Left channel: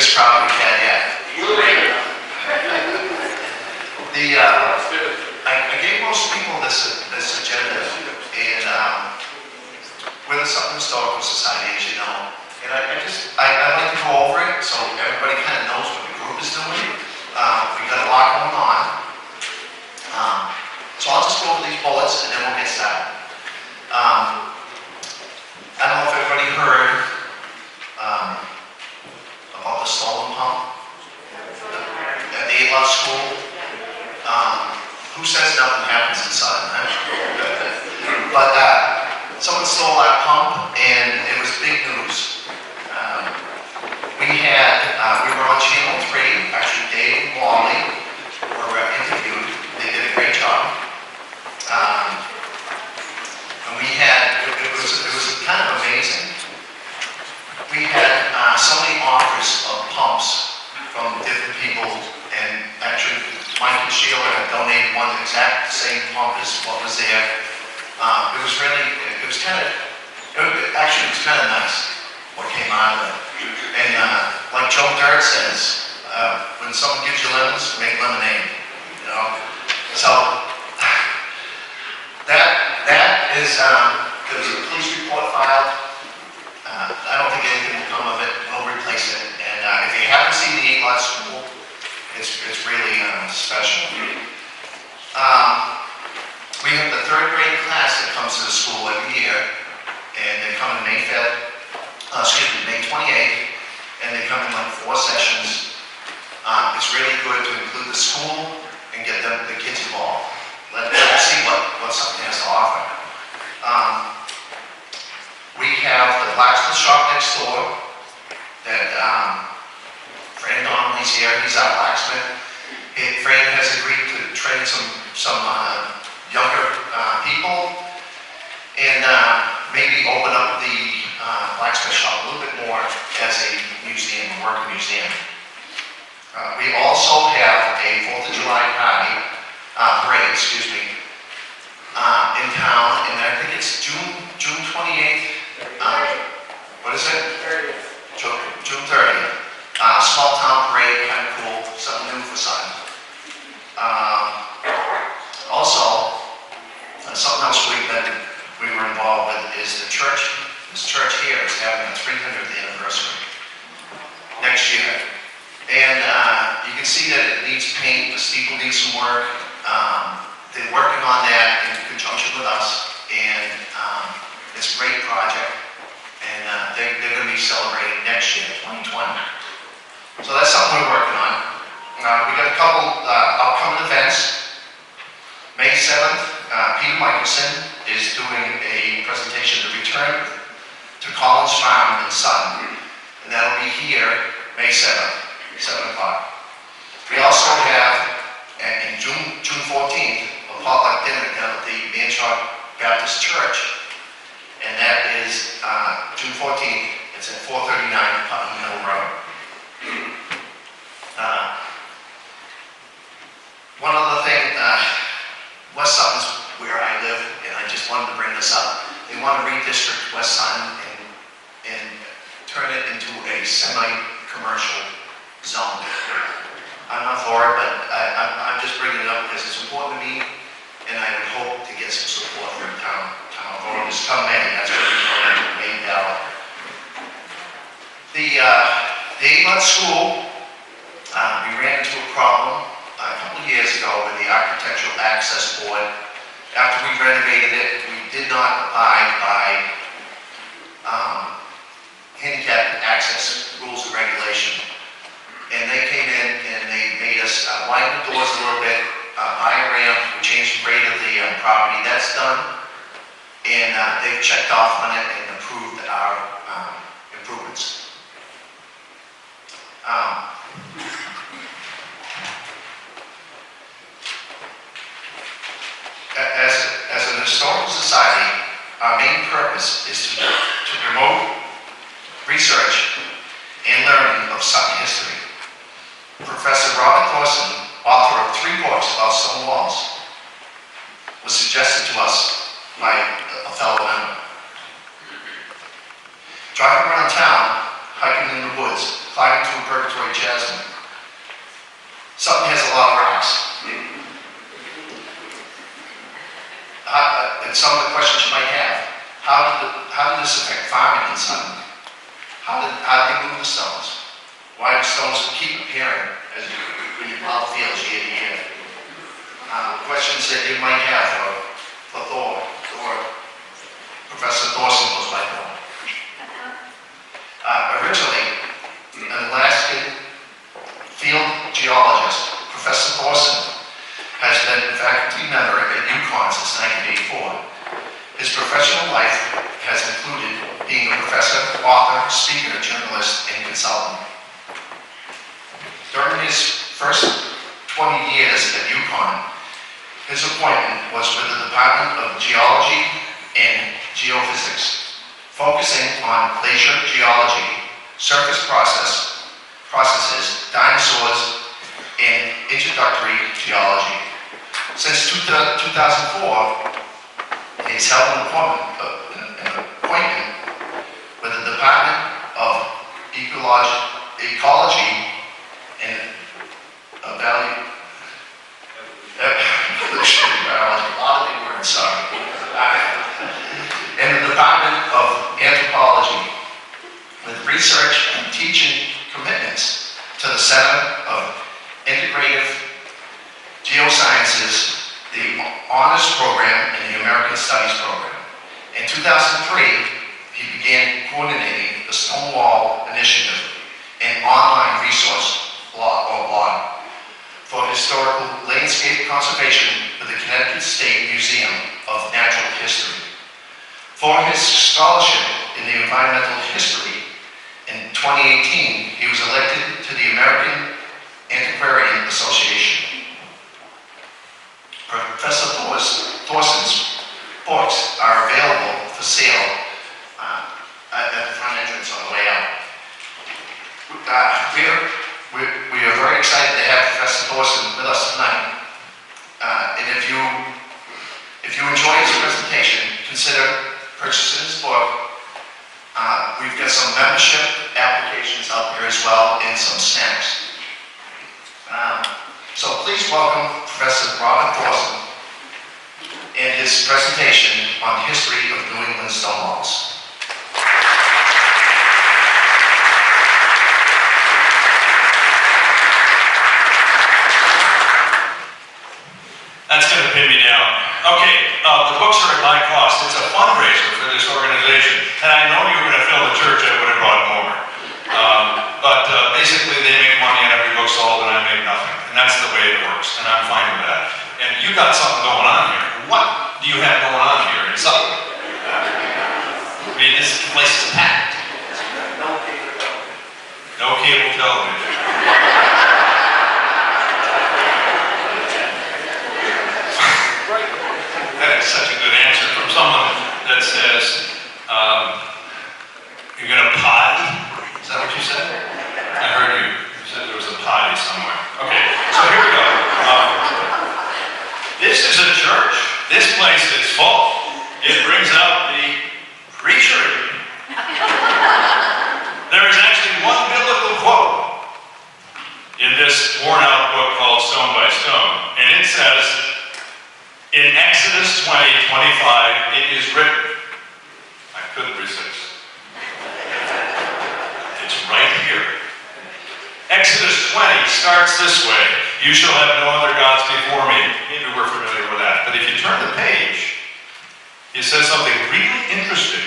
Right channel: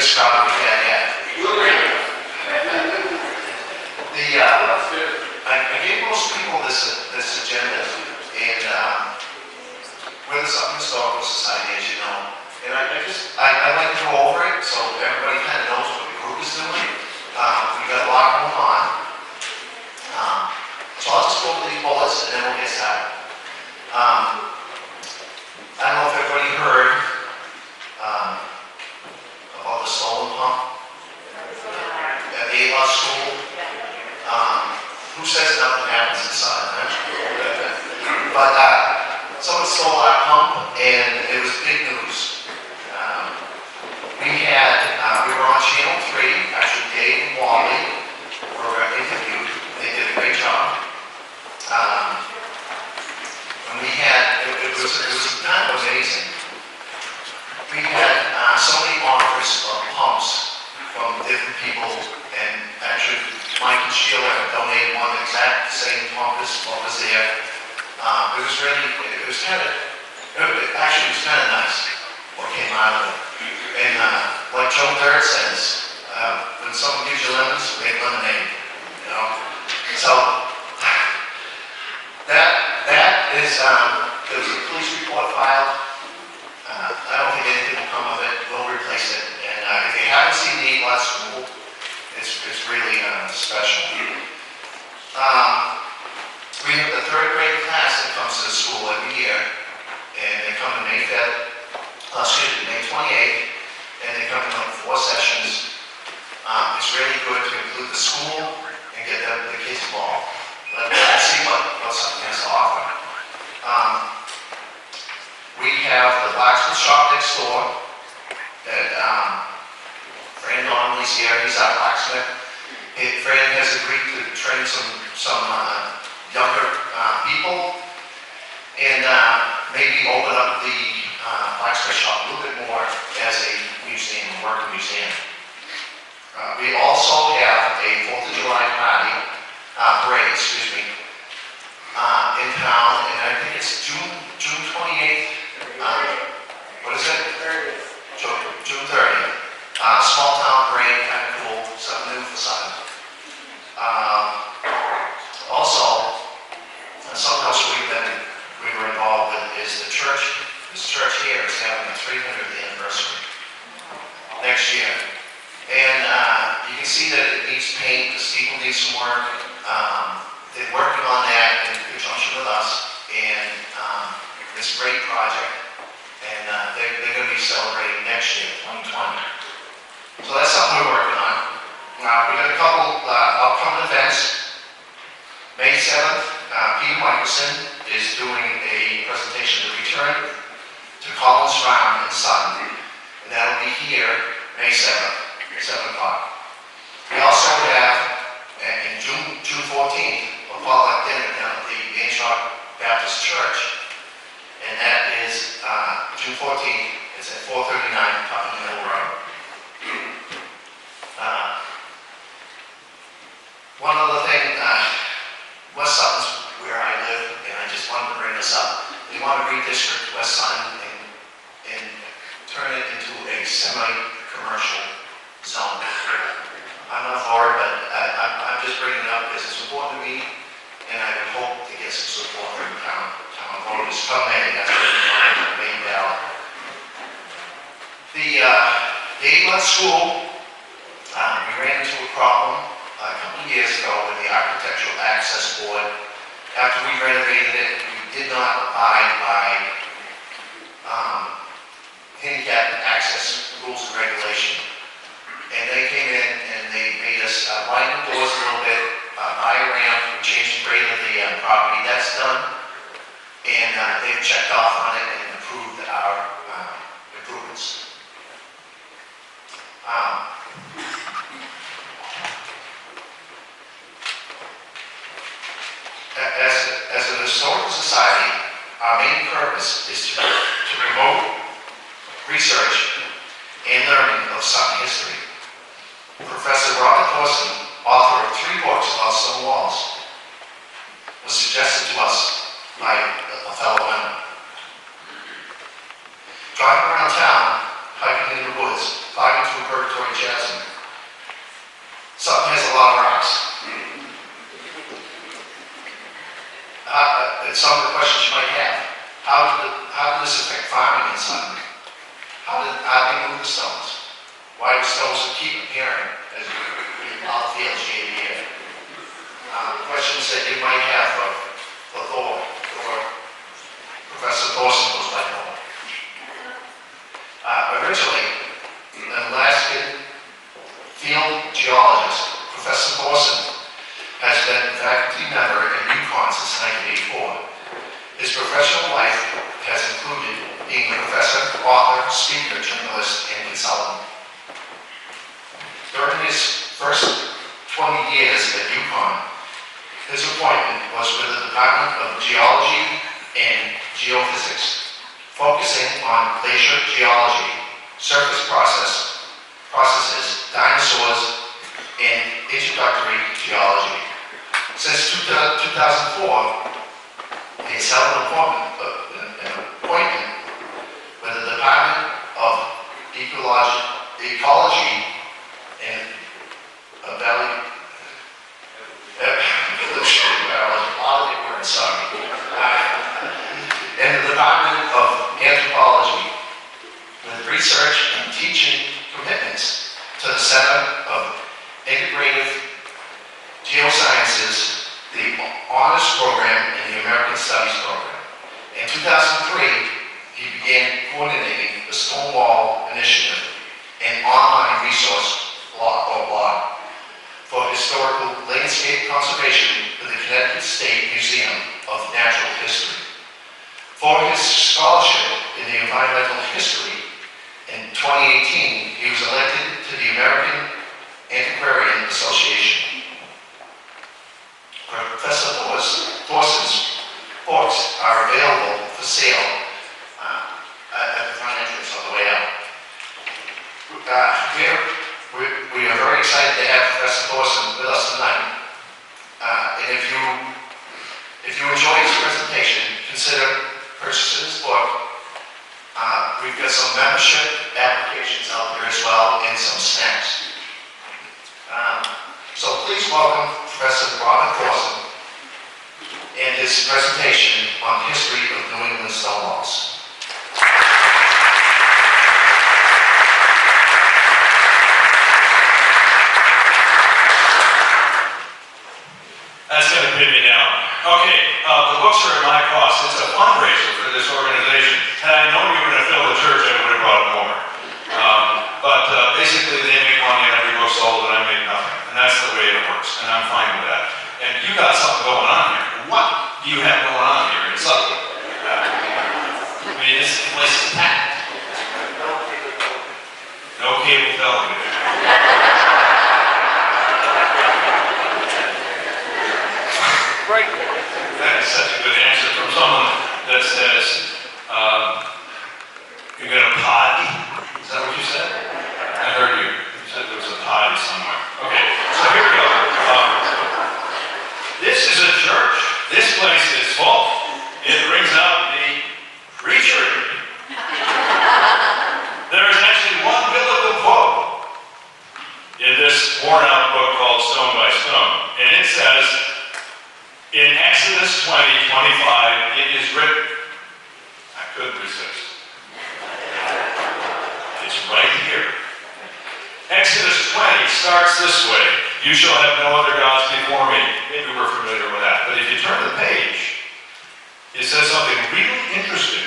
biggest crowd we've had yet. I gave most people this agenda, and we're the Sutton Historical Society, as you know, and I like to go over it so everybody kind of knows what the group is doing. We've got a lot going on. So I'll just go over these bullets and then we'll get started. I don't know if everybody heard about the stolen pump at the 8 Love School. Who says nothing happens in Sutton, right? But someone stole our pump and it was big news. We were on Channel 3, actually Dave and Wally were interviewed. They did a great job. And we had, it was kind of amazing. We had so many offers of pumps from different people, and actually Mike and Sheila had donated one exact same pump as what was there. It was kind of nice what came out of it. And like Joe Dirt says, when someone gives you lemons, make lemonade, you know? So that is, there was a police report filed. I don't think anything will come of it. We'll replace it. And if you haven't seen the 8 Lot School, it's really special. We have the 3rd grade class that comes to the school every year, and they come on May 28th, and they come in like 4 sessions. It's really good to include the school and get the kids involved. Let them see what something has to offer. We have the blacksmith shop next door that Fran Donnelly's here. He's our blacksmith. Fran has agreed to train some younger people and maybe open up the blacksmith shop a little bit more as a museum, a working museum. We also have a 4th of July parade, in town, and I think it's June 28th. What is it? June 30th. Small town parade, kind of cool, something new for Sutton. Also, something else we were involved with is the church. This church here is having a 300th anniversary next year. And you can see that it needs paint, the steeple needs some work. They're working on that in conjunction with us, and it's a great project. And they're going to be celebrating next year, 2020. So that's something we're working on. We got a couple upcoming events. May 7th, Peter Michelson is doing a presentation to return to Collins Farm in Sutton, and that'll be here May 7th, 7 o'clock. We also have, in June 14th, a potluck dinner down at the Manchot Baptist Church, and that is June 14th. It's at 439 Putnam Mill Road. One other thing, West Sutton's where I live, and I just wanted to bring this up. They want to redistrict West Sutton and turn it into a semi-commercial zone. I'm not for it, but I'm just bringing it up because it's important to me, and I would hope to get some support from town voters. Come in, that's what we want to make ballot. The 8 Lot School, we ran into a problem a couple of years ago with the Architectural Access Board. After we renovated it, we did not abide by handicap access rules and regulation. And they came in and they made us widen the doors a little bit, buy a ramp, we changed the grade of the property. That's done. And they've checked off on it and approved our improvements. As an historical society, our main purpose is to promote research and learning of Sutton history. Professor Robert Thorson, author of 3 books about stone walls, was suggested to us by a fellow member. Driving around town, hiking in the woods, climbing through Purgatory Chasm. Sutton has a lot of rocks. And some of the questions you might have, how did this affect farming in Sutton? How did they move the stones? Why do stones keep appearing as you plow the fields year to year? Questions that you might have for Thor, or Professor Thorson goes by Thor. Originally, an Alaskan field geologist, Professor Thorson, has been a faculty member at UConn since 1984. His professional life has included being a professor, author, speaker, journalist, and consultant. During his first 20 years at UConn, his appointment was with the Department of Geology and Geophysics, focusing on glacier geology, surface processes, dinosaurs, and introductory geology. Since 2004, he's held an appointment with the Department of Ecology and Biology. A lot of big words, sorry. And the Department of Anthropology, with research and teaching commitments to the Center of Integrative Geosciences, the Honors Program, and the American Studies Program. In 2003, he began coordinating the Stonewall Initiative, an online resource blog for historical landscape conservation for the Connecticut State Museum of Natural History. For his scholarship in the environmental history, in 2018, he was elected to the American Antiquarian Association. Professor Thorson's books are available for sale at the front entrance on the way out. We are very excited to have Professor Thorson with us tonight. And if you enjoy his presentation, consider purchasing his book. We've got some membership applications out there as well, and some snacks. So please welcome Professor Robert Thorson and his presentation on history of New England stone walls. That's going to pin me down. Okay, the books are at my cost. It's a fundraiser for this organization. And I know you were going to fill the church, I would have brought more. But basically they make money on every book sold and I make nothing. And that's the way it works. And I'm fine with that. And you got something going on here. What do you have going on here in Sutton? I mean, this place is packed. No cable television. That is such a good answer from someone that says, you're going to potty? Is that what you said? I heard you. You said there was a potty somewhere. Okay, so here we go. This is a church. This place is full. It brings out the preacher in me. There is actually one biblical quote in this worn-out book called Stone by Stone. And it says, in Exodus 20:25, it is written. I couldn't resist. It's right here. Exodus 20 starts this way. You shall have no other gods before me. Maybe we're familiar with that. But if you turn the page, it says something really interesting.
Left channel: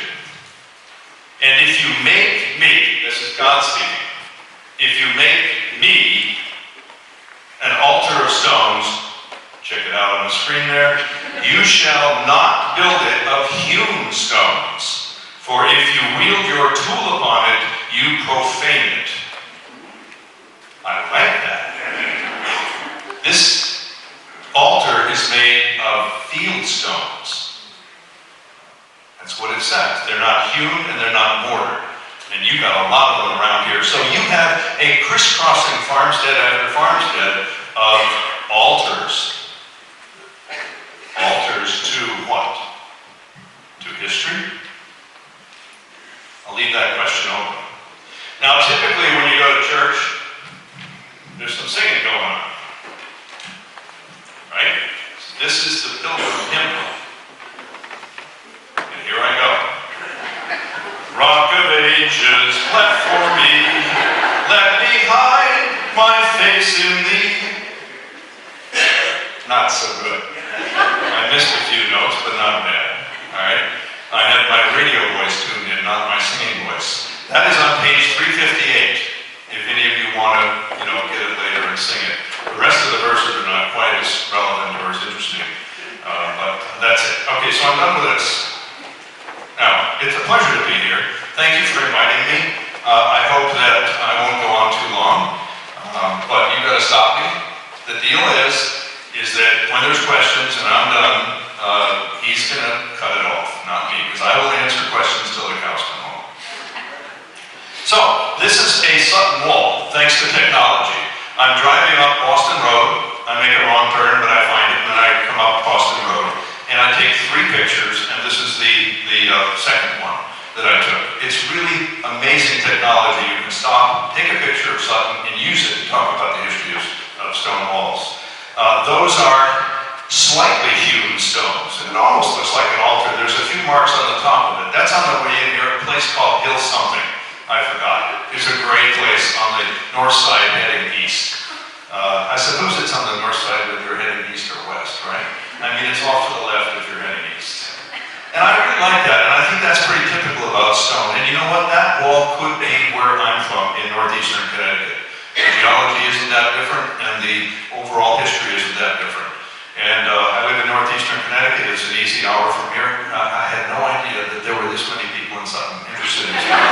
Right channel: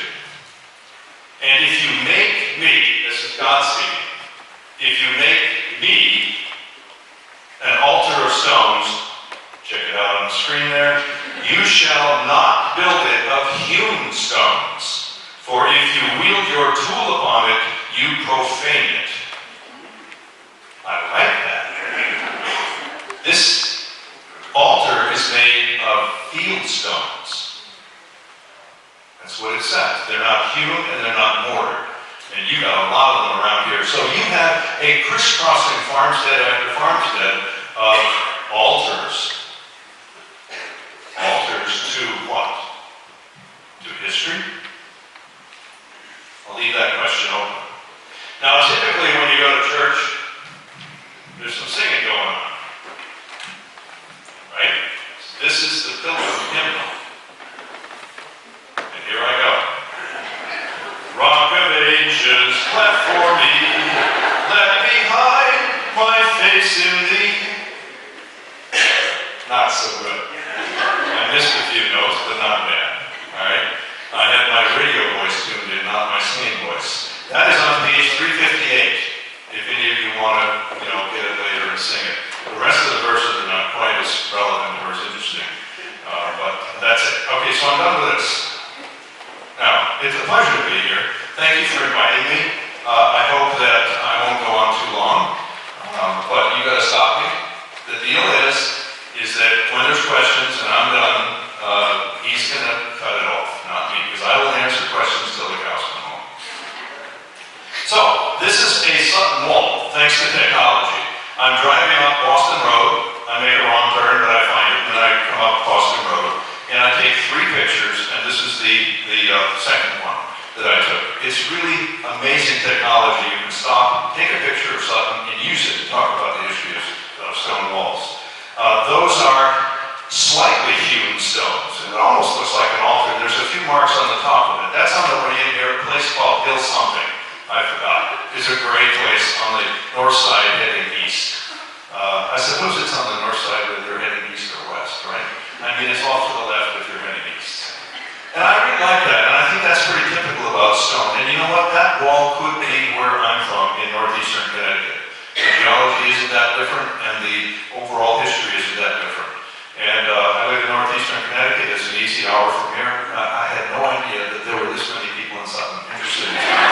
And if you make me, this is God speaking, if you make me an altar of stones, check it out on the screen there, you shall not build it of hewn stones, for if you wield your tool upon it, you profane it. I like that. This altar is made of field stones. That's what it says. They're not hewn and they're not mortared. And you got a lot of them around here. So you have a crisscrossing farmstead after farmstead of altars. Altars to what? To history? I'll leave that question open. Now, typically when you go to there's some singing going on. Right? This is the Pilgrim Hymn. And here I go. Rock of Ages, cleft for me, let me hide my face in thee. Not so good. I missed a few notes, but not bad. All right? I had my radio voice tuned in, not my singing voice. That is on page 358, if any of you want to, get it later and sing it. The rest of the verses are not quite as relevant or as interesting, but that's it. Okay, so I'm done with this. Now, it's a pleasure to be here. Thank you for inviting me. I hope that I won't go on too long, but you got to stop me. The deal is that when there's questions and I'm done, he's going to cut it off, not me, because I will answer questions till the cows come home. So, this is a Sutton wall, thanks to technology. I'm driving up Boston Road. I make a wrong turn, but I find it, and then I come up Boston Road. And I take 3 pictures, and this is the second one that I took. It's really amazing technology. You can stop, take a picture of Sutton, and use it to talk about the history of stone walls. Those are slightly hewn stones. It almost looks like an altar. There's a few marks on the top of it. That's on the way in here, a place called Hill something. I forgot. It's a great place on the north side heading east. I suppose it's on the north side whether you're heading east or west, right? I mean, it's off to the left if you're heading east. And I really like that, and I think that's pretty typical about stone. And you know what? That wall could be where I'm from in northeastern Connecticut. The geology isn't that different, and the overall history isn't that different. And I live in northeastern Connecticut. It's an easy hour from here. I had no idea that there were this many people in Sutton interested in stone.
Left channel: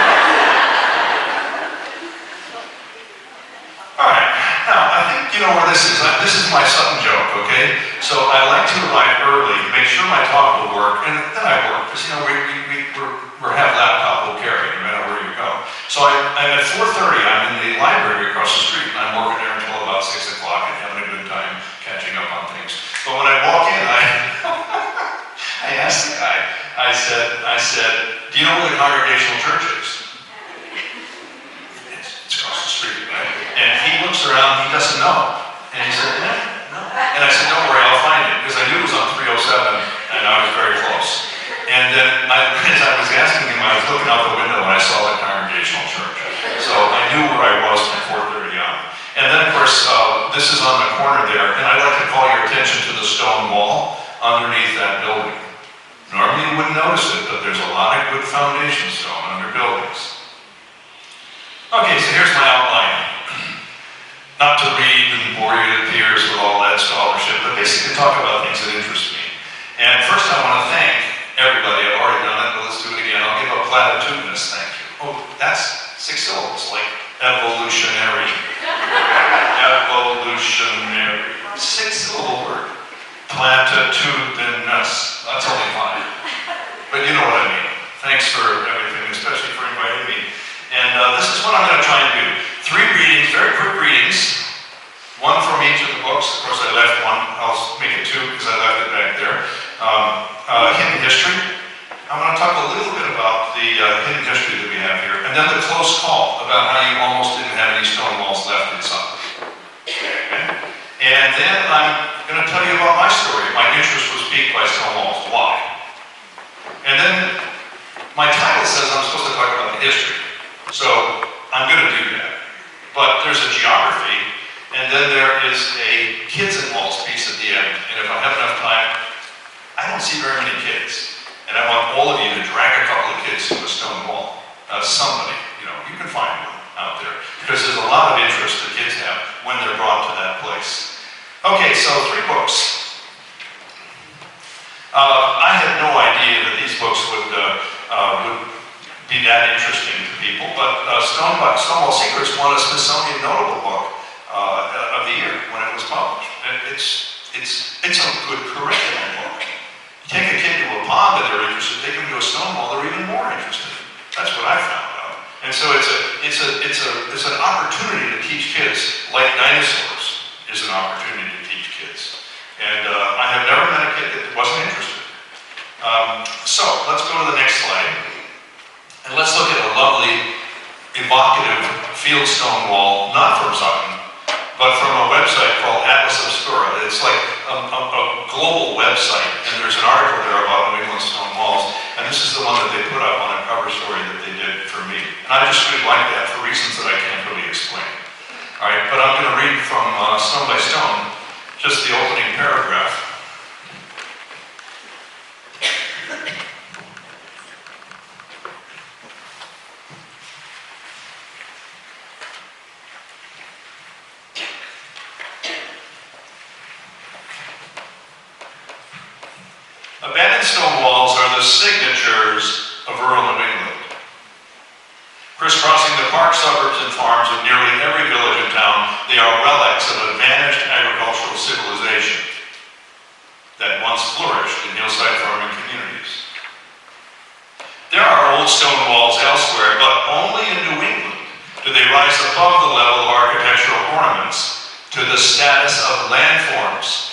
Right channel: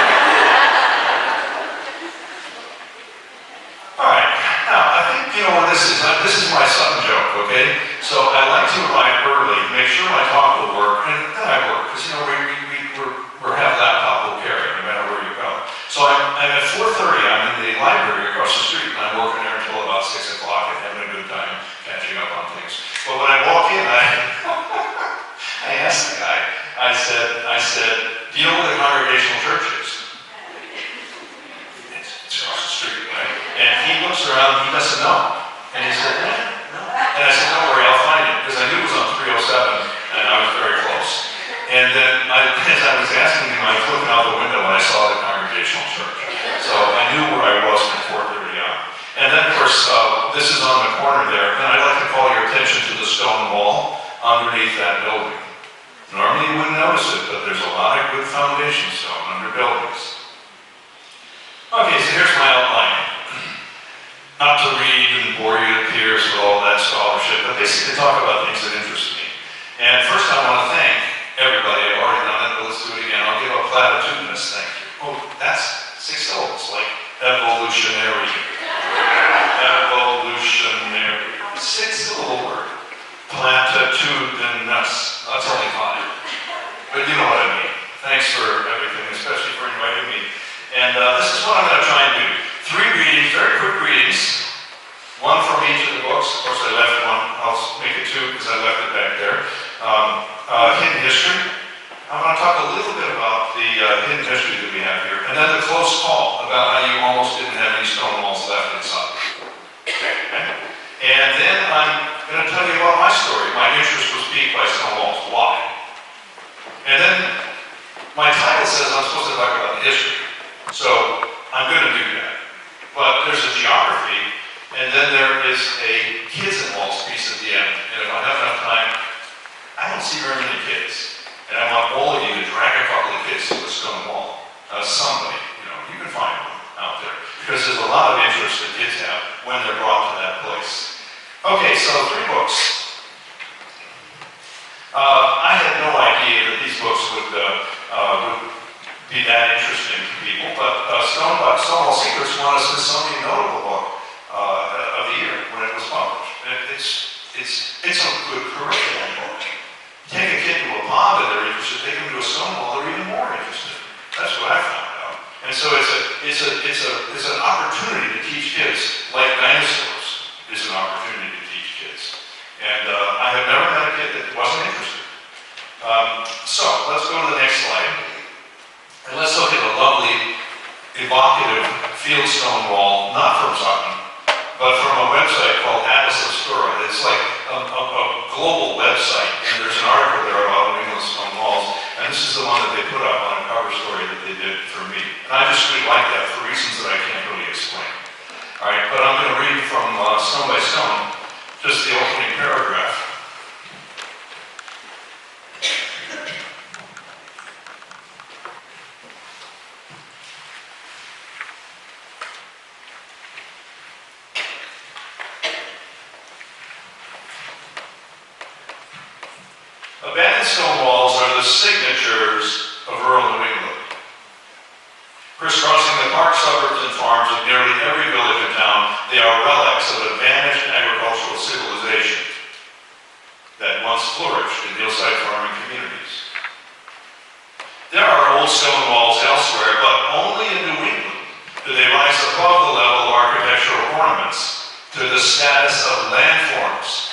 All right, now I think you know where this is. This is my Sutton joke, okay? So I like to arrive early, make sure my talk will work, and then I work, because we're have laptop will carry no matter where you go. So I'm at 4:30, I'm in the library across the street, and I'm working there until about 6 o'clock and having a good time catching up on things. But when I walk in, I asked the guy, I said, do you know where the Congregational Church is? It's across the street, right? And he looks around, he doesn't know. And he said, no. And I said, don't worry, I'll find it. Because I knew it was on 307, and I was very close. And then, as I was asking him, I was looking out the window when I saw the Congregational Church. So I knew where I was from 4:30 on. And then, of course, this is on the corner there, and I'd like to call your attention to the stone wall underneath that building. Normally you wouldn't notice it, but there's a lot of good foundation stone under buildings. Okay, so here's my outline. Not to read and bore you to tears with all that scholarship, but basically talk about things that interest me. And first I want to thank everybody. I've already done it, but let's do it again. I'll give a platitudinous thank you. Oh, that's 6 syllables, like evolutionary. Evolutionary. 6-syllable word. Platitudinous. That's only 5. But you know what I mean. Thanks for everything, especially for inviting me. And this is what I'm going to try and do. 3 readings, very quick readings. 1 from each of the books. Of course, I left 1. I'll make it 2 because I left it back there. Hidden history. I'm going to talk a little bit about the hidden history that we have here. And then the close call about how you almost didn't have any stone walls left in Sutton. Okay? And then I'm going to tell you about my story. My interest was piqued by stone walls. Why? And then my title says I'm supposed to talk about the history. So I'm going to do that. But there's a geography, and then there is a kids and walls piece at the end. And if I have enough time, I don't see very many kids. And I want all of you to drag a couple of kids to a stone wall. Somebody, you can find one out there. Because there's a lot of interest that kids have when they're brought to that place. Okay, so 3 books. I had no idea that these books would be that interesting to people, but Stonewall Secrets won a Smithsonian Notable Book of the year when it was published. And it's a good curriculum book. You take a kid to a pond that they're interested, take them to a stone wall, they're even more interested. That's what I found out. And so it's an opportunity to teach kids, like dinosaurs is an opportunity to teach kids. And I have never met a kid that wasn't interested. So let's go to the next slide. And let's look at a lovely, evocative fieldstone wall, not from Sutton, but global website, and there's an article there about New England stone walls, and this is the one that they put up on a cover story that they did for me. And I just really like that for reasons that I can't really explain. All right, but I'm going to read from Stone by Stone, just the opening paragraph. Abandoned stone walls are the signatures of rural New England. Crisscrossing the park, suburbs, and farms of nearly every village and town, they are relics of a vanished agricultural civilization that once flourished in hillside farming communities. There are old stone walls elsewhere, but only in New England do they rise above the level of architectural ornaments to the status of landforms.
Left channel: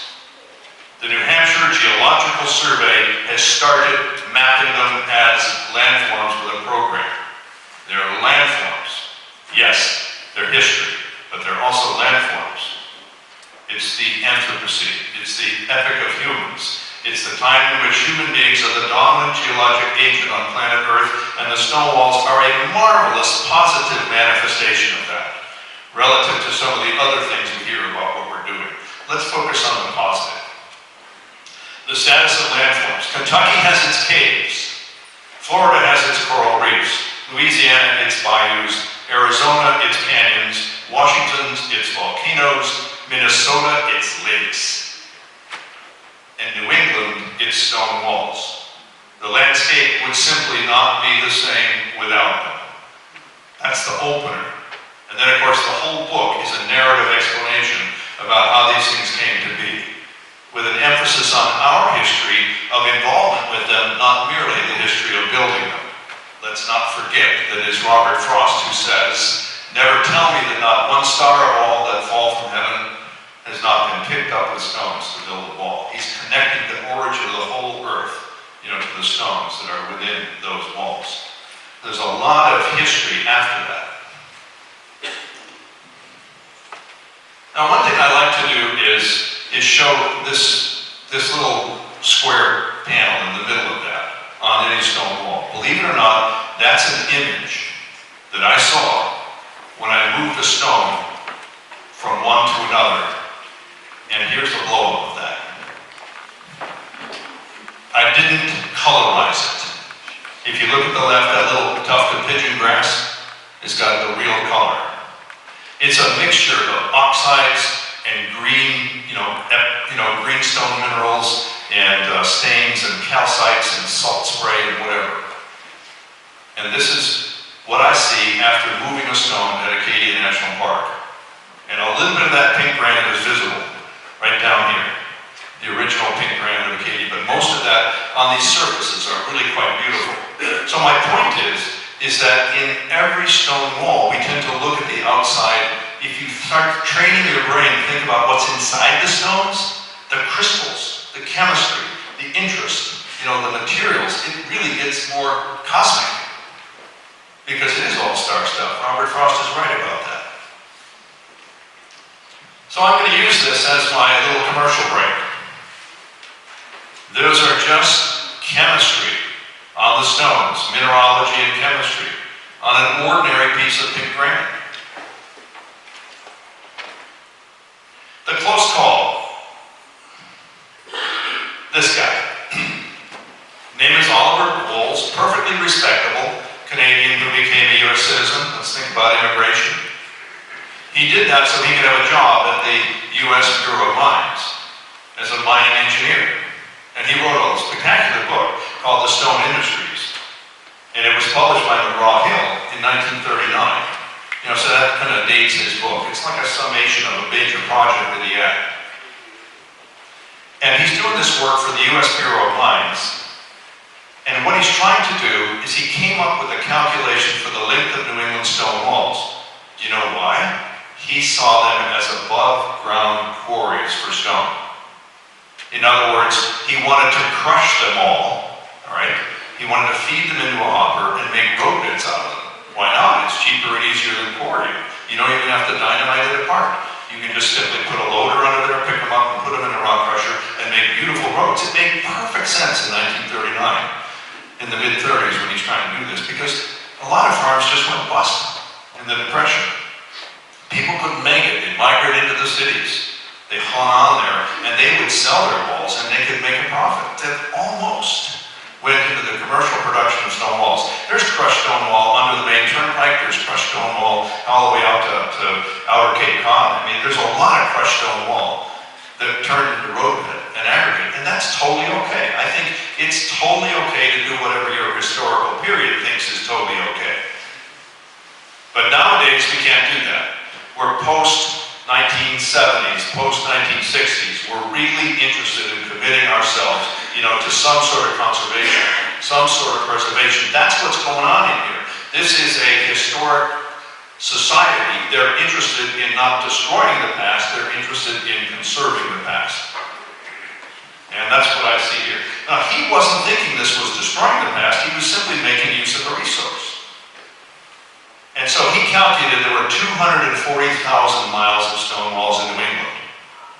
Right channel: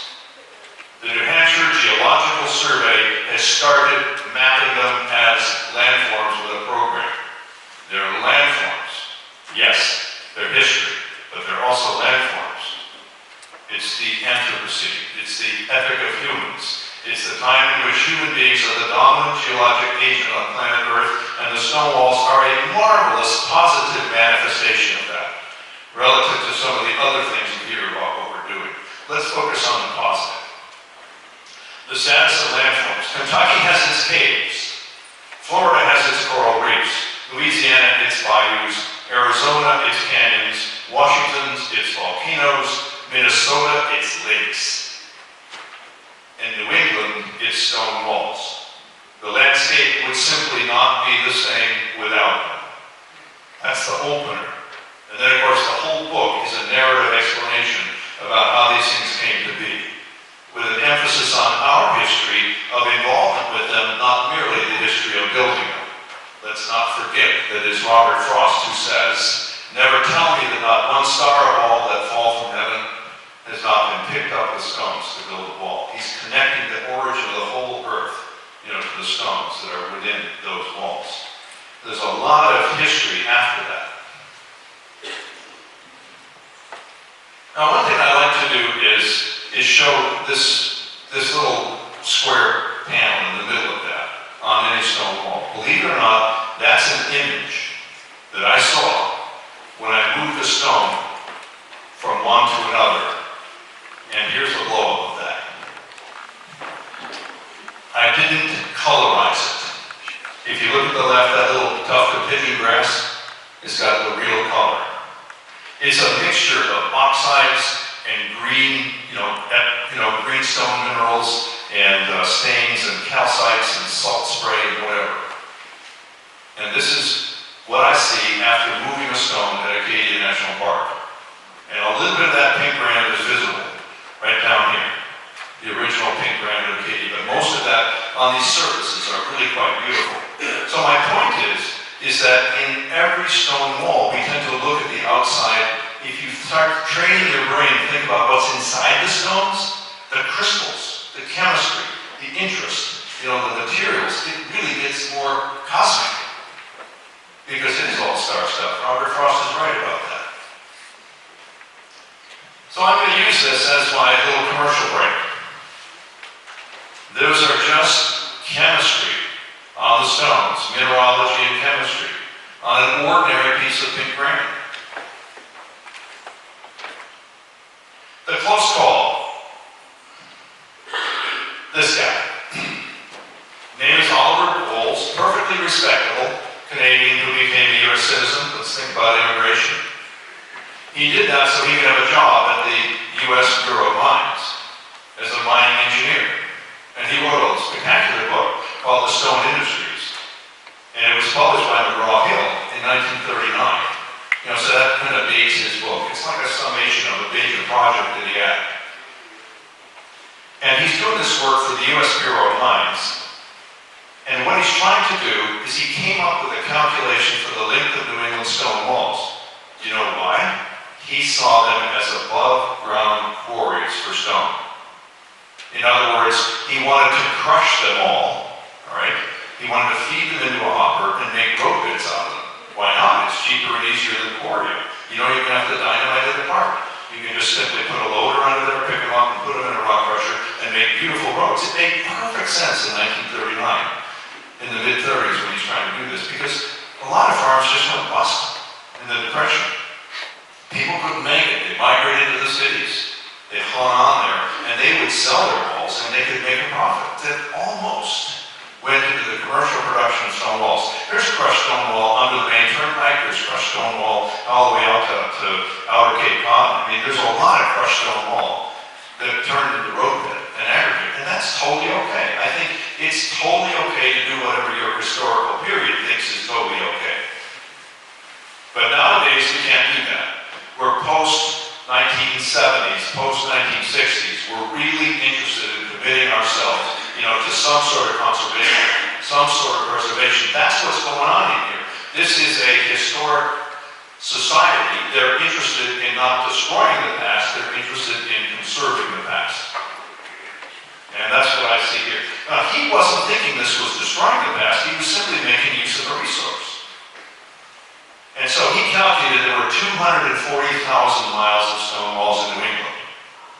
The New Hampshire Geological Survey has started mapping them as landforms with a program. They're landforms. Yes, they're history, but they're also landforms. It's the Anthropocene. It's the epoch of humans. It's the time in which human beings are the dominant geologic agent on planet Earth, and the stone walls are a marvelous, positive manifestation of that, relative to some of the other things we hear about what we're doing. Let's focus on the positive. The status of landforms. Kentucky has its caves. Florida has its coral reefs. Louisiana, its bayous. Arizona, its canyons. Washington, its volcanoes. Minnesota, its lakes. And New England, its stone walls. The landscape would simply not be the same without them. That's the opener. And then, of course, the whole book is a narrative explanation about how these things came to be, with an emphasis on our history of involvement with them, not merely the history of building them. Let's not forget that it's Robert Frost who says, "Never tell me that not one star of all that fall from heaven has not been picked up with stones to build a wall." He's connecting the origin of the whole earth, to the stones that are within those walls. There's a lot of history after that. Now, one thing I'd like to do is show this little square panel in the middle of that on any stone wall. Believe it or not, that's an image that I saw when I moved a stone from one to another. And here's the blow-up of that. I didn't colorize it. If you look at the left, that little tuft of pigeon grass, it's got the real color. It's a mixture of oxides and green, green stone minerals and stains and calcites and salt spray and whatever. And this is what I see after moving a stone at Acadia National Park. And a little bit of that pink granite is visible right down here, the original pink granite of Acadia, but most of that on these surfaces are really quite beautiful. So my point is that in every stone wall, we tend to look at the outside. If you start training your brain to think about what's inside the stones, the crystals, the chemistry, the interest, the materials, it really gets more cosmic. Because it is all-star stuff. Robert Frost is right about that. So I'm going to use this as my little commercial break. Those are just chemistry on the stones, mineralogy and chemistry, on an ordinary piece of pink granite. The close call. This guy. Name is Oliver Bowles, perfectly respectable Canadian who became a U.S. citizen. Let's think about immigration. He did that so he could have a job at the U.S. Bureau of Mines as a mining engineer. And he wrote a spectacular book called The Stone Industries. And it was published by McGraw-Hill in 1939. So that kind of dates his book. It's like a summation of a major project that he had. And he's doing this work for the U.S. Bureau of Mines. And what he's trying to do is he came up with a calculation for the length of New England stone walls. Do you know why? He saw them as above-ground quarries for stone. In other words, he wanted to crush them all right? He wanted to feed them into a hopper and make road bits out of them. Why not? It's cheaper and easier than quarrying. You don't even have to dynamite it apart. You can just simply put a loader under there, pick them up and put them in a rock crusher and make beautiful roads. It made perfect sense in 1939, in the mid-30s when he's trying to do this, because a lot of farms just went bust in the Depression. People couldn't make it. They migrated into the cities. They hung on there, and they would sell their walls, and they could make a profit. That almost went into the commercial production of stone walls. There's crushed stone wall under the main turnpike. There's crushed stone wall all the way out to outer Cape Cod. I mean, there's a lot of crushed stone wall that turned into road bed and aggregate, and that's totally okay. I think it's totally okay to do whatever your historical period thinks is totally okay. But nowadays, we can't do that. We're post-1970s, post-1960s. We're really interested in committing ourselves, to some sort of conservation, some sort of preservation. That's what's going on in here. This is a historic society. They're interested in not destroying the past, they're interested in conserving the past. And that's what I see here. Now, he wasn't thinking this was destroying the past, he was simply making use of the resource. And so he calculated there were 240,000 miles of stone walls in New England.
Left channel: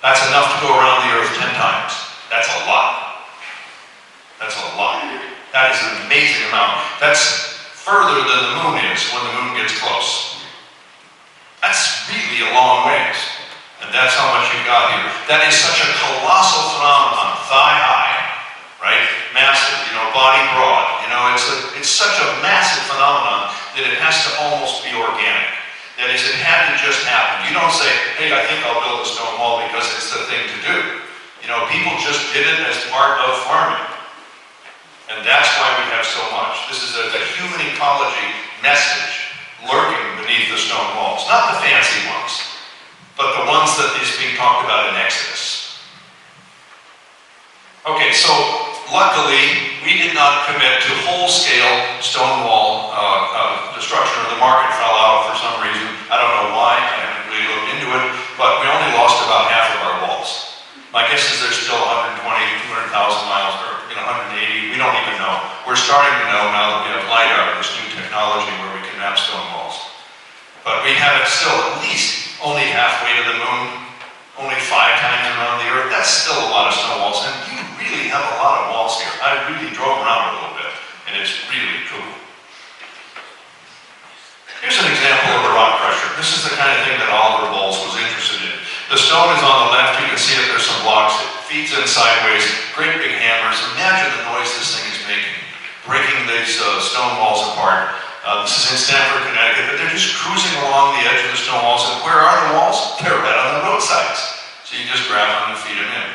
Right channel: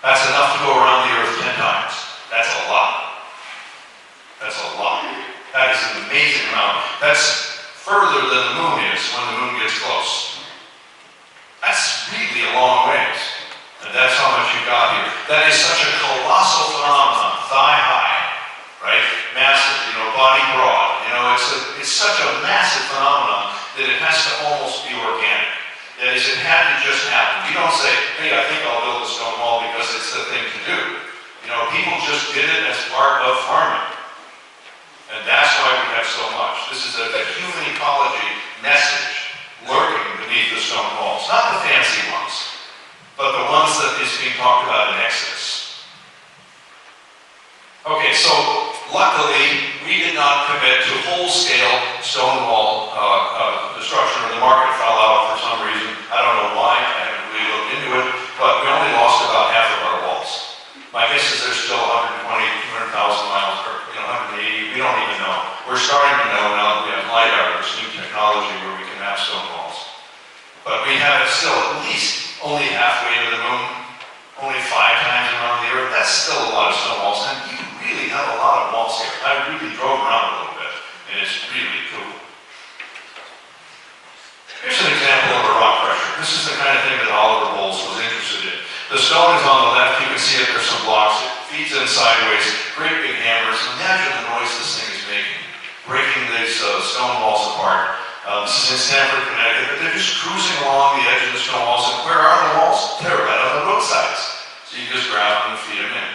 That's enough to go around the earth 10 times. That's a lot. That's a lot. That is an amazing amount. That's further than the moon is when the moon gets close. That's really a long ways. And that's how much you got here. That is such a colossal phenomenon. Thigh high, right? Massive, body broad. It's such a massive phenomenon that it has to almost be organic. That is, it had to just happen. You don't say, hey, I think I'll build a stone wall because it's the thing to do. People just did it as part of farming. And that's why we have so much. This is a human ecology message lurking beneath the stone walls. Not the fancy ones, but the ones that is being talked about in Exodus. Okay, so luckily, we did not commit to whole-scale stone wall destruction, or the market fell out for some reason. I don't know why, I haven't really looked into it, but we only lost about half of our walls. My guess is there's still 120, 200,000 miles, or 180, we don't even know. We're starting to know now that we have LiDAR, this new technology where we can map stone walls. But we have it still at least only halfway to the moon, only 5 times around the earth. That's still a lot of stone walls, and you really have a lot of walls here. I really drove around a little bit, and it's really cool. Here's an example of a rock crusher. This is the kind of thing that Oliver Bowles was interested in. The stone is on the left. You can see that there's some blocks. It feeds in sideways. Great big hammers. Imagine the noise this thing is making, breaking these stone walls apart. This is in Stamford, Connecticut, but they're just cruising along the edge of the stone walls. And where are the walls? They're right on the roadsides. So you just grab them and feed them in.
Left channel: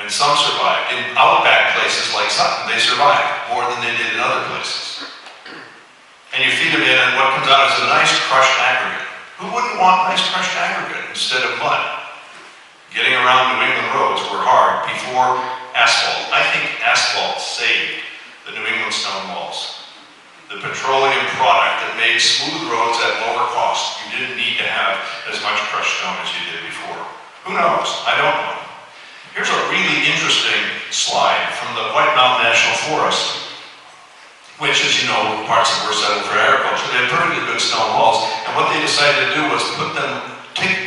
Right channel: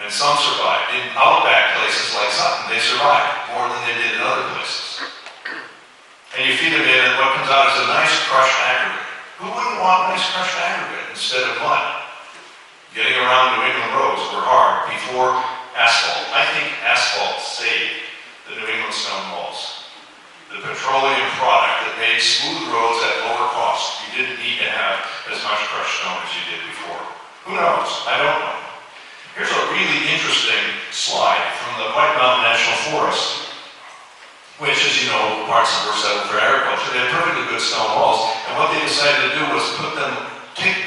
And some survive. In outback places like Sutton, they survive more than they did in other places. And you feed them in, and what comes out is a nice crushed aggregate. Who wouldn't want nice crushed aggregate instead of mud? Getting around New England roads were hard before asphalt. I think asphalt saved the New England stone walls. The petroleum product that made smooth roads at lower cost. You didn't need to have as much crushed stone as you did before. Who knows? I don't know. Here's a really interesting slide from the White Mountain National Forest, which, as you know, parts of were settled for agriculture. They had perfectly good stone walls, and what they decided to do was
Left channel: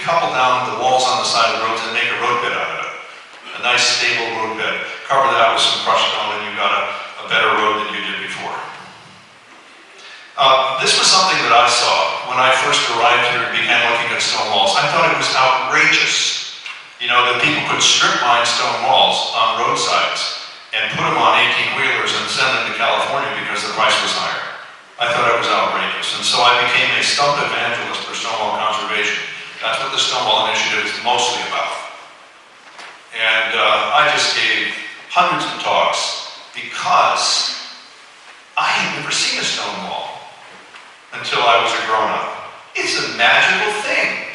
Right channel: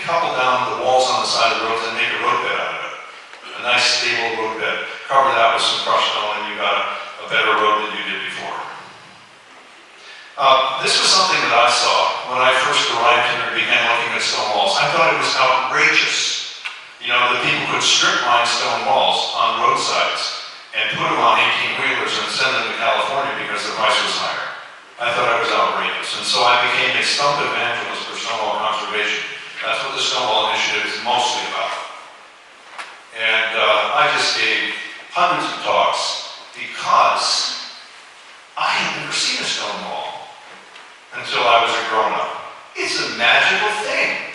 couple down the walls on the side of the roads and make a road bed out of it. A nice, stable road bed. Cover that with some crushed stone, and you got a better road than you did before. This was something that I saw when I first arrived here and began looking at stone walls. I thought it was outrageous, that people could strip mine stone walls on roadsides and put them on 18-wheelers and send them to California because the price was higher. I thought it was outrageous. And so I became a stump evangelist for stonewall conservation. That's what the Stonewall Initiative is mostly about. And I just gave hundreds of talks because I had never seen a stone wall until I was a grown-up. It's a magical thing.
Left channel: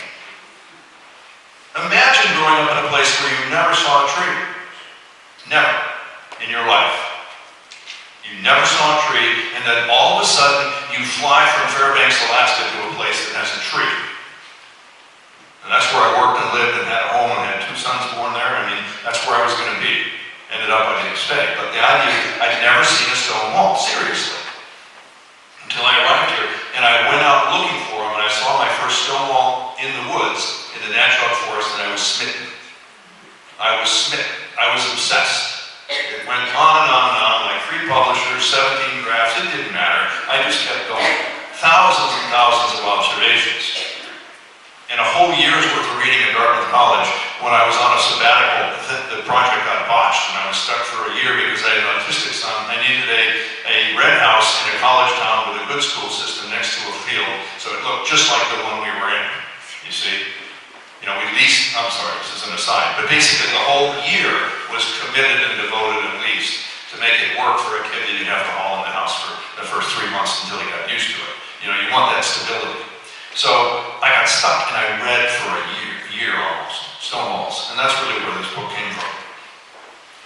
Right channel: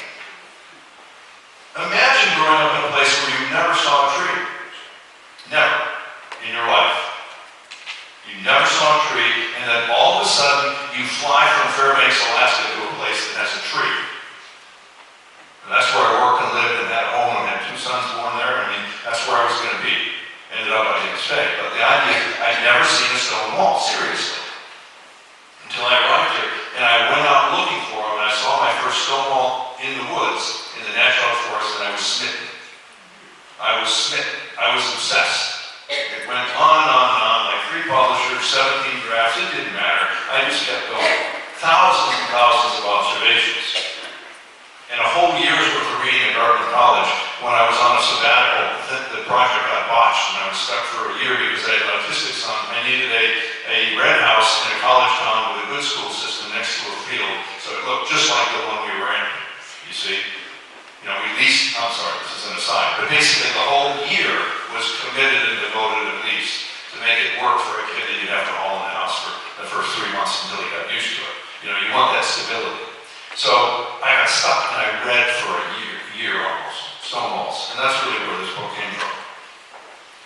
Imagine growing up in a place where you never saw a tree. Never in your life. You never saw a tree, and then all of a sudden you fly from Fairbanks, Alaska to a place that has a tree. And that's where I worked and lived and had a home and had 2 sons born there. I mean, that's where I was going to be. Ended up I didn't expect. But the idea, I'd never seen a stone wall, seriously. Until I arrived here, and I went out looking for them, and I saw my first stone wall in the woods, in the national forest, and I was smitten. I was smitten. I I was obsessed. It went on and on and on, like 3 publishers, 17 drafts, it didn't matter. I just kept going. Thousands and thousands of observations. And a whole year's worth of reading at Dartmouth College. When I was on a sabbatical, the project got botched, and I was stuck for a year because I had an autistic son. I needed a red house in a college town with a good school system next to a field, so it looked just like the one we were in, you see. You know, we leased, I'm sorry, this is an aside, but basically the whole year was committed and devoted at least to make it work for a kid that you'd have to haul in the house for the first 3 months until he got used to it. You know, you want that stability. So I got stuck and I read for a year almost, Stonewalls, and that's really where this book came from.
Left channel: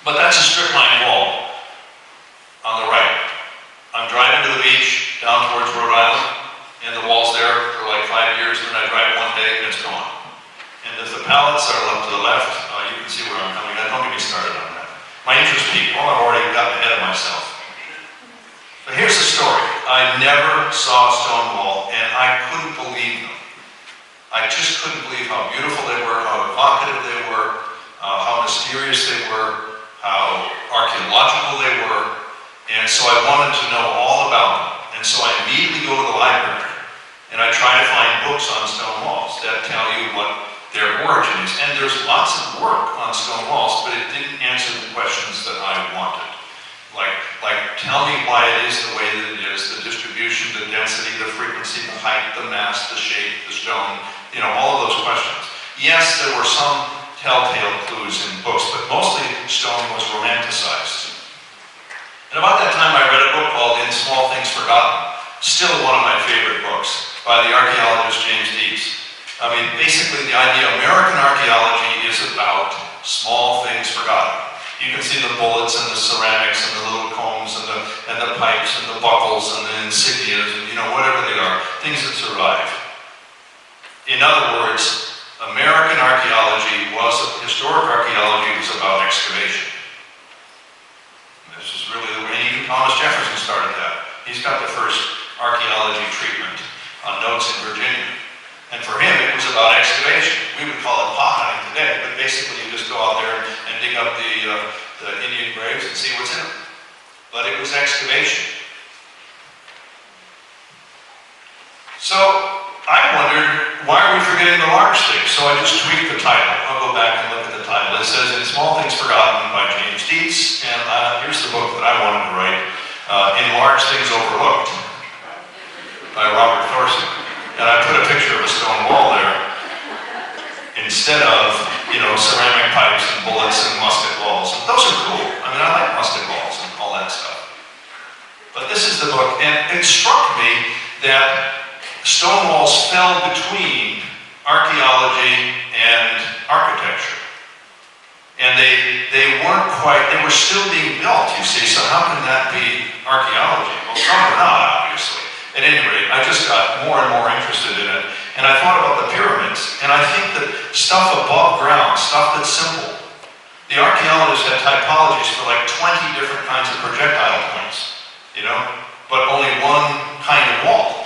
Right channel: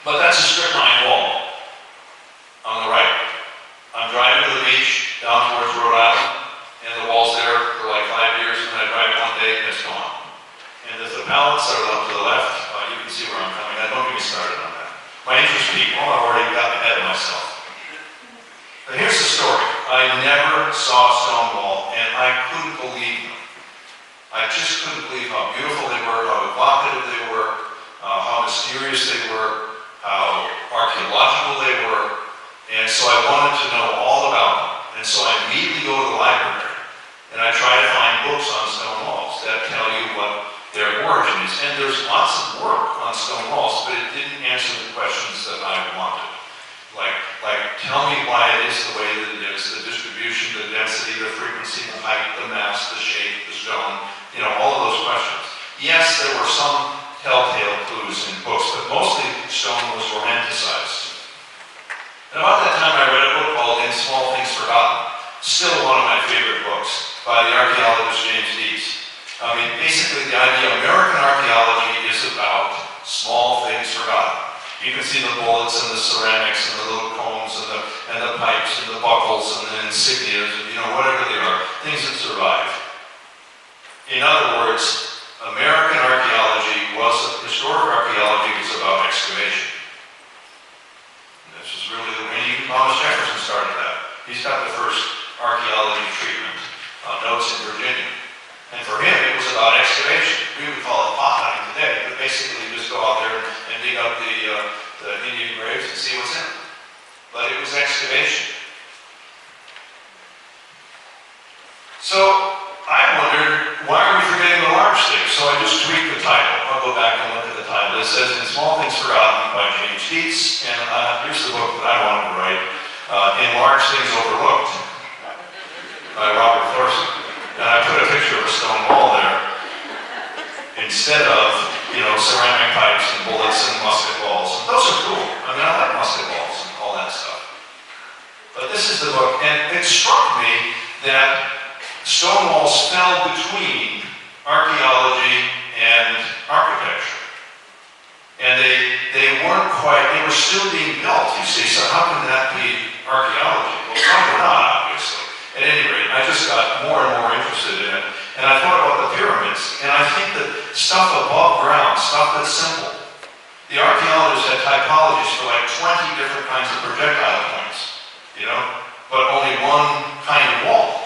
But that's a strip line wall on the right. I'm driving to the beach down towards Rhode Island, and the wall's there for like 5 years, and then I drive one day and it's gone. And if the pallets are up to the left, you can see where I'm coming at. Don't get me started on that. My interest peaked. Well, I've already gotten ahead of myself. But here's the story. I never saw Stonewall, and I couldn't believe them. I just couldn't believe how beautiful they were, how evocative they were, how mysterious they were, how archaeological they were. And so I wanted to know all about them. And so I immediately go to the library, and I try to find books on stone walls that tell you what their origin is. And there's lots of work on stone walls, but it didn't answer the questions that I wanted. Like, tell me why it is the way that it is, the distribution, the density, the frequency, the height, the mass, the shape, the stone, you know, all of those questions. Yes, there were some telltale clues in books, but mostly stone was romanticized. And about that time I read a book called In Small Things Forgotten, still one of my favorite books, by the archaeologist James Dees. I mean, basically the idea American archaeology is about small things forgotten. You can see the bullets and the ceramics and the little combs and the pipes and the buckles and the insignias and, you know, whatever they are, things that survive. In other words, American archaeology historic archaeology was about excavation. And this is really the way even Thomas Jefferson started that. He's got the first archaeology treatment on notes in Virginia. And for him, it was about excavation. We would call it pot hunting today, but basically you just go out there and dig up the Indian graves and see what's in them. But it was excavation. So I wondered, why are we forgetting the large things? So I just tweaked the title. I'll go back and look at the title. It says, In Small Things Forgotten by James Dees, and here's the book that I wanted to write, In Large Things Overlooked by Robert Thorson. And I put a picture of a stone wall there instead of, you know, ceramic pipes and bullets and musket balls. And those are cool. I mean, I like musket balls and all that stuff. But this is the book, and it struck me that stone walls fell between archaeology and architecture. And they weren't quite, they were still being built, you see, so how can that be archaeology? Well, probably not, obviously. At any rate, I just got more and more interested in it, and I thought about the pyramids, and I think that stuff above ground, stuff that's simple. The archaeologists had typologies for like 20 different kinds of projectile points, you know, but only one kind of wall.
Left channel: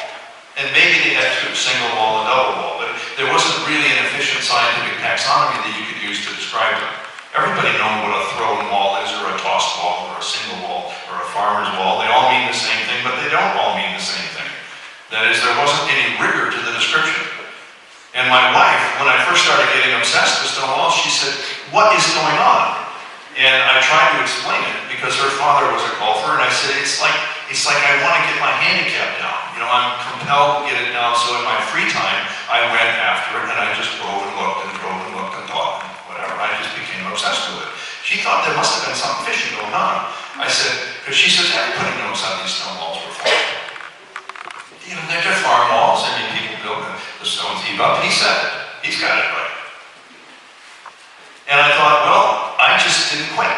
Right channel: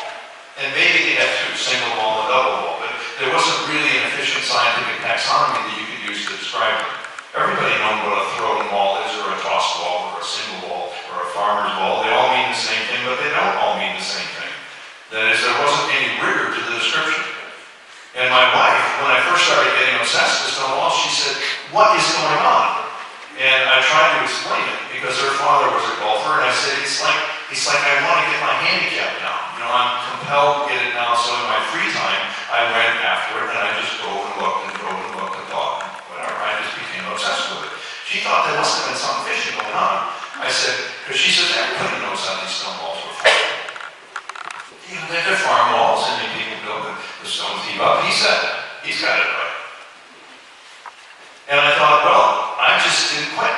And maybe they had two, single wall and double wall, but there wasn't really an efficient scientific taxonomy that you could use to describe them. Everybody knows what a thrown wall is, or a tossed wall, or a single wall, or a farmer's wall. They all mean the same thing, but they don't all mean the same thing. That is, there wasn't any rigor to the description. And my wife, when I first started getting obsessed with stone walls, she said, what is going on? And I tried to explain it because her father was a golfer, and I said, it's like I want to get my handicap down. You know, I'm compelled to get it down, so in my free time, I went after it, and I just drove and looked and thought, and whatever. I just became obsessed with it. She thought there must have been something fishy going on. I said, because she says, everybody knows how these stone walls were formed. You know, they're just farm walls, and people build the stones heap up. He said it. He's got it right. And I thought, well, I just didn't quit,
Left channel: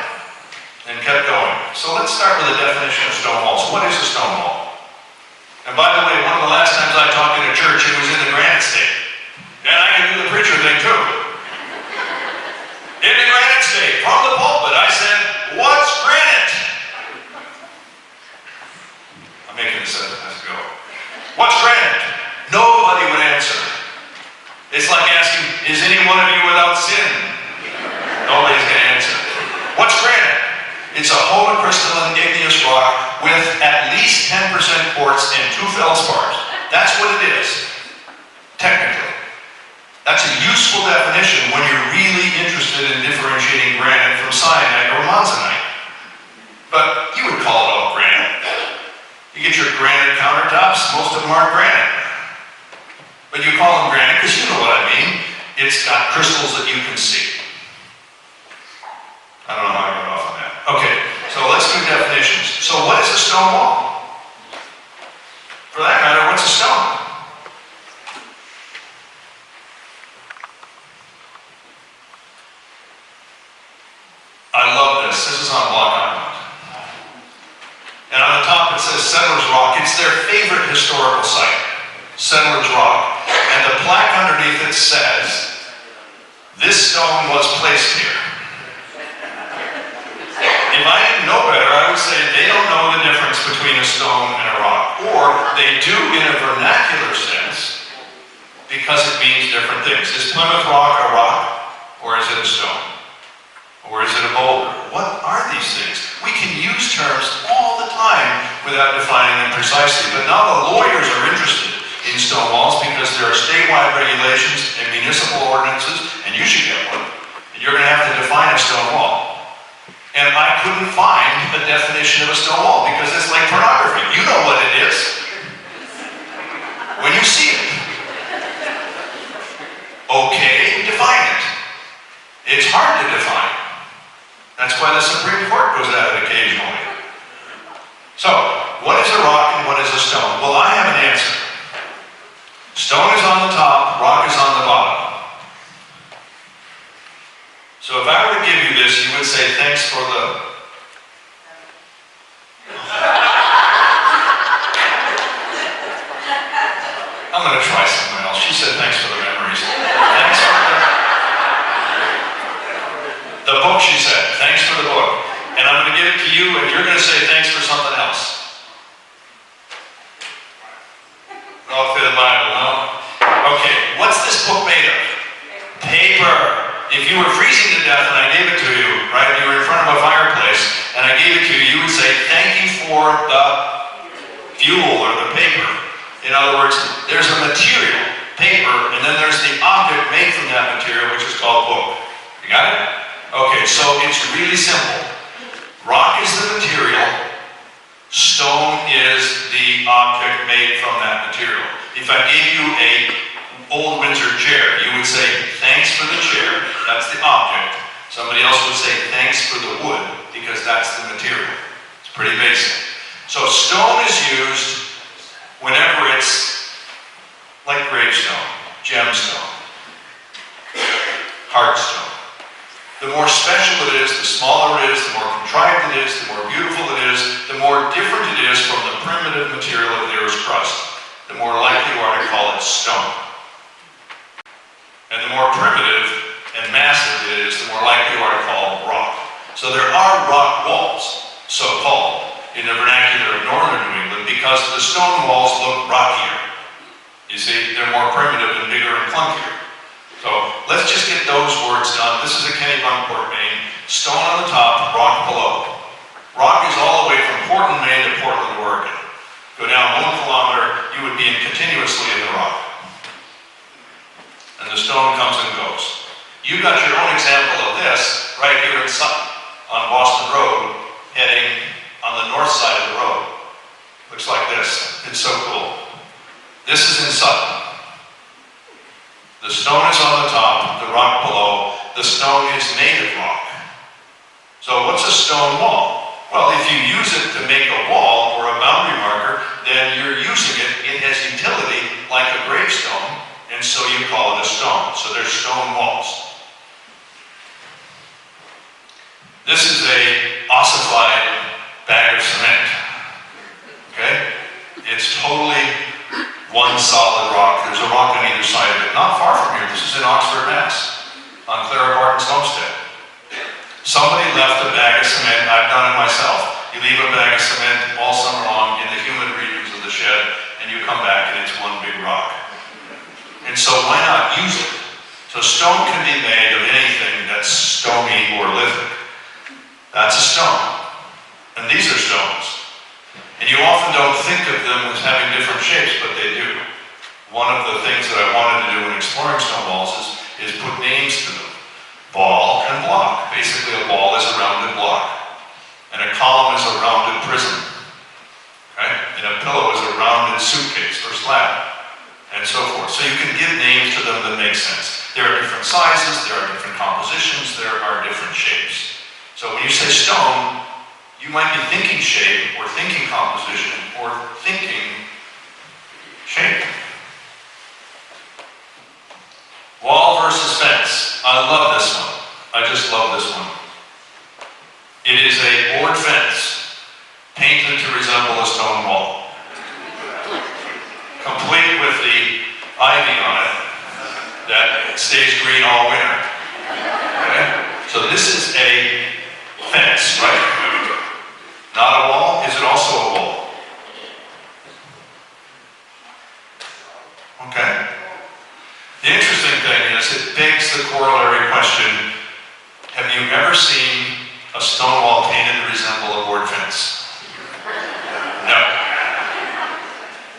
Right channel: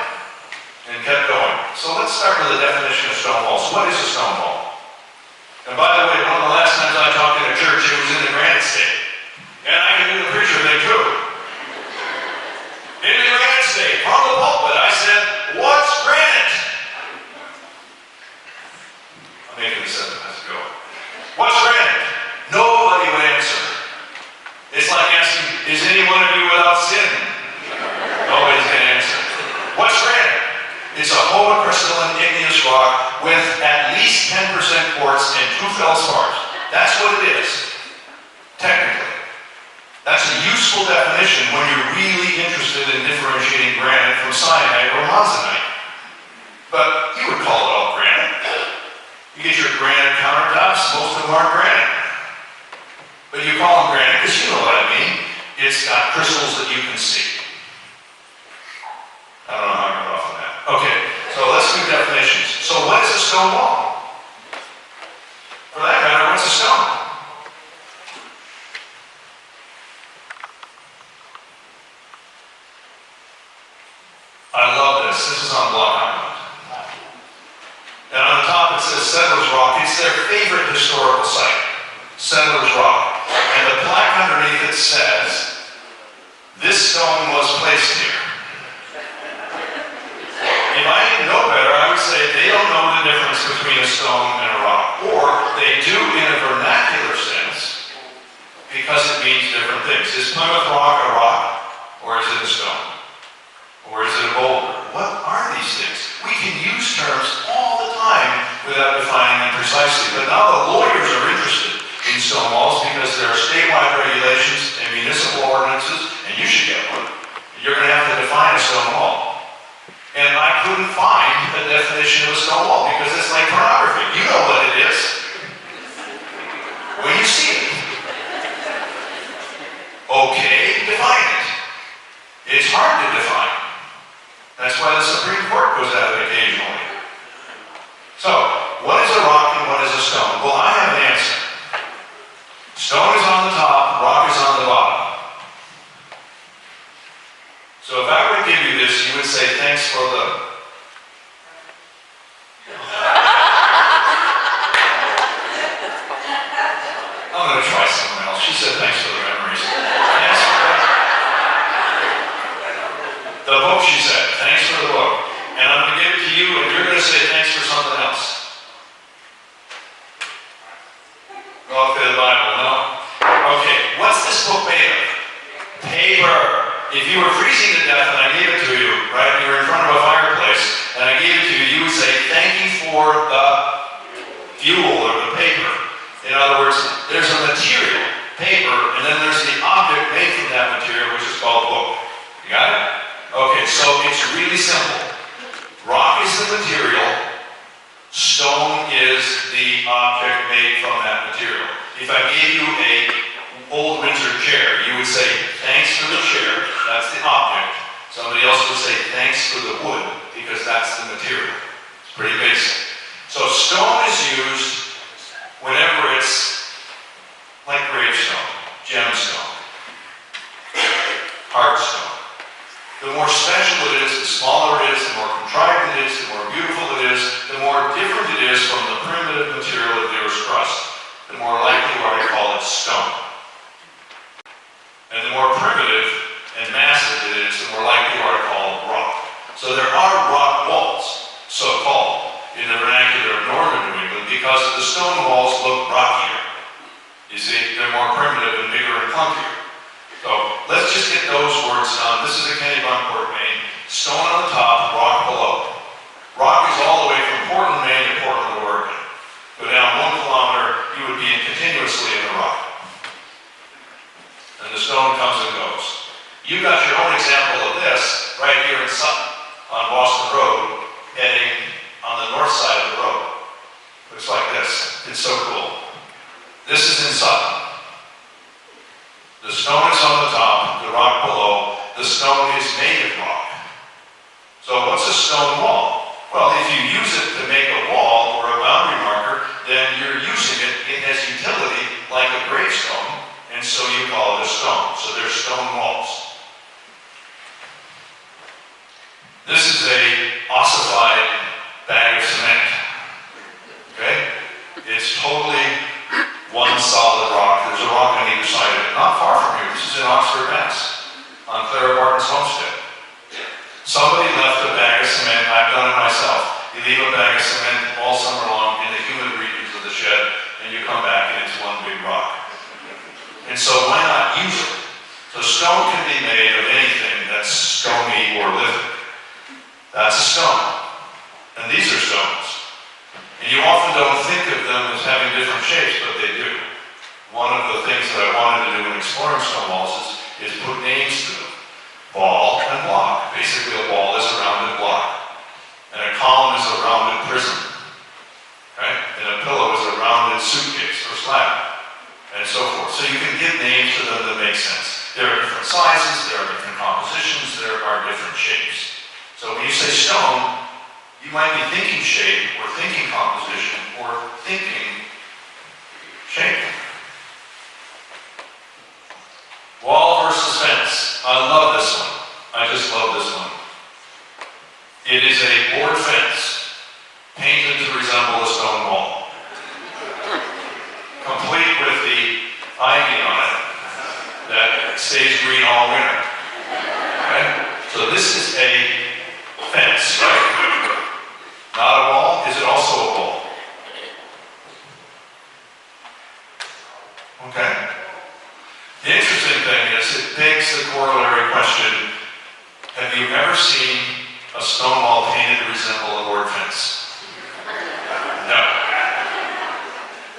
and kept going. So let's start with the definition of stone walls. What is a stone wall? And by the way, one of the last times I talked in a church, it was in the granite state. And I can do the preacher thing too. In the granite state, from the pulpit, I said, what's granite? I'm making this up as I go. What's granite? Nobody would answer. It's like asking, is any one of you without sin? Nobody's going to answer. It's a homocrystalline igneous rock with at least 10% quartz and 2 feldspars. That's what it is, technically. That's a useful definition when you're really interested in differentiating granite from syenite or monzonite. But you would call it all granite. You get your granite countertops, most of them aren't granite. But you call them granite because you know what I mean. It's got crystals that you can see. I don't know how I got off on that. Okay, so let's do definitions. So what is a stone wall? For that matter, what's a stone? I love this. This is on Block Island. And on the top it says Settlers Rock. It's their favorite historical site, Settlers Rock. And the plaque underneath it says, "This stone was placed here." If I didn't know better, I would say they don't know the difference between a stone and a rock. Or they do in a vernacular sense, because it means different things. Is Plymouth Rock a rock? Or is it a stone? Or is it a boulder? What are these things? We can use terms all the time without defining them precisely. But now the lawyers are interested in stone walls because there are statewide regulations and municipal ordinances, and you should get one. And you're going to have to define a stone wall. And I couldn't find a definition of a stone wall because it's like pornography. You know what it is when you see it. Okay, define it. It's hard to define. That's why the Supreme Court goes at it occasionally. So, what is a rock and what is a stone? Well, I have an answer. Stone is on the top, rock is on the bottom. So if I were to give you this, you would say, thanks for the... I'm going to try someone else. She said, thanks for the memories. Thanks for the book, she said. Thanks for the book. And I'm going to give it to you, and you're going to say, thanks for something else. Well, for the Bible, no? Okay, what's this book made of? Paper. If you were freezing to death and I gave it to you, right, you were in front of a fireplace, and I gave it to you, you would say, thank you for the fuel or the paper. In other words, there's a material, paper, and then there's the object made from that material, which is called a book. You got it? Okay, so it's really simple. Rock is the material, stone is the object made from that material. If I gave you a old Windsor chair, you would say, thanks for the chair, that's the object. Somebody else would say, thanks for the wood, because that's the material. It's pretty basic. So stone is used whenever it's like gravestone, gemstone, heartstone. The more special it is, the smaller it is, the more contrived it is, the more beautiful it is, the more different it is from the primitive material of the Earth's crust. The more likely you are to call it stone. And the more primitive and massive it is, the more likely you are to call it rock. So there are rock walls, so-called, in the vernacular of northern New England because the stone walls look rockier. You see, they're more primitive and bigger and clunkier. So let's just get those words down. This is a Kennebunkport, Maine. Stone on the top, rock below. Rock is all the way from Portland, Maine to Portland, Oregon. Go down 1 kilometer, you would be continuously in the rock. And the stone comes and goes. You've got your own example of this right here in Sutton on Boston Road, heading on the north side of the road. Looks like this. It's so cool. This is in Sutton. The stone is on the top, the rock below. The stone is native rock. So what's a stone wall? Well, if you use it to make a wall or a boundary marker, then you're using it. It has utility like a gravestone, and so you call it a stone. So there's stone walls. This is a ossified bag of cement. Okay? It's totally one solid rock. There's a rock on either side of it. Not far from here. This is in Oxford, Mass. On Clara Barton's homestead. Somebody left a bag of cement. I've done it myself. You leave a bag of cement all summer long in the humid regions of the shed, and you come back and it's one big rock. And so why not use it? So stone can be made of anything that's stony or lithic. That's a stone. And these are stones. And you often don't think of them as having different shapes, but they do. One of the things that I wanted to do in exploring stone walls is put names to them. Ball and block. Basically, a ball is a rounded block. And a column is a rounded prism. Okay? And a pillow is a rounded suitcase or slab. And so forth. So you can give names to them that make sense. There are different sizes, there are different compositions, there are different shapes. So when you say stone, you might be thinking shape, or thinking composition, or thinking shape. Wall versus fence. I love this one. I just love this one. It is a board fence, painted to resemble a stone wall. Complete with the ivy on it that stays green all winter. Okay? So this is a fence, right? Not a wall. Is it also a wall? Okay. The interesting thing is it begs the corollary question, have you ever seen a stone wall painted to resemble a board fence? No.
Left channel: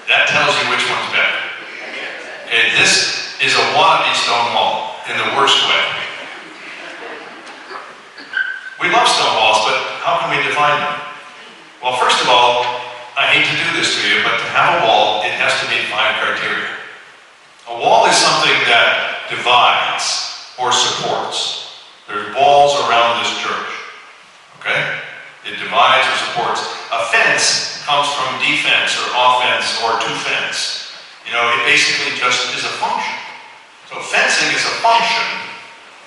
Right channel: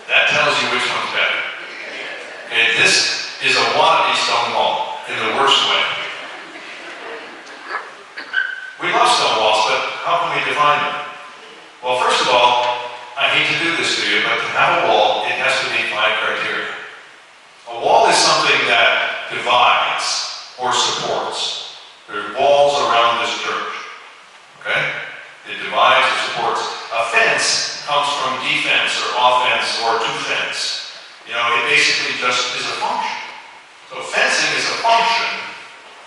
That tells you which one's better. Okay, this is a wannabe stone wall in the worst way. We love stone walls, but how can we define them? Well, first of all, I hate to do this to you, but to have a wall, it has to meet 5 criteria. A wall is something that divides or supports. There's walls around this church. Okay? It divides or supports. A fence comes from defense or offense or to fence. You know, it basically just is a function. So fencing is a function,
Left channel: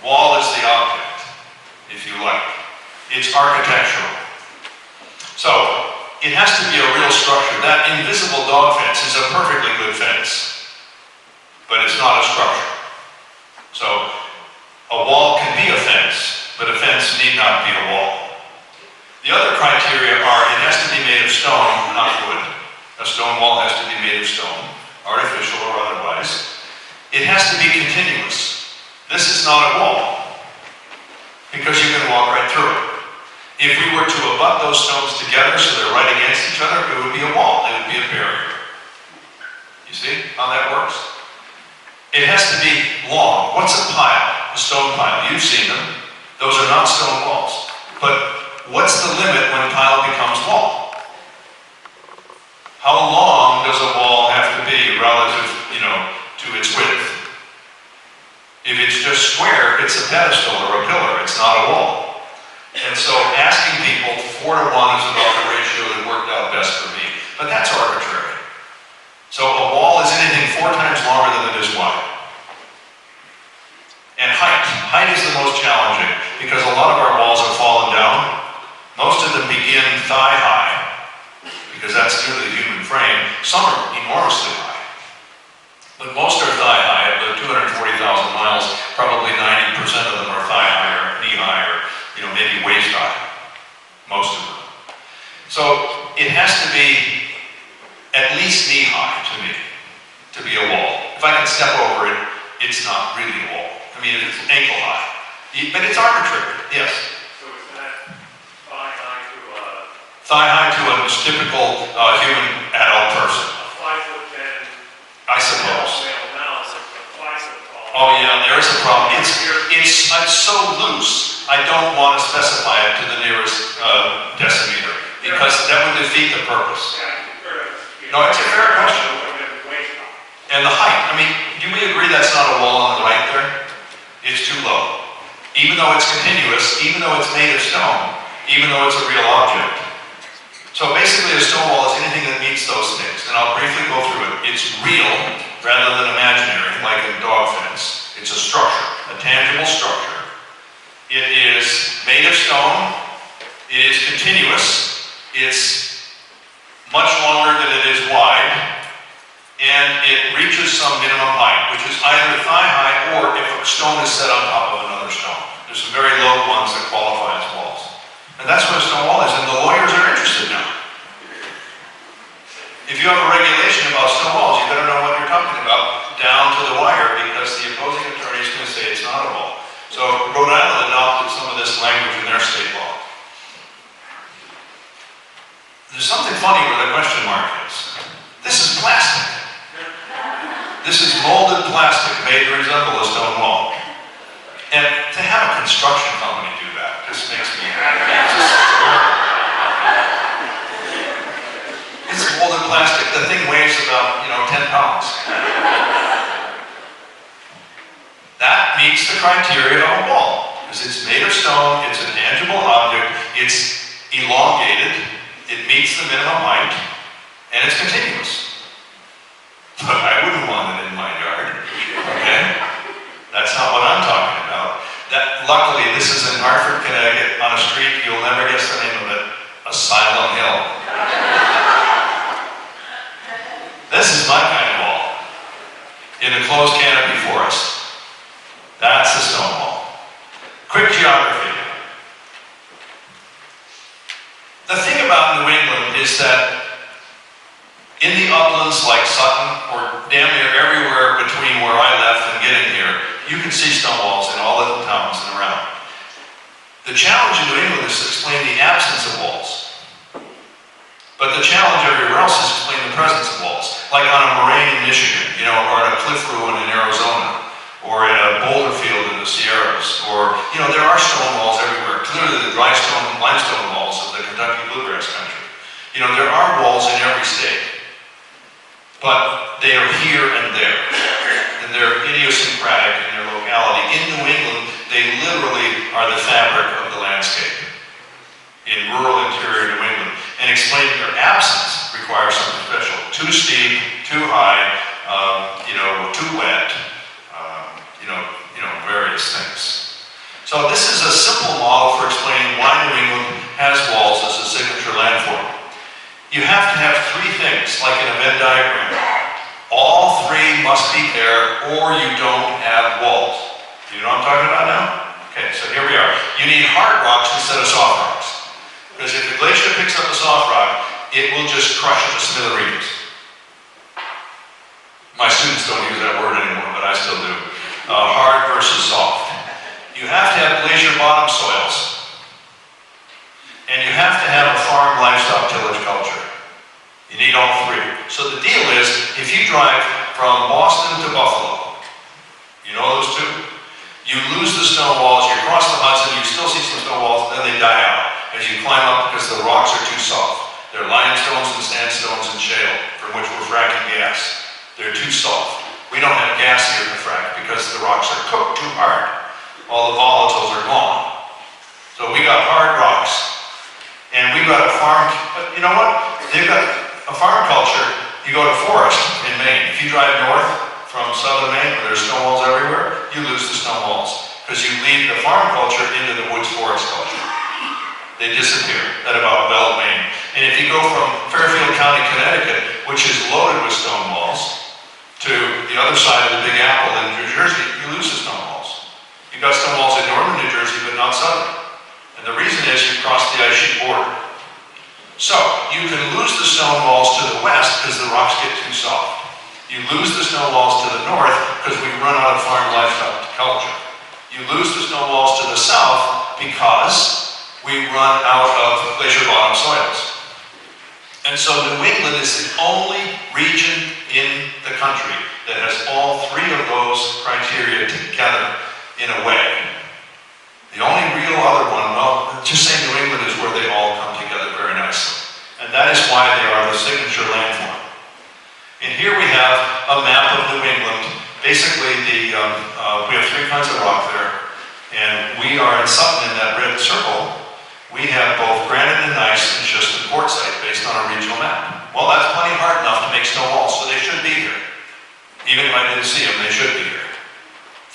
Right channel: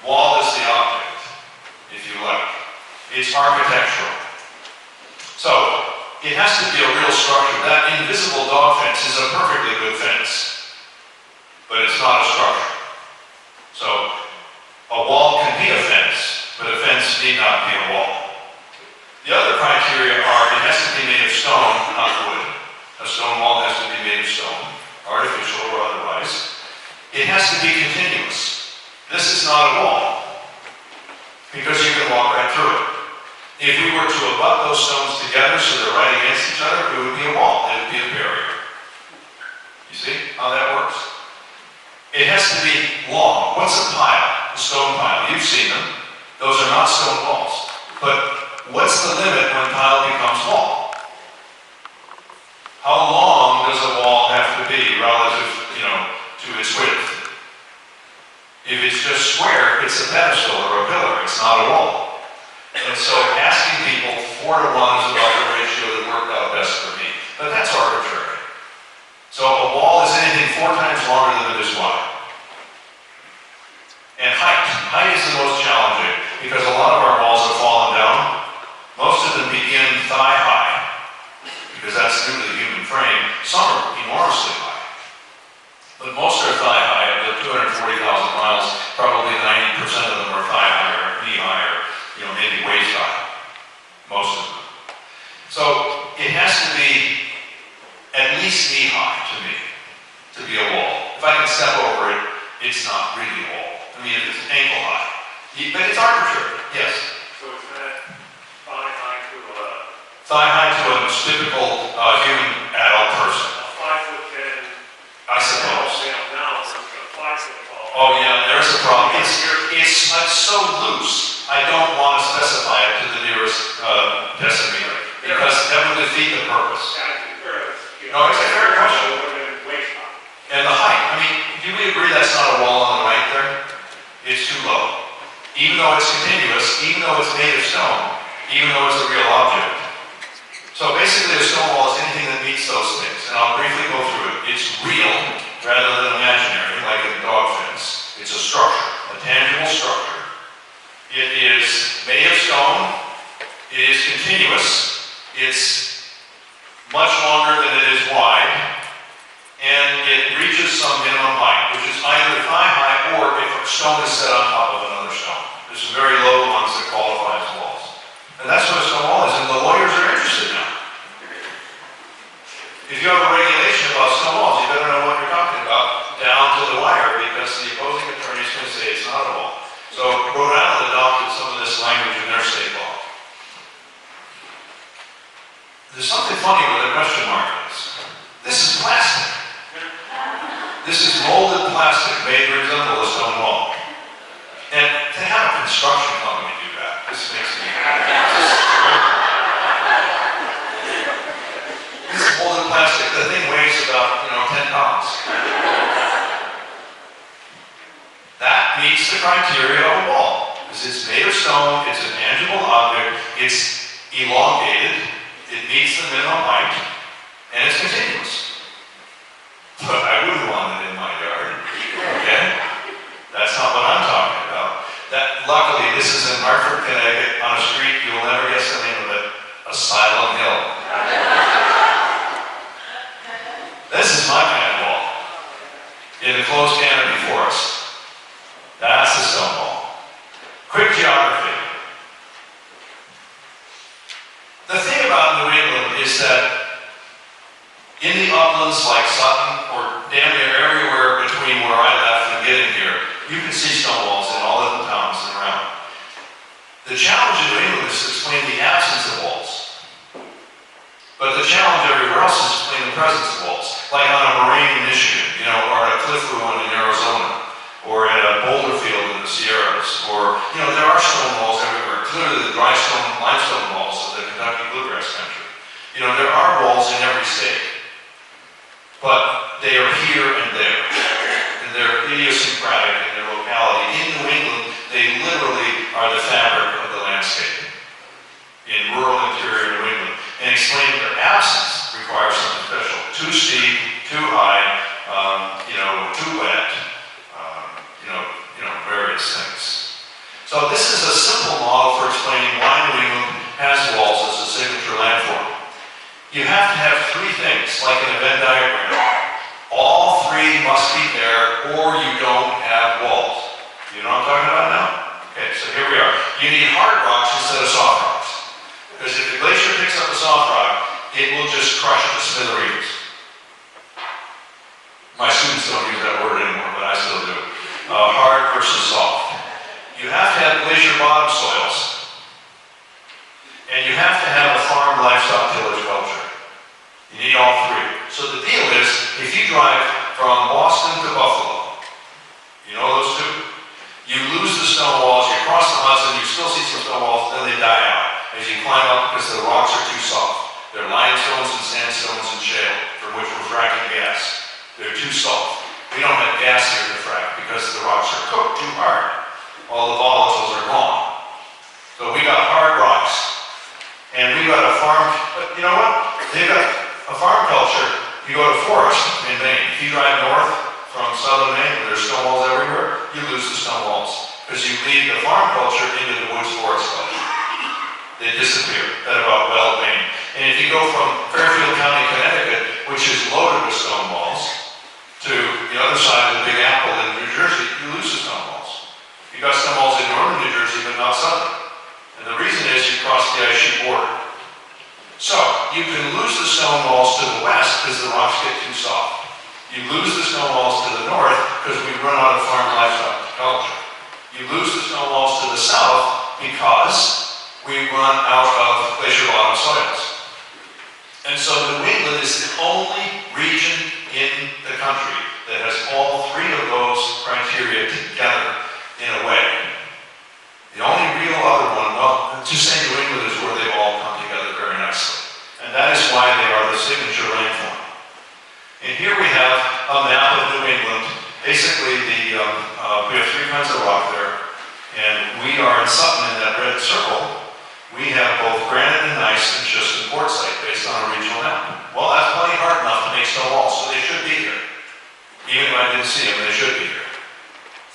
wall is the object, if you like. It's architectural. So, it has to be a real structure. That invisible dog fence is a perfectly good fence, but it's not a structure. So, a wall can be a fence, but a fence need not be a wall. The other criteria are it has to be made of stone, not wood. A stone wall has to be made of stone, artificial or otherwise. It has to be continuous. This is not a wall, because you can walk right through it. If we were to abut those stones together so they're right against each other, it would be a wall, it would be a barrier. You see how that works? It has to be long. What's a pile? A stone pile. You've seen them. Those are not stone walls. But what's the limit when pile becomes wall? How long does a wall have to be relative, to its width? If it's just square, it's a pedestal or a pillar. It's not a wall. And so asking people 4 to 1 is about the ratio that worked out best for me. But that's arbitrary. So a wall is anything 4 times longer than it is wide. And height. Height is the most challenging because a lot of our walls have fallen down. Most of them begin thigh high because that's due to the human frame. Some are enormously high. But most are thigh high. Of the 240,000 miles, probably 90% of them are thigh high or knee high or maybe waist high. Most of them. So it has to be at least knee high to me to be a wall. If I can step over it, it's not really a wall. I mean, if it's ankle high. But it's arbitrary, yes. So is that thigh high to a... Thigh high to a typical human adult person. A 5'10" I suppose. Now it's like a 5 foot tall. Oh yeah, there's a problem. It's so loose. I don't want to specify it to the nearest decimeter because that would defeat the purpose. No, it's a fair question. And the height, I mean, do we agree that's not a wall on the right there? It's too low. Even though it's continuous, even though it's made of stone, even though it's a real object. So basically a stone wall is anything that meets those things. And I'll briefly go through it. It's real rather than imaginary, like a dog fence. It's a structure, a tangible structure. It is made of stone. It is continuous. It's much longer than it is wide. And it reaches some minimum height, which is either thigh high or if a stone is set on top of another stone. There's some very low ones that qualify as walls. And that's what a stone wall is, and the lawyers are interested now. If you have a regulation about stone walls, you better know what you're talking about down to the wire, because the opposing attorney is going to say it's not a wall. So Rhode Island adopted some of this language in their state law. funny where the question mark is. This is plastic. This is molded plastic made to resemble a stone wall. And to have a construction company do that just makes me It's molded plastic. The thing weighs about, 10 pounds. That meets the criteria of a wall. Because it's made of stone, it's a tangible object, it's elongated, it meets the minimum height, and it's continuous. But I wouldn't want it in my yard, okay? That's not what I'm talking about. Luckily, this is in Hartford, Connecticut, on a street, you'll never guess the name of it, Asylum Hill. This is my kind of wall, in the closed canopy forest. That's a stone wall. Quick geography. The thing about New England is that in the uplands like Sutton, or damn near everywhere between where I left and getting here, you can see stone walls in all the towns and around. The challenge in New England is to explain the absence of walls. But the challenge everywhere else is to explain the presence of walls. Like on a moraine in Michigan, or at a cliff ruin in Arizona, or in a boulder field in the Sierras, or, there are stone walls everywhere. Clearly the dry stone, limestone walls of the Kentucky bluegrass country. There are walls in every state, but they are here and there, and they're idiosyncratic in their locality. In New England, they literally are the fabric of the landscape in rural interior New England, and explaining their absence requires something special. Too steep, too high, too wet, various things. So this is a simple model for explaining why New England has walls as a signature landform. You have to have three things, like in a Venn diagram. All three must be there, or you don't have walls. You know what I'm talking about now? Okay, so here we are. You need hard rocks instead of soft rocks. Because if the glacier picks up a soft rock, it will just crush it to smithereens. My students don't use that word anymore, but I still do. Hard versus soft. You have to have glacier bottom soils. And you have to have a farm livestock tillage culture. You need all three. So the deal is, if you drive from Boston to Buffalo, you know those two? You lose the stone walls, you cross the Hudson, you still see some stone walls, then they die out as you climb up because the rocks are too soft. They're limestones and sandstones and shale, from which we're fracking gas. They're too soft. We don't have gas here to frack because the rocks are cooked too hard. All the volatiles are gone. So we got hard rocks. And we got a farm, but you know what? They've got a farm culture. You go to forest in Maine. If you drive north from southern Maine, where there's stone walls everywhere, you lose the stone walls. Because you lead the farm culture into the woods forest culture. They disappear. That about well Maine. And if you go from Fairfield County, Connecticut, which is loaded with stone walls, to the other side of the Big Apple in New Jersey, you lose the stone walls. You've got stone walls in northern New Jersey, but not southern. And the reason is you cross the ice sheet border. So, you can lose the stone walls to the west because the rocks get too soft. You lose the stone walls to the north because we run out of farm livestock culture. You lose the stone walls to the south because we run out of glacier bottom soils. And so New England is the only region in the country that has all three of those criteria together in a way. The only real other one, well, just say New England is where they all come together very nicely. And that is why they are the signature landform. And here we have a map of New England. Basically, we have three kinds of rock there. And we are in Sutton in that red circle. We have both granite and gneiss and schist and quartzite based on a regional map. Well, that's plenty hard enough to make stone walls, so they should be here. Even if I didn't see them, they should be here.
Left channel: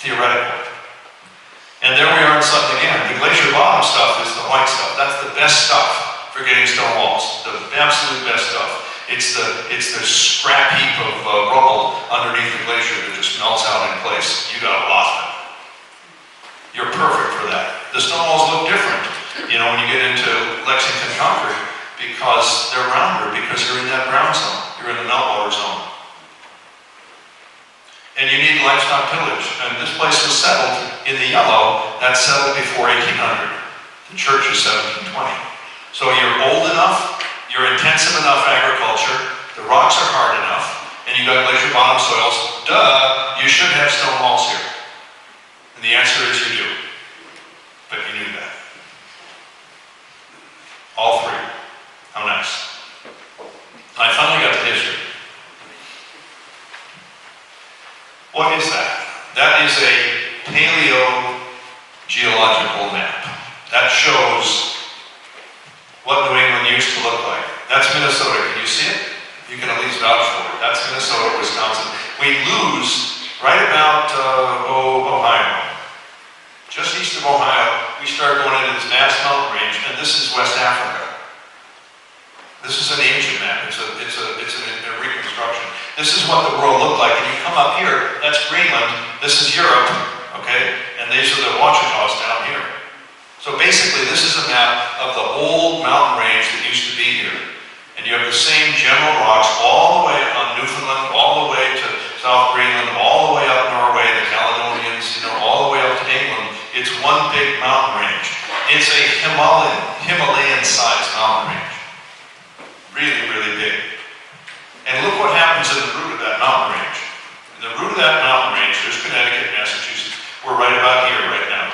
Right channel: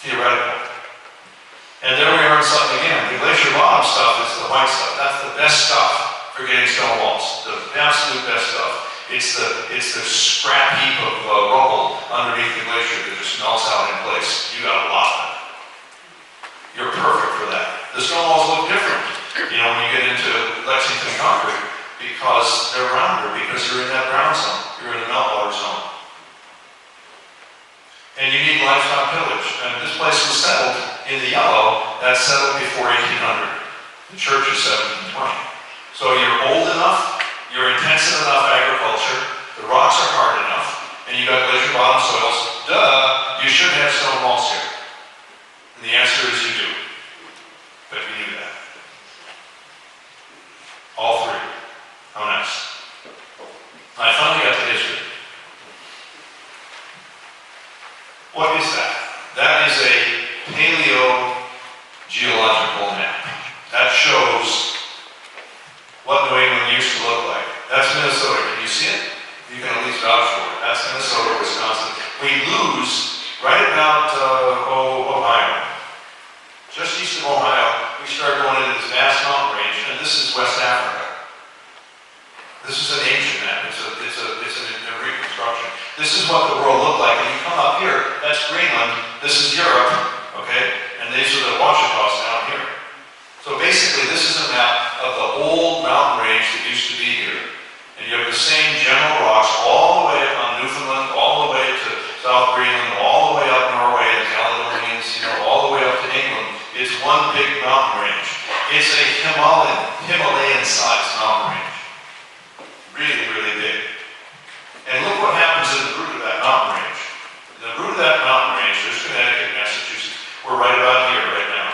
Theoretical. And there we are in Sutton again. The glacier bottom stuff is the white stuff. That's the best stuff for getting stone walls. The absolute best stuff. It's the scrap heap of rubble underneath the glacier that just melts out in place. You got a lot of it. You're perfect for that. The stone walls look different, when you get into Lexington concrete, because they're rounder, because you're in that brown zone. You're in the meltwater zone. And you need livestock tillage. And this place was settled in the yellow. That's settled before 1800. The church is 1720. So you're old enough, you're intensive enough agriculture, the rocks are hard enough, and you got glacier bottom soils, duh, you should have stone walls here. And the answer is you do. But you knew that. All three. How nice. I finally got to history. What is that? That is a paleogeological map. That shows what New England used to look like. That's Minnesota. Can you see it? You can at least vouch for it. That's Minnesota, Wisconsin. We lose right about Ohio. Just east of Ohio, we start going into this vast mountain range, and this is West Africa. This is an ancient map. It's a reconstruction. This is what the world looked like. And you come up here, that's Greenland. This is Europe, okay? And these are the Ouachitas down here. So basically, this is a map of the old mountain range that used to be here. And you have the same general rocks all the way on Newfoundland, all the way to South Greenland, all the way up Norway, the Caledonians, all the way up to England. It's one big mountain range. It's a Himalayan-sized mountain range. Really, really big. And look what happens in the root of that mountain range. In the root of that mountain range, there's Connecticut, Massachusetts. We're right about here, right now.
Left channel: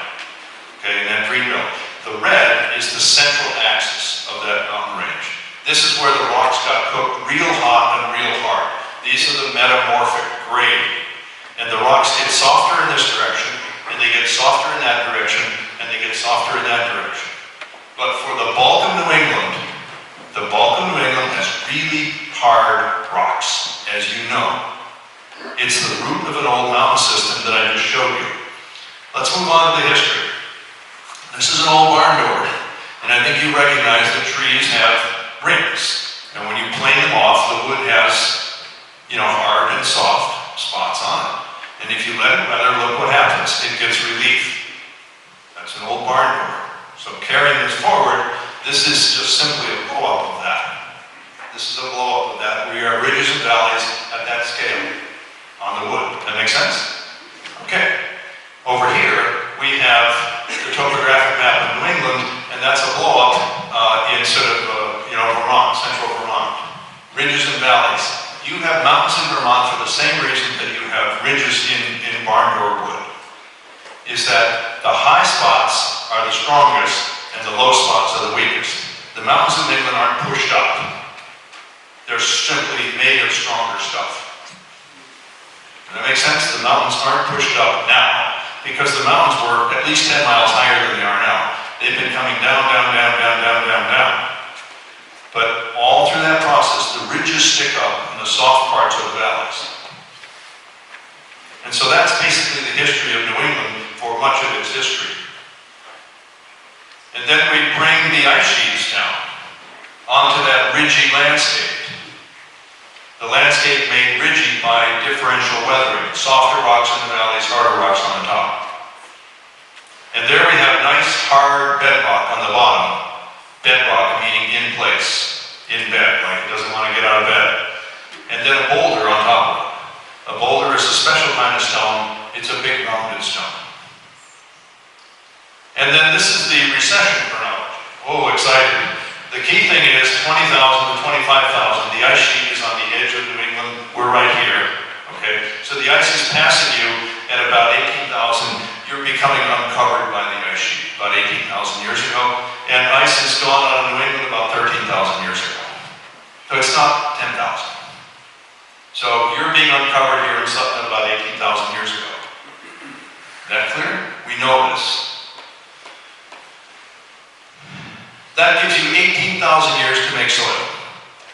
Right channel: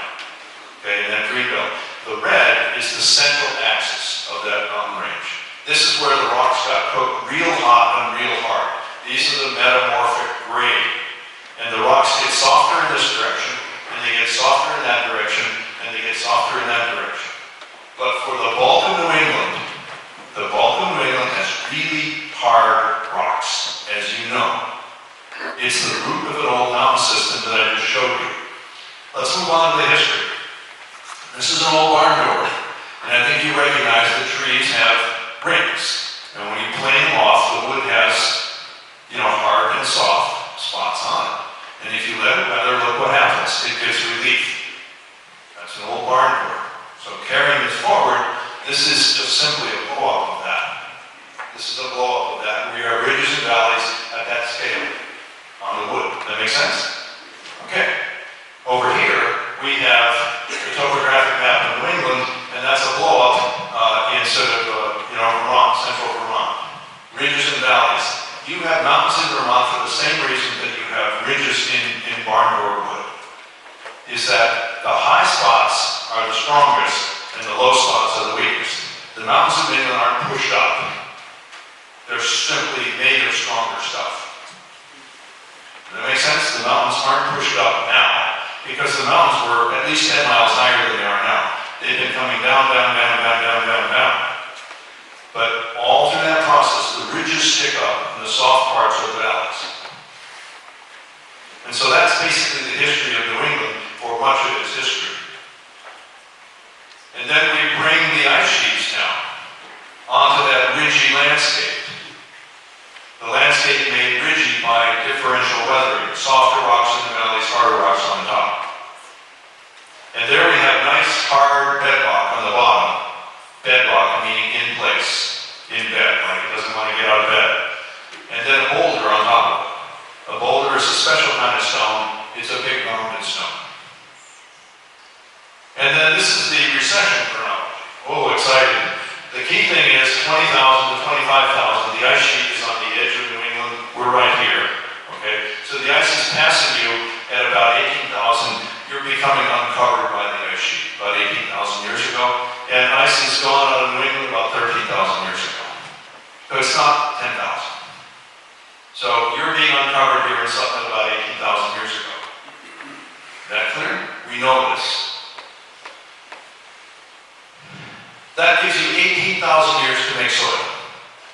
Okay, in that green belt. The red is the central axis of that mountain range. This is where the rocks got cooked real hot and real hard. These are the metamorphic grading. And the rocks get softer in this direction, and they get softer in that direction, and they get softer in that direction. But for the bulk of New England, has really hard rocks, as you know. It's the root of an old mountain system that I just showed you. Let's move on to the history. This is an old barn door, and I think you recognize that trees have rings. And when you plane them off, the wood has, hard and soft spots on it. And if you let it weather, look what happens. It gives relief. That's an old barn door. So carrying this forward, this is just simply a blow-up of that. This is a blow-up of that. We are ridges and valleys at that scale on the wood. That make sense? Okay. Over here, we have the topographic map of New England, and that's a blow-up in Vermont, central Vermont. Ridges and valleys. You have mountains in Vermont for the same reason that you have ridges in barn door wood. Is that the high spots are the strongest, and the low spots are the weakest. The mountains of England aren't pushed up. They're simply made of stronger stuff. Does that make sense? The mountains aren't pushed up now, because the mountains were at least 10 miles higher than they are now. They've been coming down, down, down, down, down, down, down. But all through that process, the ridges stick up, and the soft parts are the valleys. And so that's basically the history of New England for much of its history. And then we bring the ice sheets down onto that ridgy landscape. The landscape made ridgy by differential weathering. Softer rocks in the valleys, harder rocks on the top. And there we have nice hard bedrock on the bottom. Bedrock meaning in place, in bed, like it doesn't want to get out of bed. And then a boulder on top of it. A boulder is a special kind of stone. It's a big rounded stone. And then this is the recession chronology. Oh, exciting. The key thing is 20,000 to 25,000. The ice sheet is on the edge of New England. We're right here. Okay? So the ice is passing you at about 18,000. You're becoming uncovered by the ice sheet about 18,000 years ago. And ice is gone out of New England about 13,000 years ago. So it's not 10,000. So you're being uncovered here in Sutton about 18,000 years ago. That clear? We know this. That gives you 18,000 years to make soil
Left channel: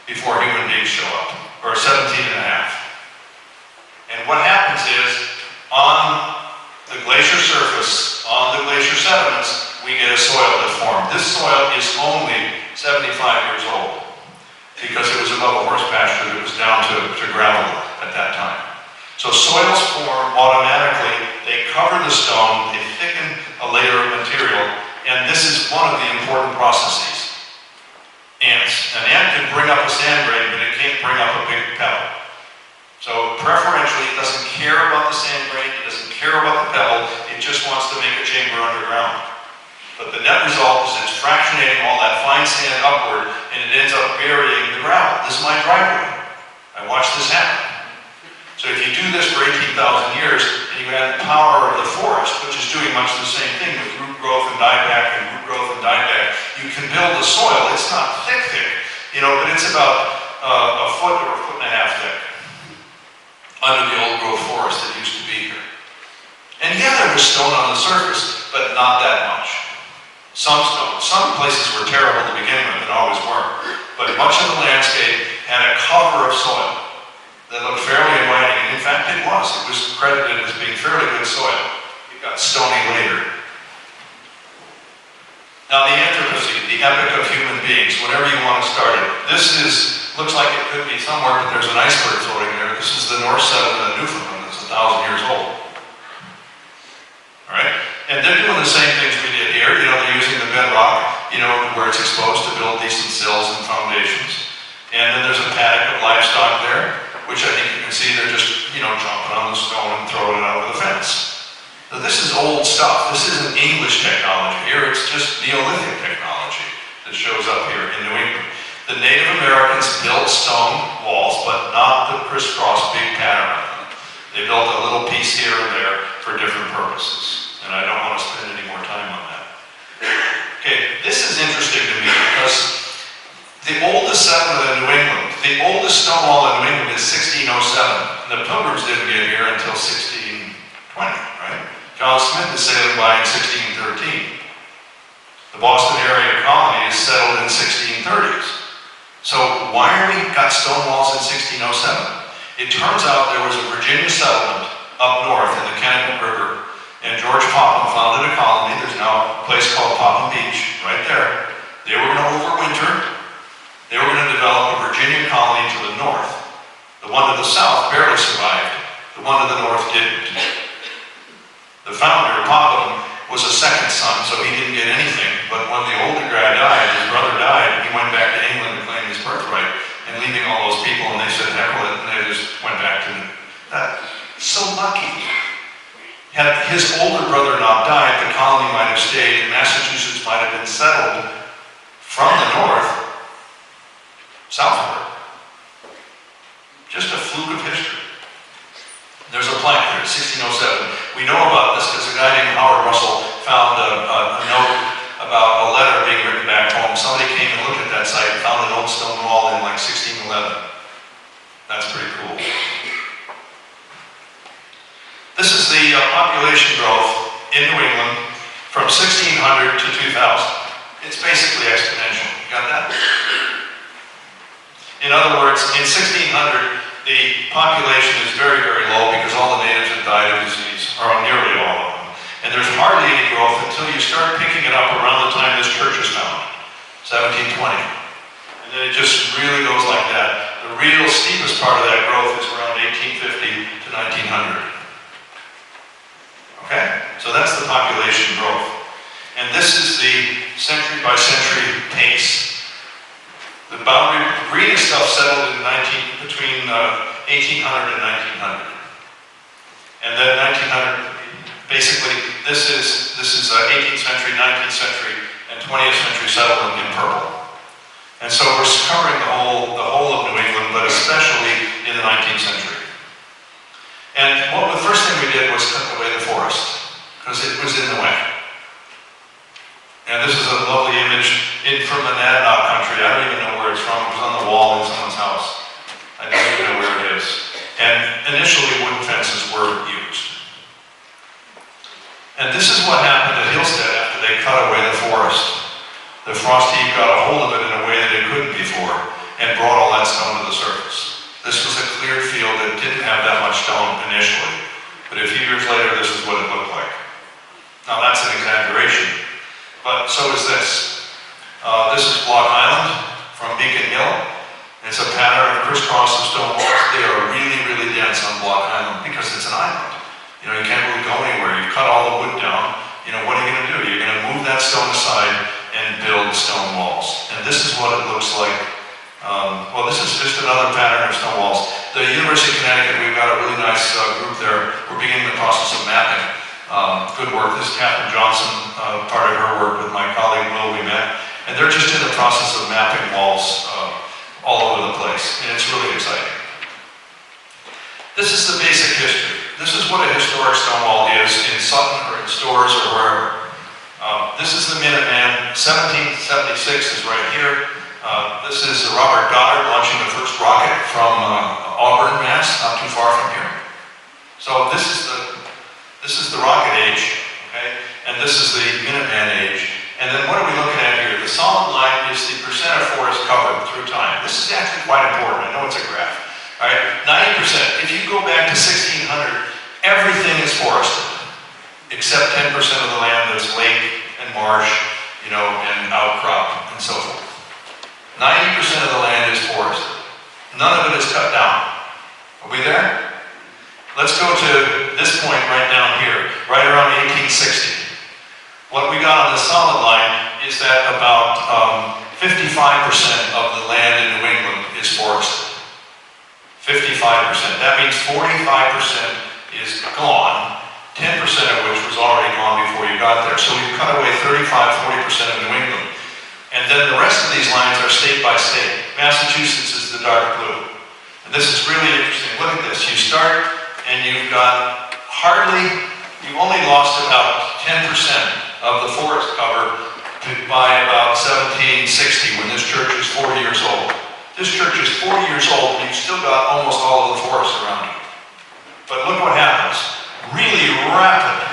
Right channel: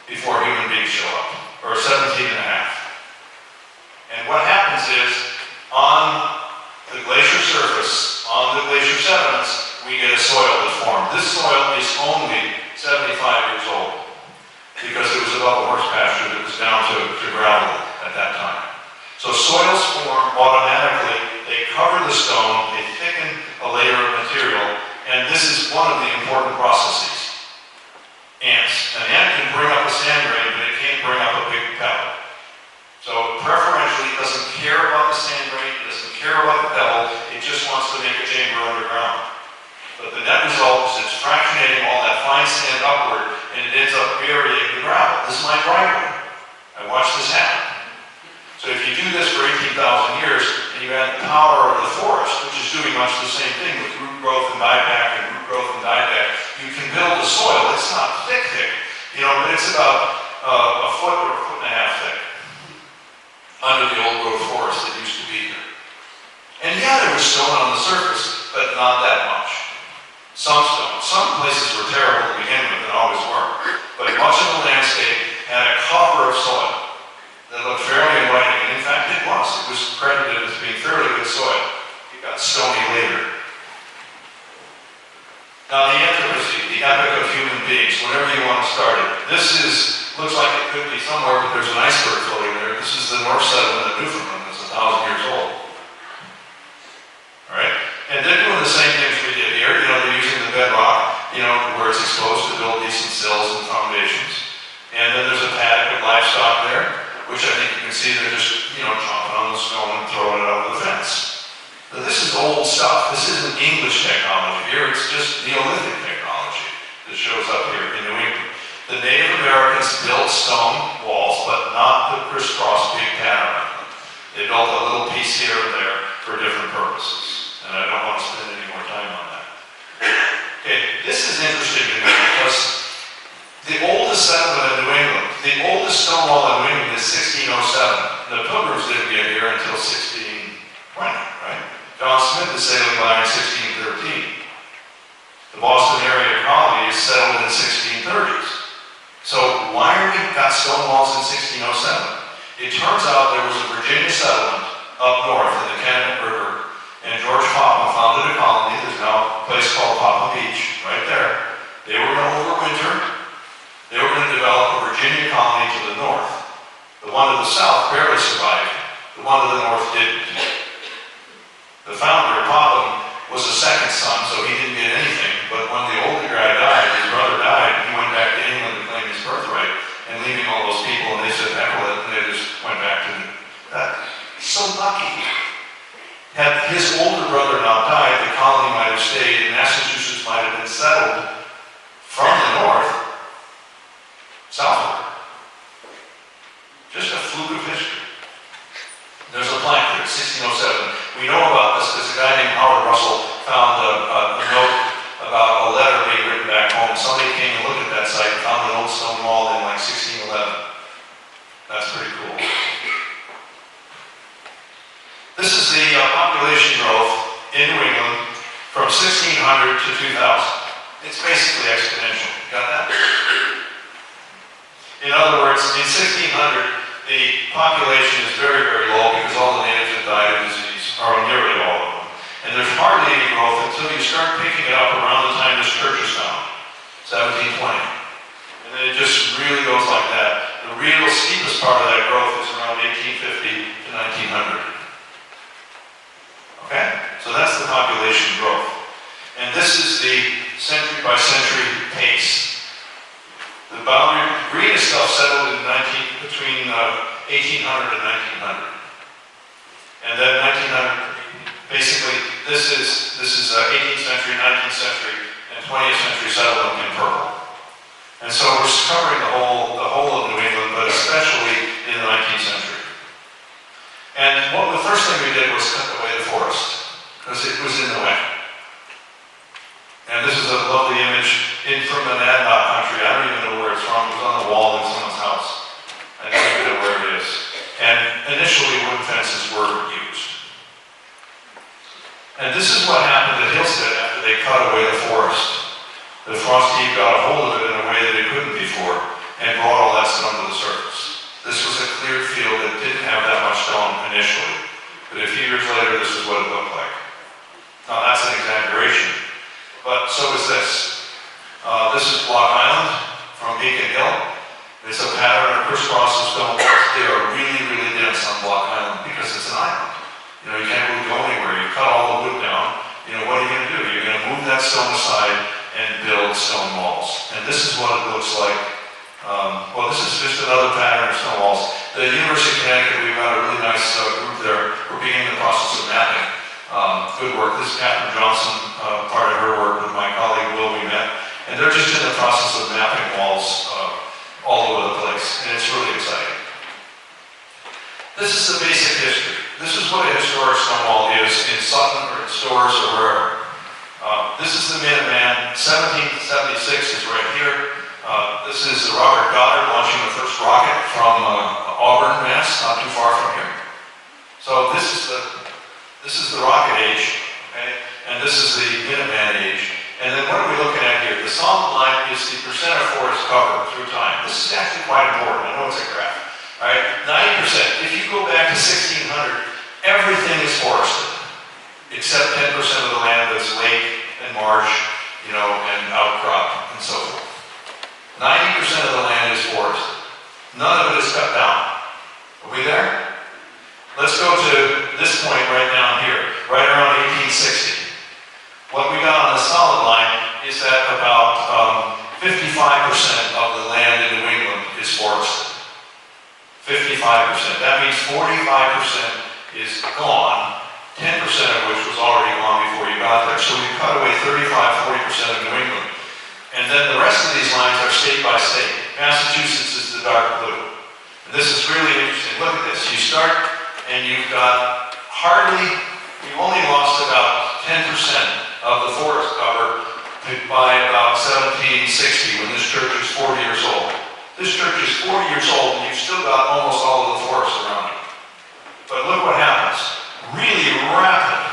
before human beings show up, or 17 and a half. And what happens is, on the glacier surface, on the glacier sediments, we get a soil that's formed. This soil is only 75 years old, because it was above a horse pasture that was down to gravel at that time. So soils form automatically. They cover the stone, they thicken a layer of material, and this is one of the important processes. Ants. An ant can bring up a sand grain, but it can't bring up a big pebble. So preferentially, it doesn't care about the sand grain, it doesn't care about the pebble, it just wants to make a chamber underground. But the net result is it's fractionating all that fine sand upward, and it ends up burying the gravel. This is my driveway. I watched this happen. So if you do this for 18,000 years, and you add the power of the forest, which is doing much the same thing with root growth and dieback and root growth and dieback, you can build the soil. It's not thick, but it's about a foot or a foot and a half thick under the old growth forest that used to be here. And yeah, there was stone on the surface, but not that much. Some stone. Some places were terrible to begin with and always were. But much of the landscape had a cover of soil that looked fairly inviting. And in fact, it was. It was credited as being fairly good soil. It got stony later. Now, the Anthropocene, the epic of human beings, whatever you want to start it. Looks like it could be somewhere, but there's an iceberg floating there. This is the North Settlement of Newfoundland. It's 1,000 years old. All right? And they're doing the same things we did here. They're using the bedrock, where it's exposed to build decent sills and foundations. And then there's a paddock of livestock there, which I think you can see they're just, jumping on the stone and throwing it over the fence. So this is old stuff. This isn't English technology here. It's just Neolithic technology that shows up here in New England. The Native Americans built stone walls, but not the crisscross big pattern of them. They built a little piece here or there for different purposes. And I don't want to spend any more time on that. Okay, this is interesting to me because the oldest settlement in New England, the oldest stone wall in New England is 1607. The Pilgrims didn't get here until 1620, right? John Smith is sailing by in 1613. The Boston area colony is settled in the 1630s. So why are we got stone walls in 1607? It turns out there was a Virginia settlement up north in the Connecticut River, and George Popham founded a colony. There's now a place called Popham Beach, right there. They were going to overwinter. They were going to develop a Virginia colony to the north. The one to the south barely survived. The one to the north didn't. The founder, Popham, was a second son, so he didn't get anything. But when the older guy died, his brother died, he went back to England to claim his birthright, and leaving all those people, and they said, heck with it, and they just went back to that. So lucky. Had his older brother not died, the colony might have stayed, and Massachusetts might have been settled from the north southward. Just a fluke of history. There's a plaque here, 1607. We know about this because a guy named Howard Russell found a note about a letter being written back home. Somebody came and looked at that site and found an old stone wall in like 1611. That's pretty cool. This is the population growth in New England from 1600 to 2000. It's basically exponential. Got that? In other words, in 1600, the population is very, very low because all the natives have died of disease, or nearly all of them. And there's hardly any growth until you start picking it up around the time this church is founded, 1720. And then it just really goes like that. The real steepest part of that growth is around 1850 to 1900. Okay? So that's the population growth. And this is the century by century pace. The boundary, green stuff settled in between 1800 and 1900. And then 1900, basically, this is 18th century, 19th century, and 20th century settlement in purple. And so we're covering the whole of New England, but especially in the 19th century. And the first thing we did was cut away the forest, because it was in the way. And this is a lovely image from the Nadnok country. I don't even know where it's from. It was on the wall in someone's house. I don't even know where it is. And initially, wooden fences were used. And this is what happened at Hillstead after they cut away the forest. The frost heave got a hold of it in a way that it couldn't before and brought all that stone to the surface. This was a clear field that didn't have that much stone initially. But a few years later, this is what it looked like. Now, that's an exaggeration. But so is this. This is Block Island from Beacon Hill. It's a pattern of crisscross of stone walls. They are really, really dense on Block Island because it's an island. You can't really go anywhere. You cut all the wood down. What are you going to do? You're going to move that stone aside and build stone walls. And this is what it looks like. This is just another pattern of stone walls. The University of Connecticut, we've got a really nice group there. We're beginning the process of mapping. Good work. This is Catherine Johnson, part of her work with just in the process of mapping walls all over the place, and it's really exciting. This is the basic history. This is what a historic stone wall is in Sutton or in Stores or wherever. This is the Minuteman. 1776 is right here. This is Robert Goddard launching the first rocket from Auburn, Mass, not too far from here. So this is the rocket age, okay? And this is the Minuteman age. And then what are we looking at here? The solid line is the percent of forest covered through time. This is actually quite important. I know it's a graph. All right, 90%. If you go back to 1600, everything is forested, except 10% of the land that's lake and marsh, and outcrop and so forth. 90% of the land is forested. None of it is cut down. Are we there? Let's go to this point right down here, right around 1860. What we got on the solid line is that about 55% of the land in New England is forested. 55%. That means 45% is gone, 10% of which was already gone before you got there. So we've cut away 35-40% of New England. And then the rest of these lines are state by state. Massachusetts is the dark blue. And this is really interesting. Look at this. You start and you've got you've only lost about 10% of the forest cover by about 1760 when this church is 40 years old. This church is 40 years old and you've still got almost all of the forest around you. But look what happens. Really rapid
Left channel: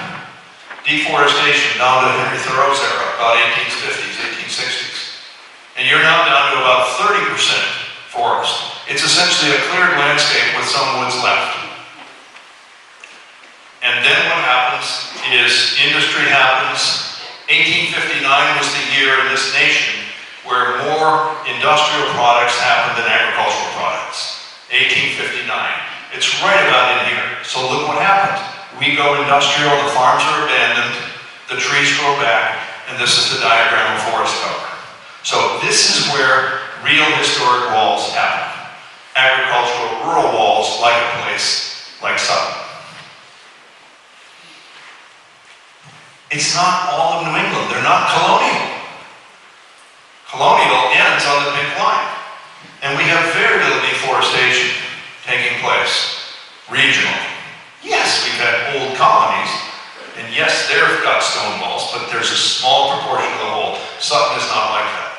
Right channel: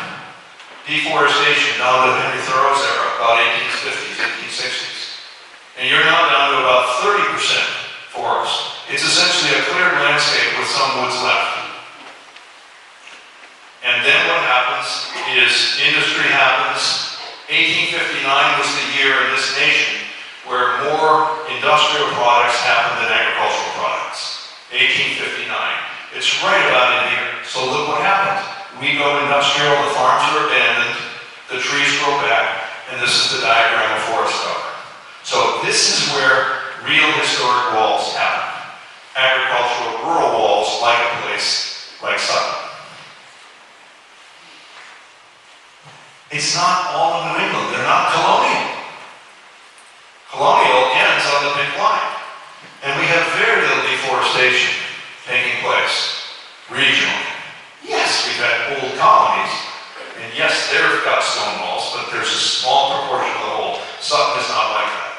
deforestation down to Henry Thoreau's era, about 1850s, 1860s. And you're now down to about 30% forest. It's essentially a cleared landscape with some woods left. And then what happens is industry happens. 1859 was the year in this nation where more industrial products happened than agricultural products. 1859. It's right about in here. So look what happened. We go industrial, the farms are abandoned, the trees grow back, and this is the diagram of forest cover. So this is where real historic walls happen. Agricultural, rural walls like a place like Sutton. It's not all of New England. They're not colonial. Colonial ends on the pink line. And we have very little deforestation taking place regionally. Yes, we've had old colonies, and yes, they've got stone walls, but there's a small proportion of the whole. Sutton is not like that.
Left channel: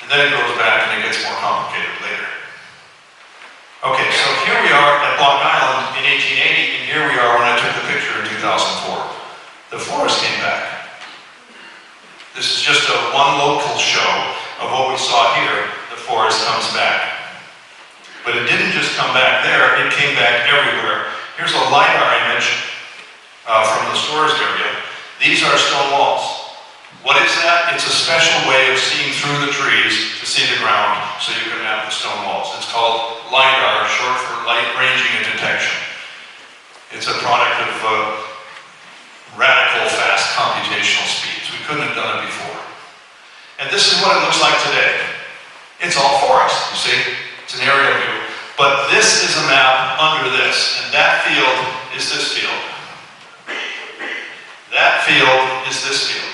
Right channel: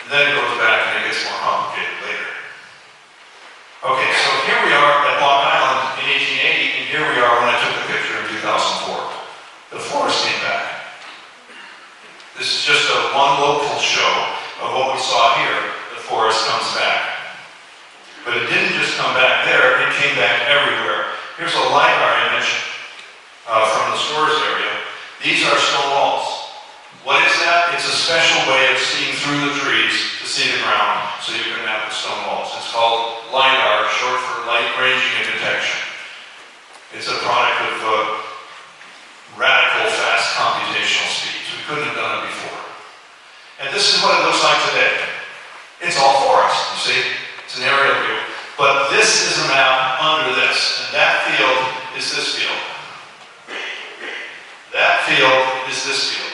And then it goes back and it gets more complicated later. Okay, so here we are at Block Island in 1880, and here we are when I took the picture in 2004. The forest came back. This is just one local show of what we saw here. The forest comes back. But it didn't just come back there, it came back everywhere. Here's a LiDAR image from the Stores area. These are stone walls. What is that? It's a special way of seeing through the trees to see the ground so you can map the stone walls. It's called LiDAR, short for light ranging and detection. It's a product of radical fast computational speeds. We couldn't have done it before. And this is what it looks like today. It's all forest, you see. It's an aerial view. But this is a map under this, and that field is this field. That field is this field.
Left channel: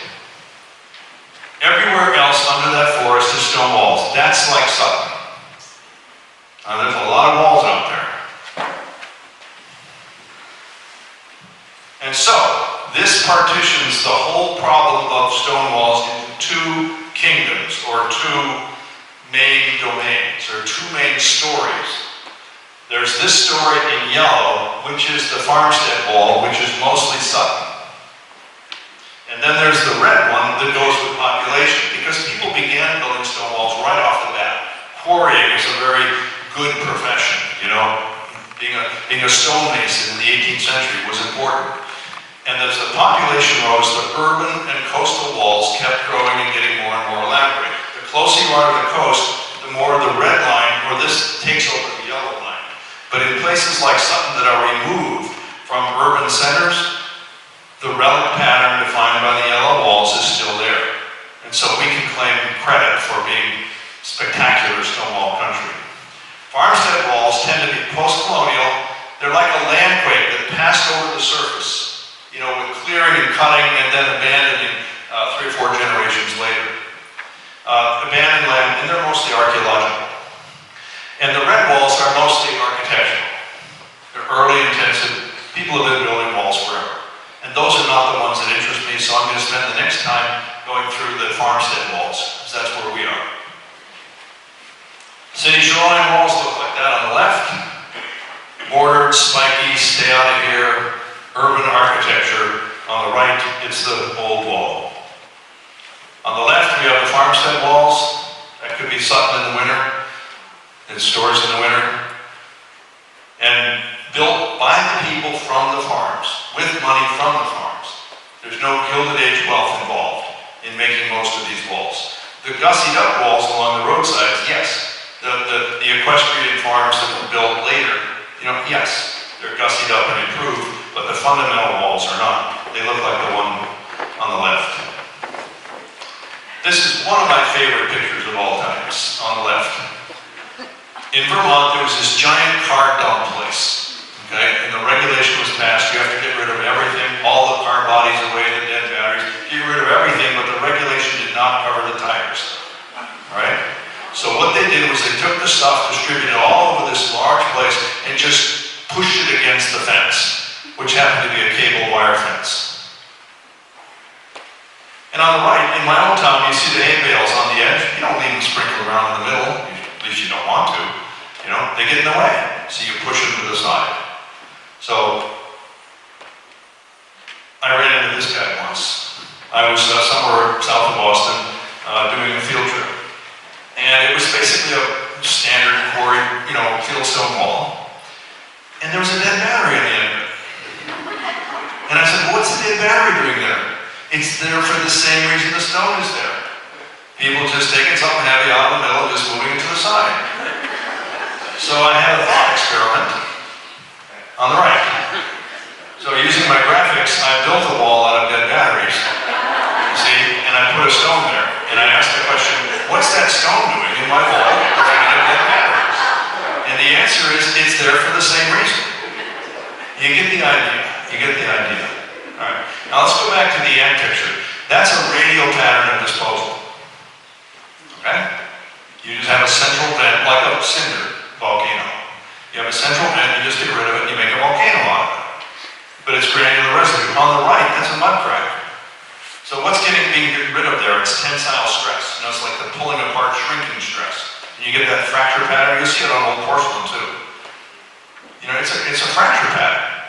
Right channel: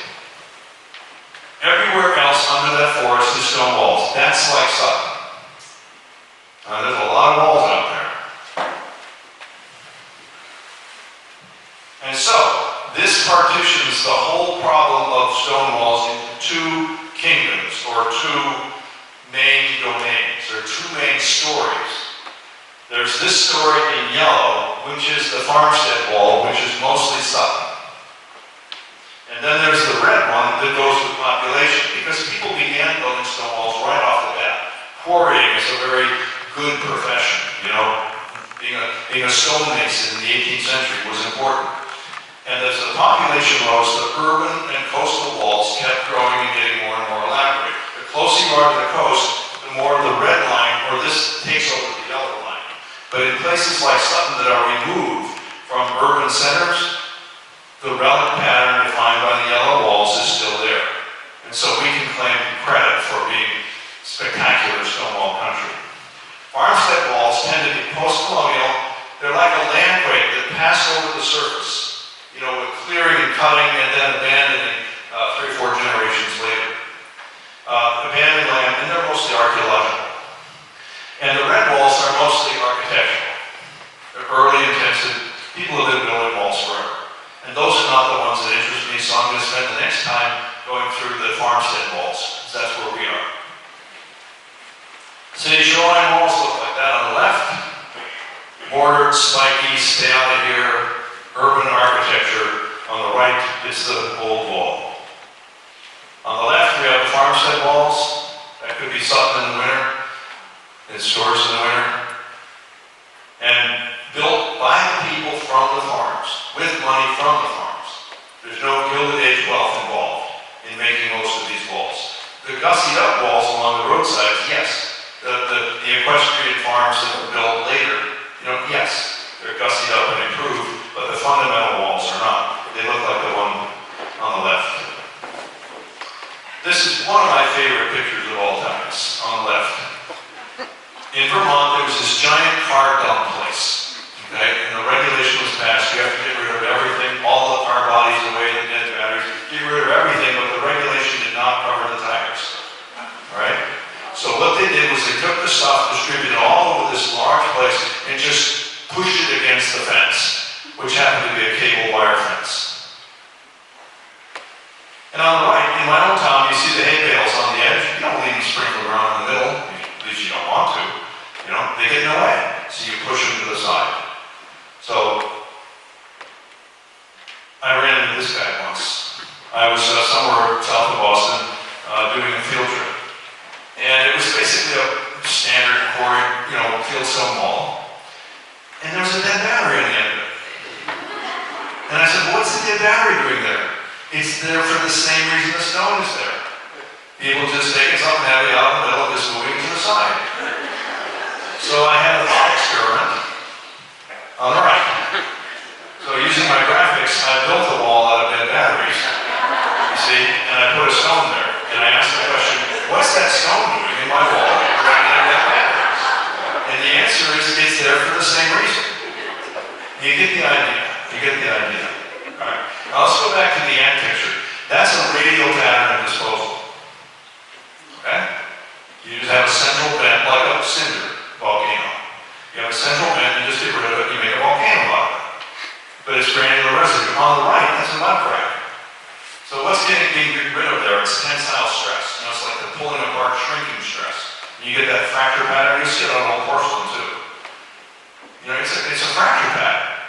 Everywhere else under that forest is stone walls. That's like Sutton. There's a lot of walls out there. And so, this partitions the whole problem of stone walls into two kingdoms, or two main domains, or two main stories. There's this story in yellow, which is the farmstead wall, which is mostly Sutton. And then there's the red one that goes with population, because people began building stone walls right off the bat. Quarrying is a very good profession, Being a stonemason in the 18th century was important. And as the population rose, the urban and coastal walls kept growing and getting more and more elaborate. The closer you are to the coast, the more the red line, or this takes over the yellow line. But in places like Sutton that are removed from urban centers, the relic pattern defined by the yellow walls is still there. And so we can claim credit for being spectacular stone wall country. Farmstead walls tend to be post-colonial. They're like a landquake that passed over the surface, with clearing and cutting and then abandoning 3 or 4 generations later. abandoned land, and they're mostly archaeological. And the red walls are mostly architectural. They're early, intensive. People have been building walls forever. And those are not the ones that interest me, so I'm going to spend the next time going through the farmstead walls, because that's where we are. City shoreline walls look like that on the left. Bordered, spiky, stay out of here, urban architecture. On the right, it's the old wall. On the left, we have the farmstead walls. That could be Sutton in the winter. It stores in the winter. And built by the people from the farms, with money from the farms. There's no Gilded Age wealth involved in making most of these walls. The gussied up walls along the roadsides, yes. The equestrian farms that were built later, yes, they're gussied up and improved, but the fundamental walls are not. They look like the one on the left. This is one of my favorite pictures of all times, on the left. In Vermont, there was this giant car dump place, okay? And the regulation was passed, you have to get rid of everything, all the car bodies away, the dead batteries, get rid of everything, but the regulation did not cover the tires, right? So what they did was they took the stuff, distributed it all over this large place, and just pushed it against the fence, which happened to be a cable wire fence. And on the right, in my own town, you see the hay bales on the edge. You don't leave them sprinkled around in the middle, at least you don't want to. They get in the way, so you push them to the side. So, I ran into this guy once. I was somewhere south of Boston doing a field trip. And it was basically a standard quarry, fieldstone wall. And there was a dead battery on the end of it. And I said, well, what's the dead battery doing there? It's there for the same reason the stone is there. People just taking something heavy out of the middle and just moving it to the side. So I had a thought experiment on the right. So using my graphics, I built a wall out of dead batteries, you see, and I put a stone there. And I asked the question, what's that stone doing in my wall surrounded by dead batteries? And the answer is, it's there for the same reason. You get the idea. You get the idea. All right. Now let's go back to the ant picture. That's a radial pattern of disposal. Okay? You just have a central vent, like a cinder volcano. You have a central vent, you just get rid of it, you make a volcano out of it. But it's granular residue. On the right, that's a mud crack. So what's being rid of there? It's tensile stress. It's like the pulling apart, shrinking stress. And you get that fracture pattern. You see it on old porcelain too. It's a fracture pattern.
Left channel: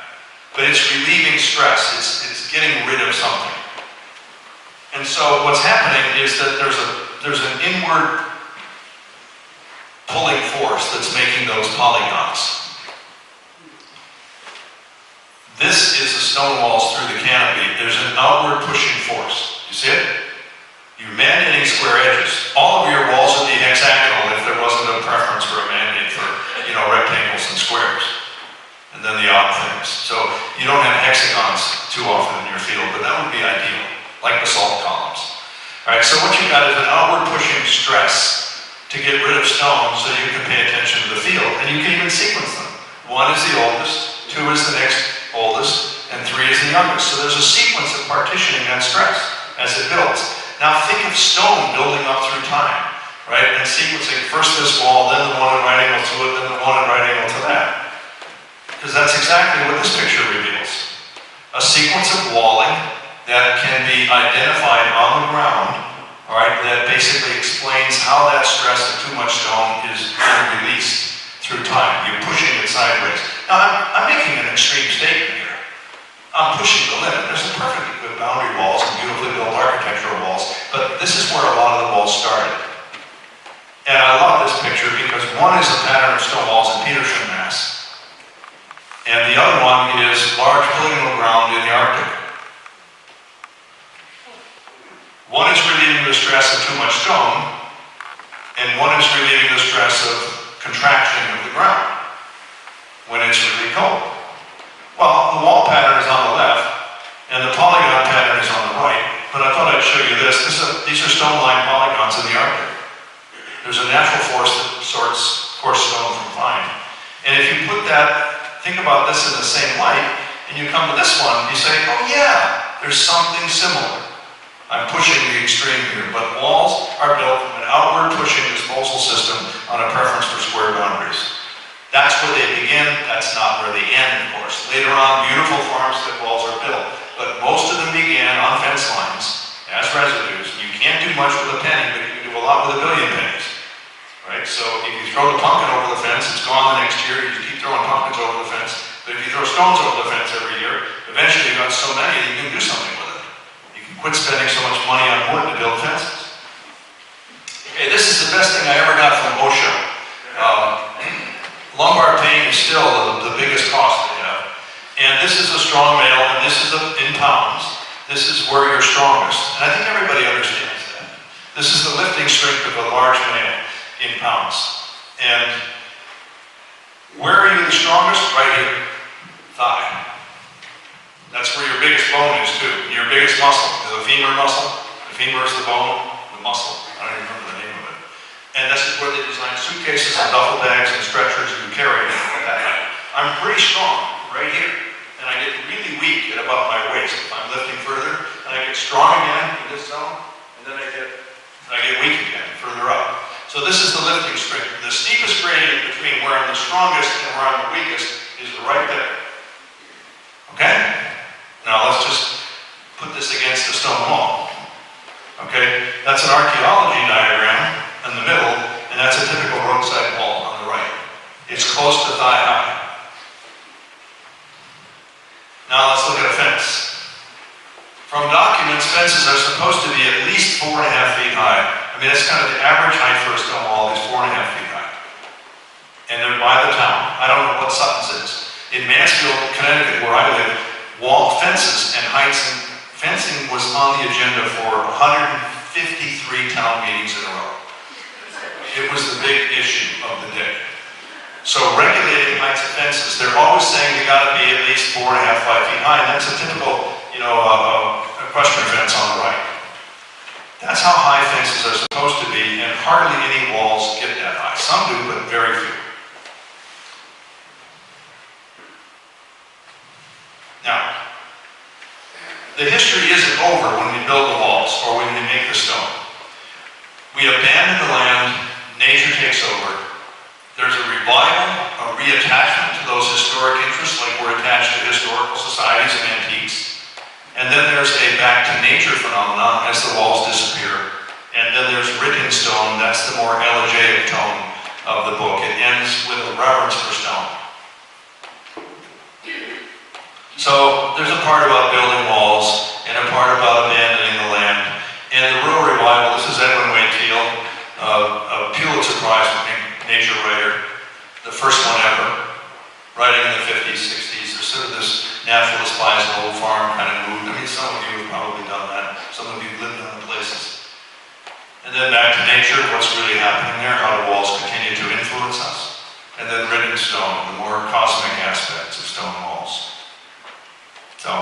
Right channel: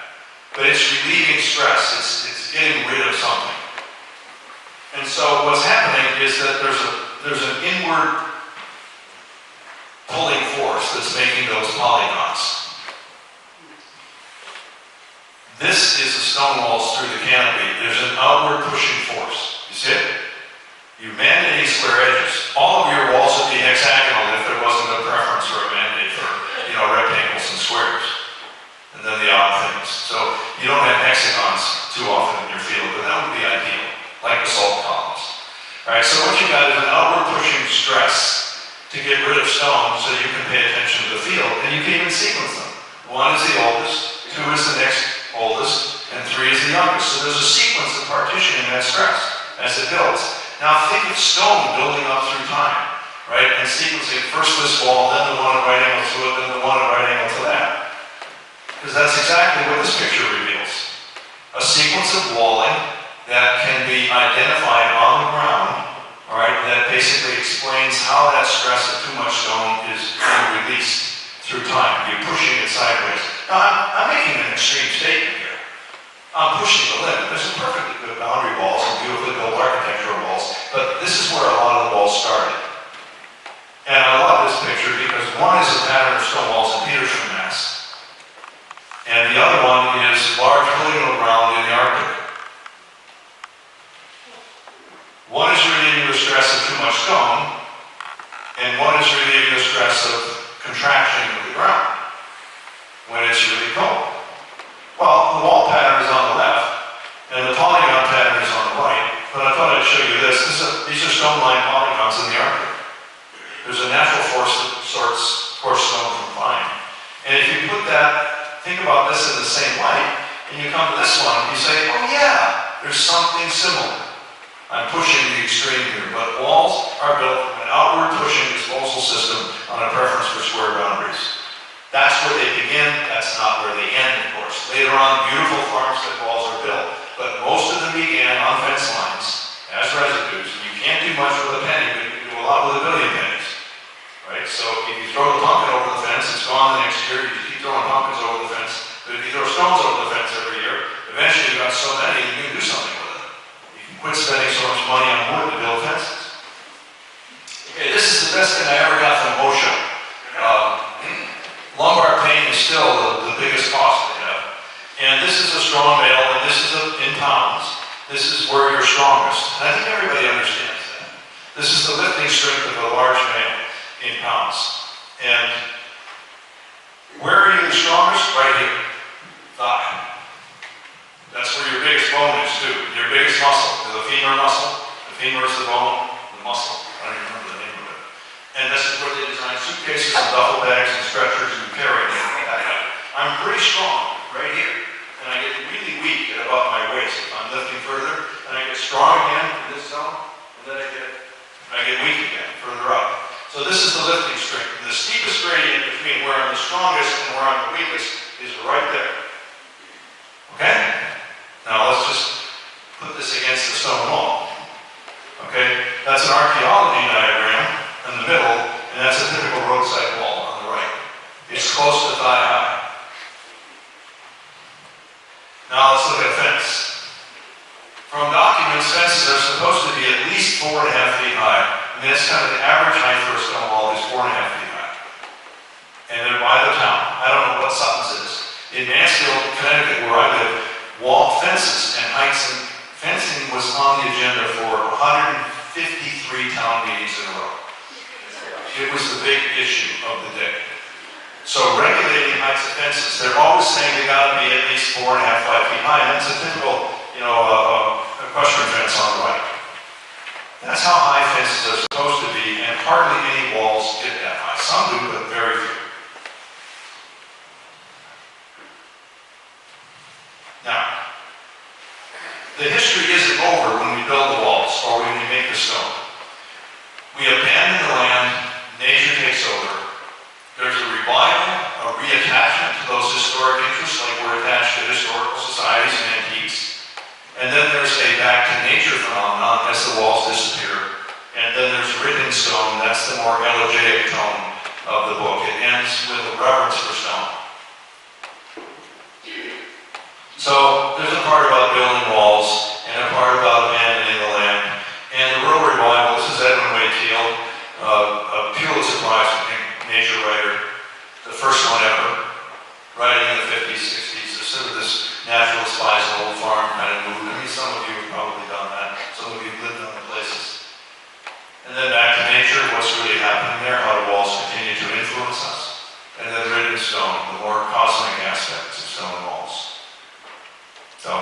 But it's relieving stress. It's getting rid of something. And so what's happening is that there's an inward pulling force that's making those polygons. This is the stone walls through the canopy. There's an outward pushing force. You see it? You're mandating square edges. All of your walls would be hexagonal if there wasn't a preference for a mandate for, rectangles and squares. And then the odd things. So you don't have hexagons too often in your field, but that would be ideal, like basalt columns. All right, so what you've got is an outward pushing stress to get rid of stone so you can pay attention to the field. And you can even sequence them. 1 is the oldest, 2 is the next oldest, and 3 is the youngest. So there's a sequence of partitioning that stress as it builds. Now think of stone building up through time, right? And sequencing first this wall, then the one at right angle to it, then the one at right angle to that. Because that's exactly what this picture reveals. A sequence of walling that can be identified on the ground, all right, that basically explains how that stress of too much stone is being released through time. You're pushing it sideways. Now, I'm making an extreme statement here. I'm pushing the limit. There's some perfectly good boundary walls and beautifully built architectural walls, but this is where a lot of the walls started. And I love this picture because one is a pattern of stone walls in Petersham, Mass. And the other one is large polygonal ground in the Arctic. One is relieving the stress of too much stone, and one is relieving the stress of contraction of the ground when it's really cold. Well, the wall pattern is on the left, and the polygon pattern is on the right, but I thought I'd show you this. These are stone-lined polygons in the Arctic. There's a natural force that sorts coarse stone from fine. And if you think about this in the same light, and you come to this one, you say, oh yeah, there's something similar. I'm pushing the extreme here, but walls are built from an outward pushing disposal system on a preference for square boundaries. That's where they begin, that's not where they end, of course. Later on, beautiful farmstead walls are built, but most of them began on fence lines as residues. You can't do much with a penny, but you can do a lot with a billion pennies. Right? So if you throw the pumpkin over the fence, it's gone the next year. You keep throwing pumpkins over the fence. But if you throw stones over the fence every year, eventually you've got so many that you can do something with it. You can quit spending so much money on wood to build fences. Okay, this is the best thing I ever got from OSHA. Lumbar pain is still the biggest cost they have. And this is a strong male, and this is in pounds. This is where you're strongest. And I think everybody understands that. This is the lifting strength of a large male in pounds. And where are you the strongest? Right here. Thigh. That's where your biggest bone is too. Your biggest muscle. The femur muscle. The femur is the bone. The muscle. I don't even remember the name of it. And this is where they design suitcases and duffel bags and stretchers and carry it. I'm pretty strong right here. And I get really weak at above my waist if I'm lifting further. And I get strong again in this zone. And then I get weak again further up. So this is the lifting strength. The steepest gradient between where I'm the strongest and where I'm the weakest is right there. Okay? Now let's just put this against the stone wall. Okay? That's an archaeology diagram in the middle, and that's a typical roadside wall on the right. It's close to thigh high. Now let's look at a fence. From documents, fences are supposed to be at least 4.5 feet high. I mean, it's kind of the average height for a stone wall is 4.5 feet high. And they're by the town. I don't know what Sutton's is. In Mansfield, Connecticut, where I live, wall fences and heights and fencing was on the agenda for 153 town meetings in a row. It was the big issue of the day. So regulating heights of fences, they're always saying they got to be at least 4.5, 5 feet high, and that's a typical, equestrian fence on the right. That's how high fences are supposed to be, and hardly any walls get that high. Some do, but very few. Now, the history isn't over when we build the walls or when we make the stone. We abandon the land, nature takes over. There's a revival, a reattachment to those historic interests, like we're attached to historical societies and antiques. And then there's a back to nature phenomenon as the walls disappear. And then there's written stone, that's the more elegiac tone of the book. It ends with a reverence for stone. So there's a part about building walls and a part about abandoning the land. And the rural revival, this is Edwin Wade Teal, a Pulitzer Prize nature writer, the first one ever, writing in the 50s, 60s. There's sort of this naturalist buys an old farm kind of movement. I mean, some of you have probably done that. Some of you have lived in the places. And then back to nature, what's really happening there, how do walls continue to influence us? And then written stone, the more cosmic aspects of stone walls. So,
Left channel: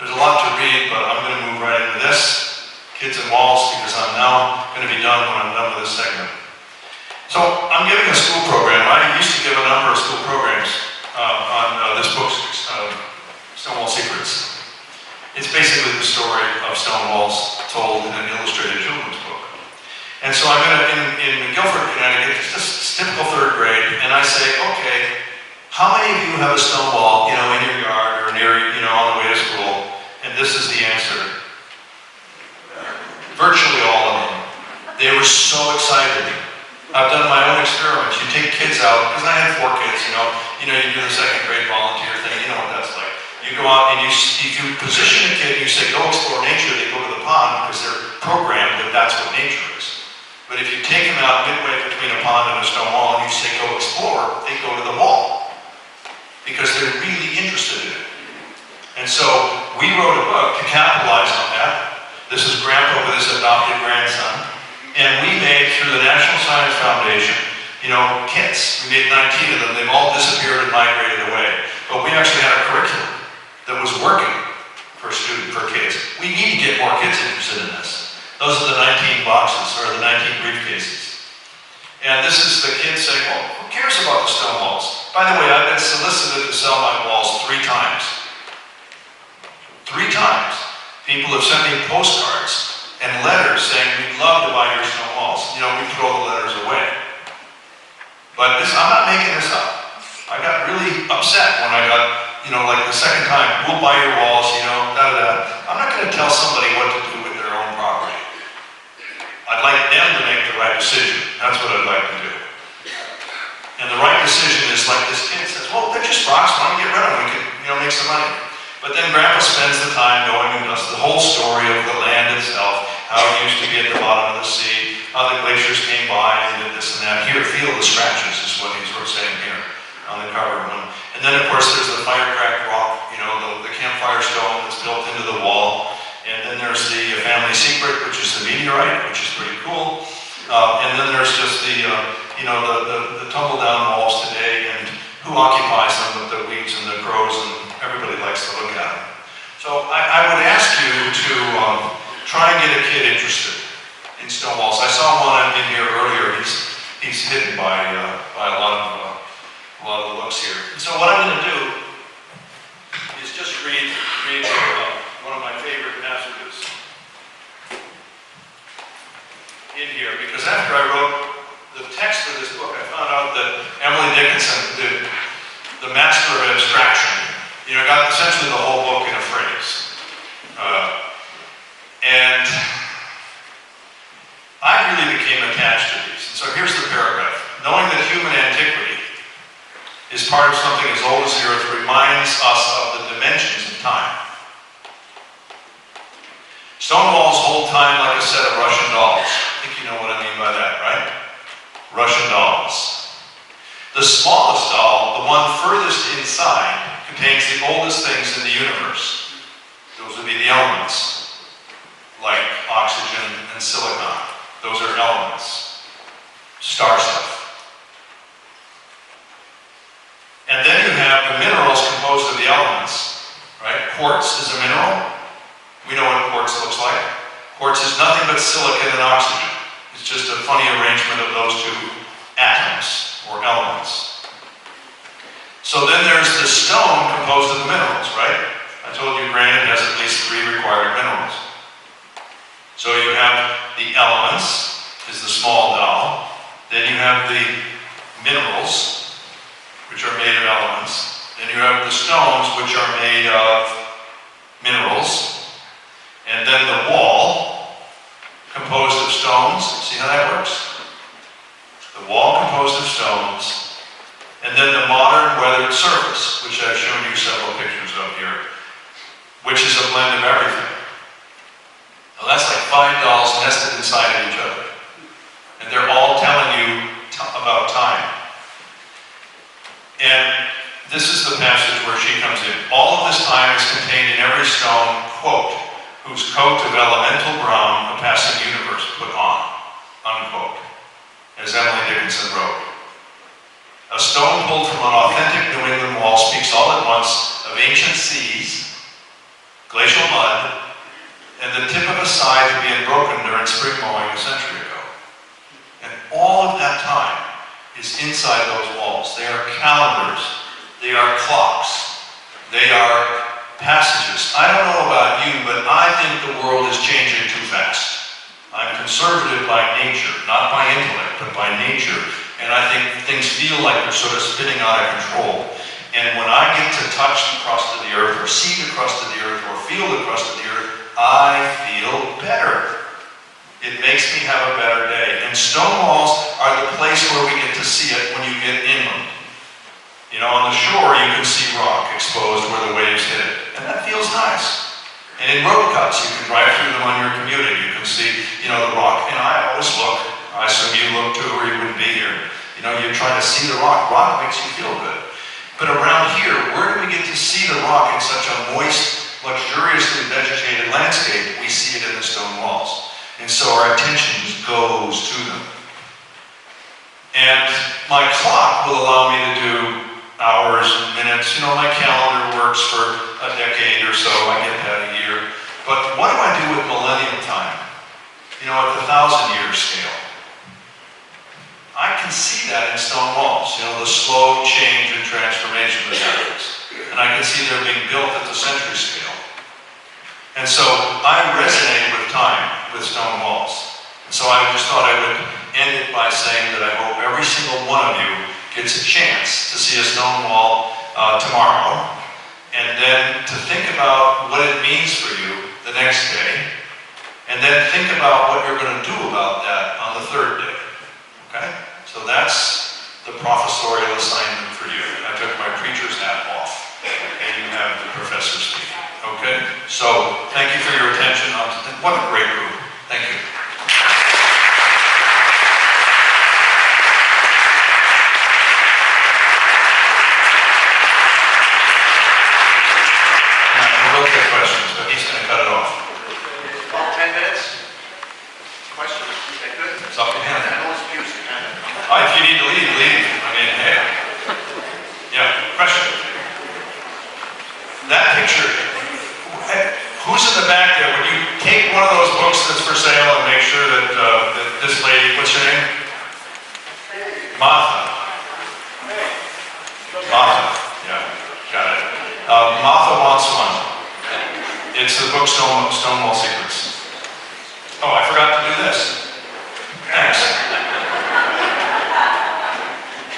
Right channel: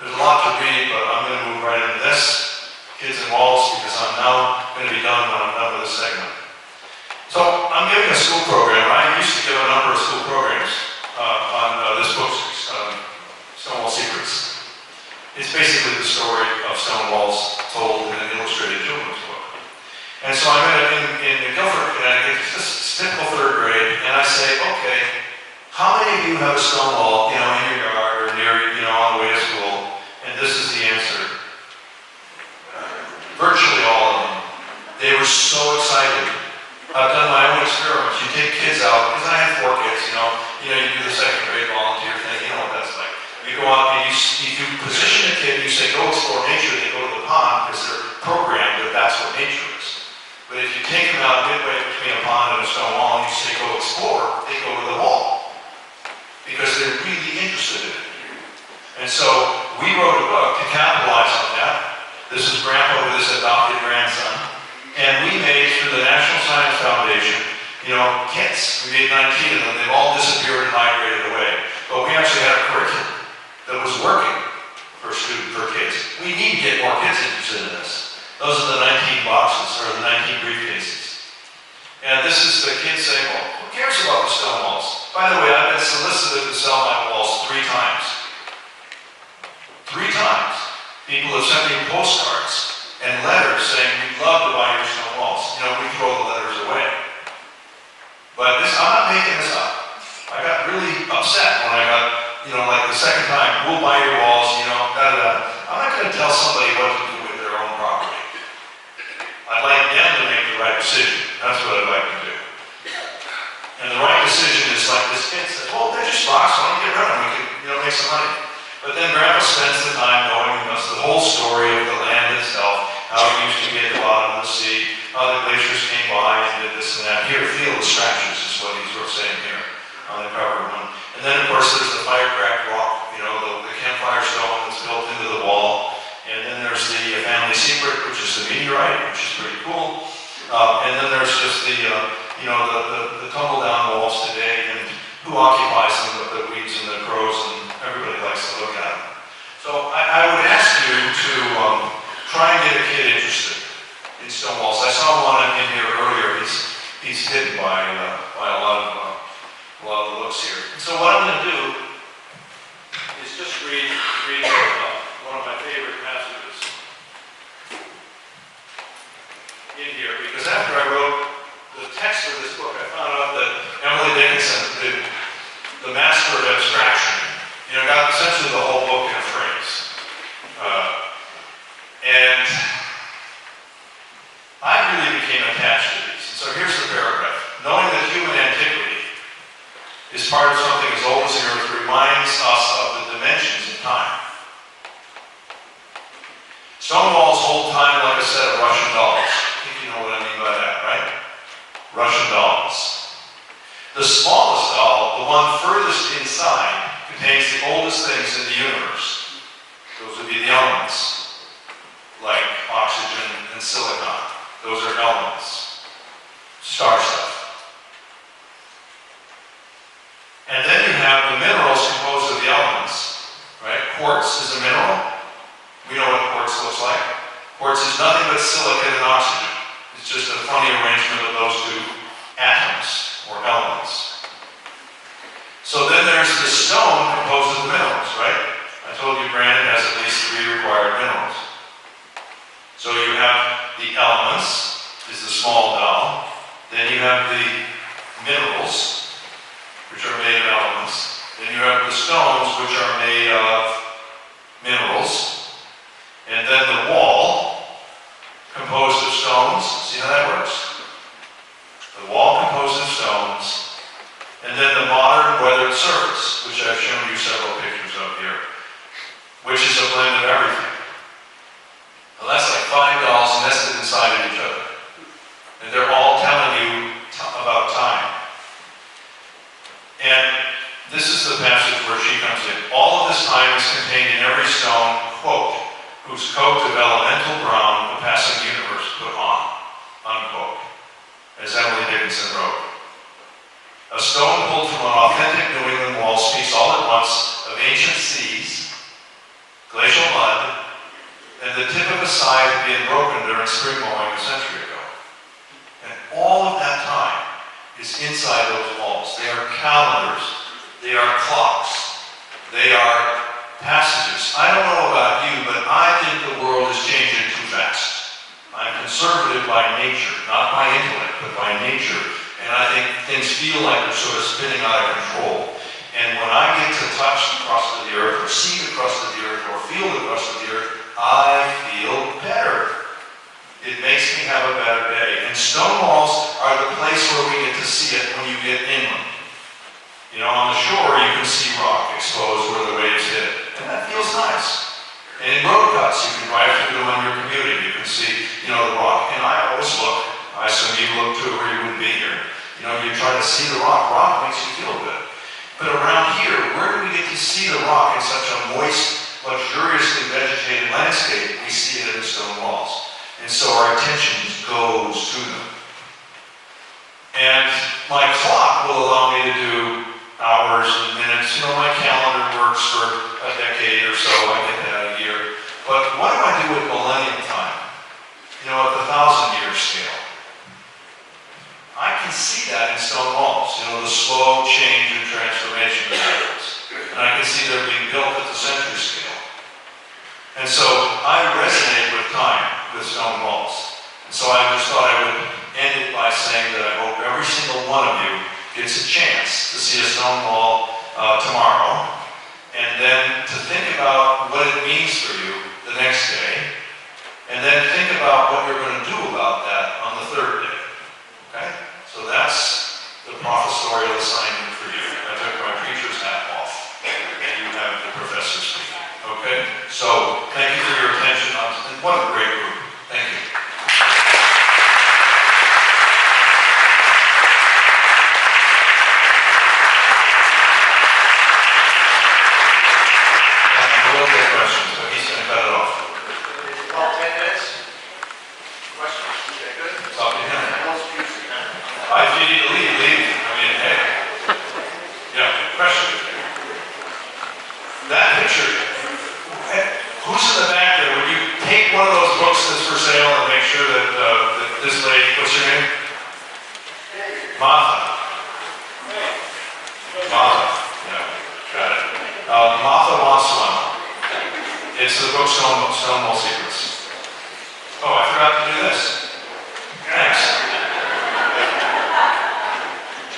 there's a lot to read, but I'm going to move right into this, kids and walls, because I'm now going to be done when I'm done with this segment. So, I'm giving a school program. I used to give a number of school programs on this book, Stonewall Secrets. It's basically the story of stone walls told in an illustrated children's book. And so I'm going to, in Guilford, Connecticut, it's just typical third grade, and I say, okay, how many of you have a stone wall, in your yard or near, on the way to school? And this is the answer. Virtually all of them. They were so excited. I've done my own experiments. You take kids out, because I had 4 kids, you do the second grade volunteer thing, you know what that's like. You go out and if you position a kid, you say, go explore nature, they go to the pond because they're programmed that that's what nature is. But if you take them out midway between a pond and a stone wall and you say, go explore, they go to the wall because they're really interested in it. And so we wrote a book to capitalize on that. This is Grandpa with his adopted grandson. And we made, through the National Science Foundation, kits. We made 19 of them. They've all disappeared and migrated away. But we actually had a curriculum that was working for kids. We need to get more kids interested in this. Those are the 19 boxes, or the 19 briefcases. And this is the kids saying, well, who cares about the stone walls? By the way, I've been solicited to sell my walls 3 times. 3 times. People have sent me postcards and letters saying, we'd love to buy your stone walls. You know, we throw the letters away. But this, I'm not making this up. I got really upset when I got, you know, like the second time, we'll buy your walls, you know, da-da-da. I'm not going to tell somebody what to do with their own property. I'd like them to make the right decision. That's what I'd like to do. And the right decision is like this kid says, well, they're just rocks, why don't we get rid of them? We could, you know, make some money. But then Grandpa spends the time going and does the whole story of the land itself, how it used to get at the bottom of the sea, how the glaciers came by and did this and that. Here, feel the scratches is what he's saying here on the cover one. And then, of course, there's the fire-cracked rock, you know, the campfire stone that's built into the wall. And then there's the family secret, which is the meteorite, which is pretty cool. And then there's just the, you know, the tumble-down walls today and who occupies them with the weeds and the crows, and everybody likes to look at them. So I would ask you to try and get a kid interested in stone walls. I saw one in here earlier. He's hidden by a lot of the looks here. And so what I'm going to do is just read one of my favorite passages in here, because after I wrote the text of this book, I found out that Emily Dickinson, the master of abstraction, you know, got essentially the whole book in a phrase. And I really became attached to these. And so here's the paragraph. Knowing that human antiquity is part of something as old as the earth reminds us of the dimensions of time. Stone walls hold time like a set of Russian dolls. I think you know what I mean by that, right? Russian dolls. The smallest doll, the one furthest inside, contains the oldest things in the universe. Those would be the elements, like oxygen and silicon. Those are elements. Star stuff. And then you have the minerals composed of the elements, right? Quartz is a mineral. We know what quartz looks like. Quartz is nothing but silicon and oxygen. It's just a funny arrangement of those two atoms or elements. So then there's the stone composed of the minerals, right? I told you granite has at least 3 required minerals. So you have the elements, is the small doll. Then you have the minerals, which are made of elements. Then you have the stones, which are made of minerals. And then the wall, composed of stones. See how that works? The wall composed of stones. And then the modern weathered surface, which I've shown you several pictures of here, which is a blend of everything. Well, that's like 5 dolls nested inside of each other. And they're all telling you about time. And this is the passage where she comes in. All of this time is contained in every stone, quote, whose coat of elemental brown a passing universe put on, unquote, as Emily Dickinson wrote. A stone pulled from an authentic New England wall speaks all at once of ancient seas, glacial mud, and the tip of a scythe being broken during spring mowing a century ago. And all of that time is inside those walls. They are calendars, they are clocks, they are passages. I don't know about you, but I think the world is changing too fast. I'm conservative by nature, not by intellect, but by nature. And I think things feel like they're sort of spinning out of control. And when I get to touch the crust of the earth, or see the crust of the earth, or feel the crust of the earth, I feel better. It makes me have a better day. And stone walls are the place where we get to see it when you get inland. You know, on the shore you can see rock exposed where the waves hit it. And that feels nice. And in road cuts, you can drive through them when you're commuting. You can see, you know, the rock. And I always look. I assume you look too, or you wouldn't be here. You know, you try to see the rock. Rock makes you feel good. But around here, where do we get to see the rock in such a moist, luxuriously vegetated landscape? We see it in the stone walls. And so our attention just goes to them. And my clock will allow me to do hours and minutes. You know, my calendar works for a decade or so. I get that a year. But what do I do with millennium time? You know, at the 1,000-year scale. I can see that in stone walls. You know, the slow change and transformation that happens. And I can see they're being built at the century scale. And so I resonate with time, with stone So I just thought I would end it by saying that I hope every single one of you gets a chance to see a stone wall tomorrow, and then to think about what it means for you the next day, and then think about what you're going to do about that on the third day. Okay? So that's the professorial assignment for you. I took my preacher's hat off, and you have the professor's speak. Okay? So thank you for your attention. What a great group. Thank you. Questions, but he's going to cut it off. About 10 minutes. Questions? Okay, good. It's up to him. Oh, If you need to leave, leave. I mean, hey. Yeah, question. That picture, who's in the back there? When you take one of those books that's for sale and make sure that, that this lady, what's her name? Martha. Martha. Yeah, got it. Martha wants one. It's the book Stonewall Secrets. Oh, I forgot to do this. Thanks.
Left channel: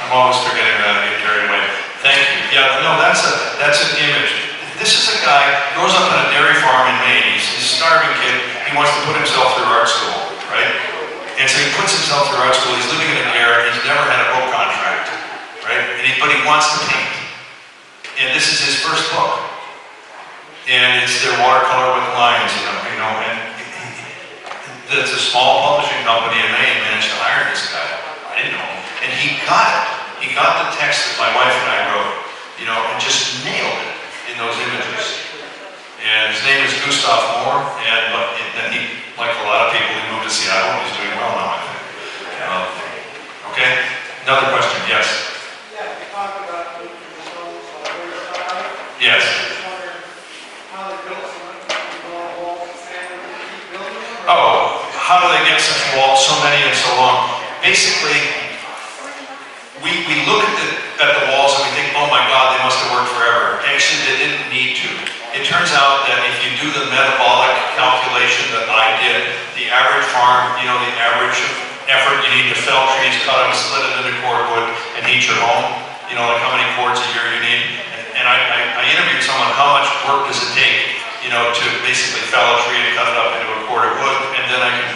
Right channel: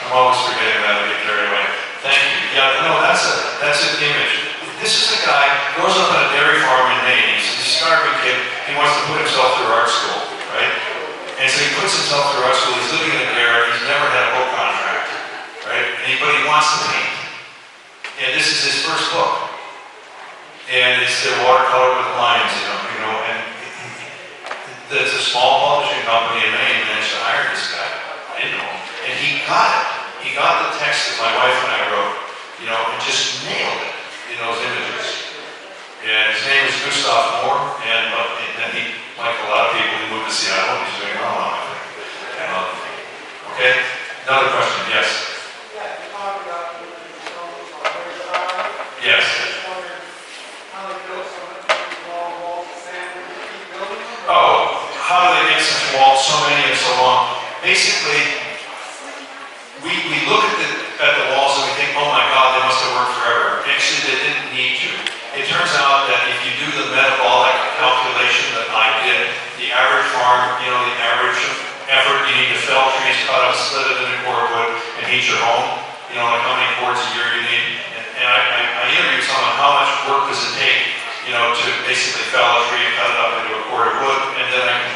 I'm always forgetting that and get carried away. Thank you. Yeah, no, that's an image. This is a guy who grows up on a dairy farm in Maine. He's a starving kid. He wants to put himself through art school, right? And so he puts himself through art school. He's living in a garret. He's never had a book contract, right? But he wants to paint. And this is his first book. And it's their watercolor with lines, you know, and it's a small publishing company in Maine managed to hire this guy. I didn't know him. And he got it. He got the text that my wife and I wrote, you know, and just nailed it in those images. And his name is Gustav Moore, and he, like a lot of people, he moved to Seattle, and he's doing well now, I think. Okay? Another question, yes? Yeah, you talked about the stones on the side. Yes. How they built so much walls, sand, keep building them? Oh, how do they get such walls, so many and so long? Basically, we look at the walls and we think, oh my God, they must have worked forever. Actually, they didn't need to. It turns out that if you do the metabolic calculation that I did, the average farm, you know, the average effort you need to fell trees, cut them, split it into cordwood, and heat your home, you know, like how many cords a year you need. And I interviewed someone, how much work does it take, you know, to basically fell a tree and cut it up into a cord of wood, and then I can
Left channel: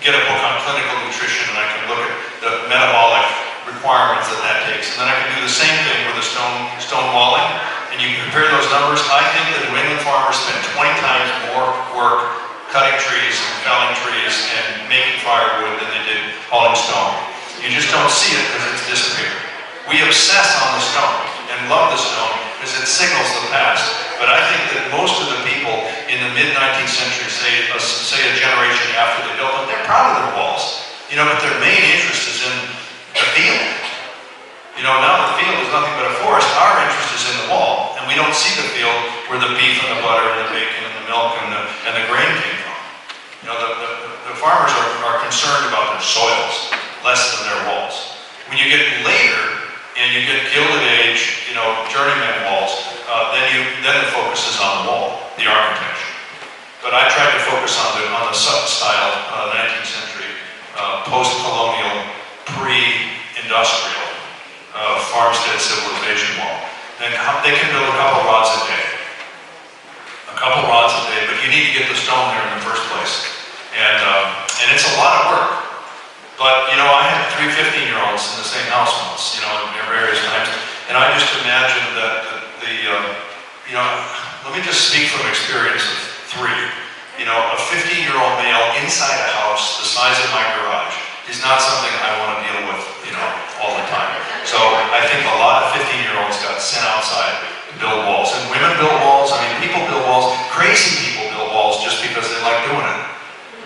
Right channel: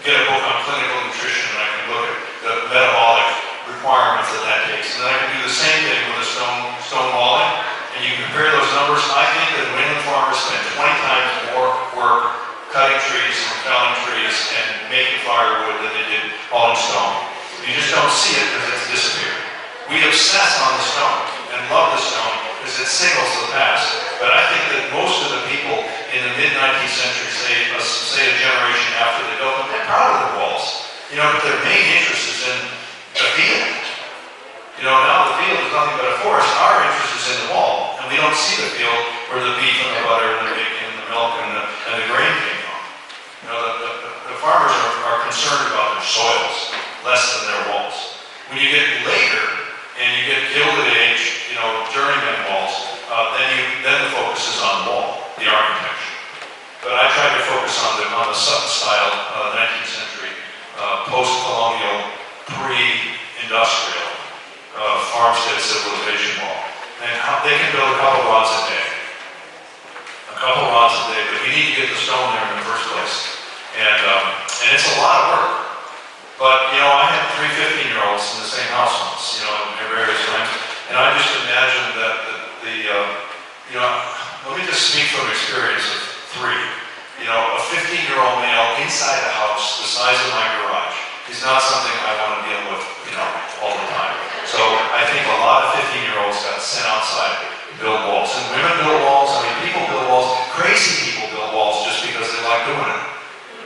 get a book on clinical nutrition, and I can look at the metabolic requirements that takes. And then I can do the same thing with the stone walling, and you can compare those numbers. I think that New England farmers spend 20 times more work cutting trees and felling trees and making firewood than they did hauling stone. You just don't see it because it's disappeared. We obsess on the stone and love the stone because it signals the past. But I think that most of the people in the mid-19th century, say a generation after they built them, they're proud of their walls. You know, but their main interest is in the field. You know, now the field is nothing but a forest. Our interest is in the wall, and we don't see the field where the beef and the butter and the bacon and the milk and the grain came from. You know, the farmers are concerned about their soils less than their walls. When you get later and you get Gilded Age, you know, journeyman walls, then the focus is on the wall, the architecture. But I tried to focus on the Sutton style 19th century, post-colonial, pre-industrial farmstead civilization wall. And they can build a couple rods a day. A couple rods a day, but you need to get the stone there in the first place. And it's a lot of work. But, you know, I had 3 15-year-olds in the same house once, you know, near various times. And I just imagined that you know, let me just speak from experience of 3. You know, a 15-year-old male inside a house the size of my garage is not something I want to deal with, you know, all the time. So I think a lot of 15-year-olds got sent outside to build walls. And women build walls, I mean, people build walls, crazy people build walls just because they like doing it.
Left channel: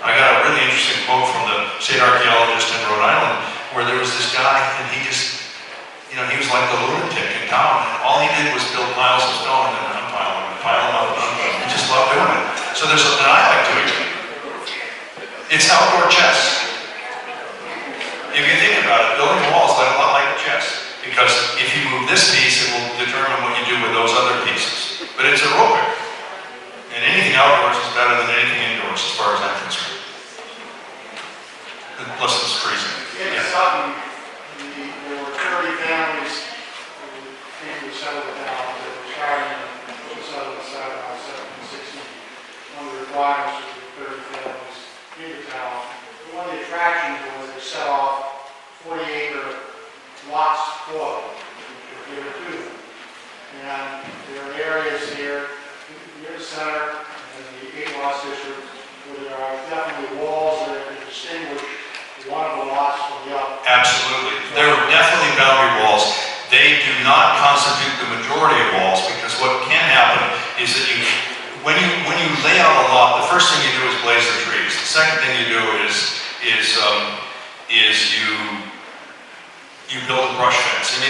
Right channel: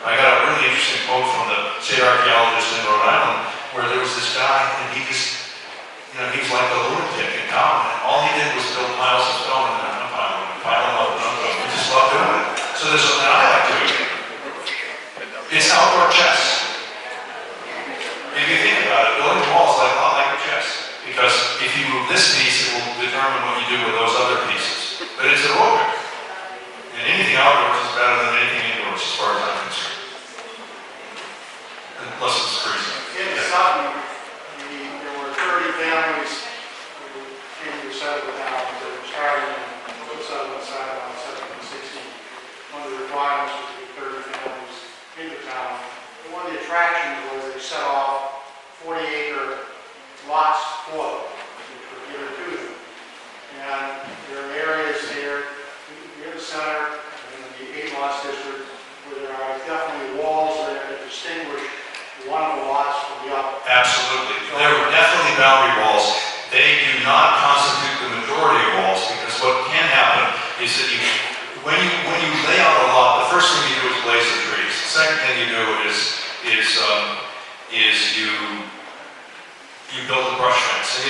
I got a really interesting quote from the state archaeologist in Rhode Island where there was this guy and he just, you know, he was like the lunatic in town. All he did was build piles of stone and then unpile them and pile them up and unpile them. He just loved doing it. So there's something I like doing. It's outdoor chess. If you think about it, building a wall is a lot like chess. Because if you move this piece, it will determine what you do with those other pieces. But it's aerobic. And anything outdoors is better than anything indoors as far as I'm concerned. unless it's freezing. In Yeah. Sutton, there were 30 families who came to settle the town. They were starting to settle the town about 1760. One of the requirements was to get 30 families in the town. One of the attractions was they set off 40-acre lots for them, which were given to them. And there are areas here near the center in the 8 lots district where there are definitely walls there that distinguish one of the lots from the other. Absolutely. There are definitely boundary walls. They do not constitute the majority of walls, because what can happen is that when you lay out a lot, the first thing you do is blaze the trees. The second thing you do is you build a brush fence, and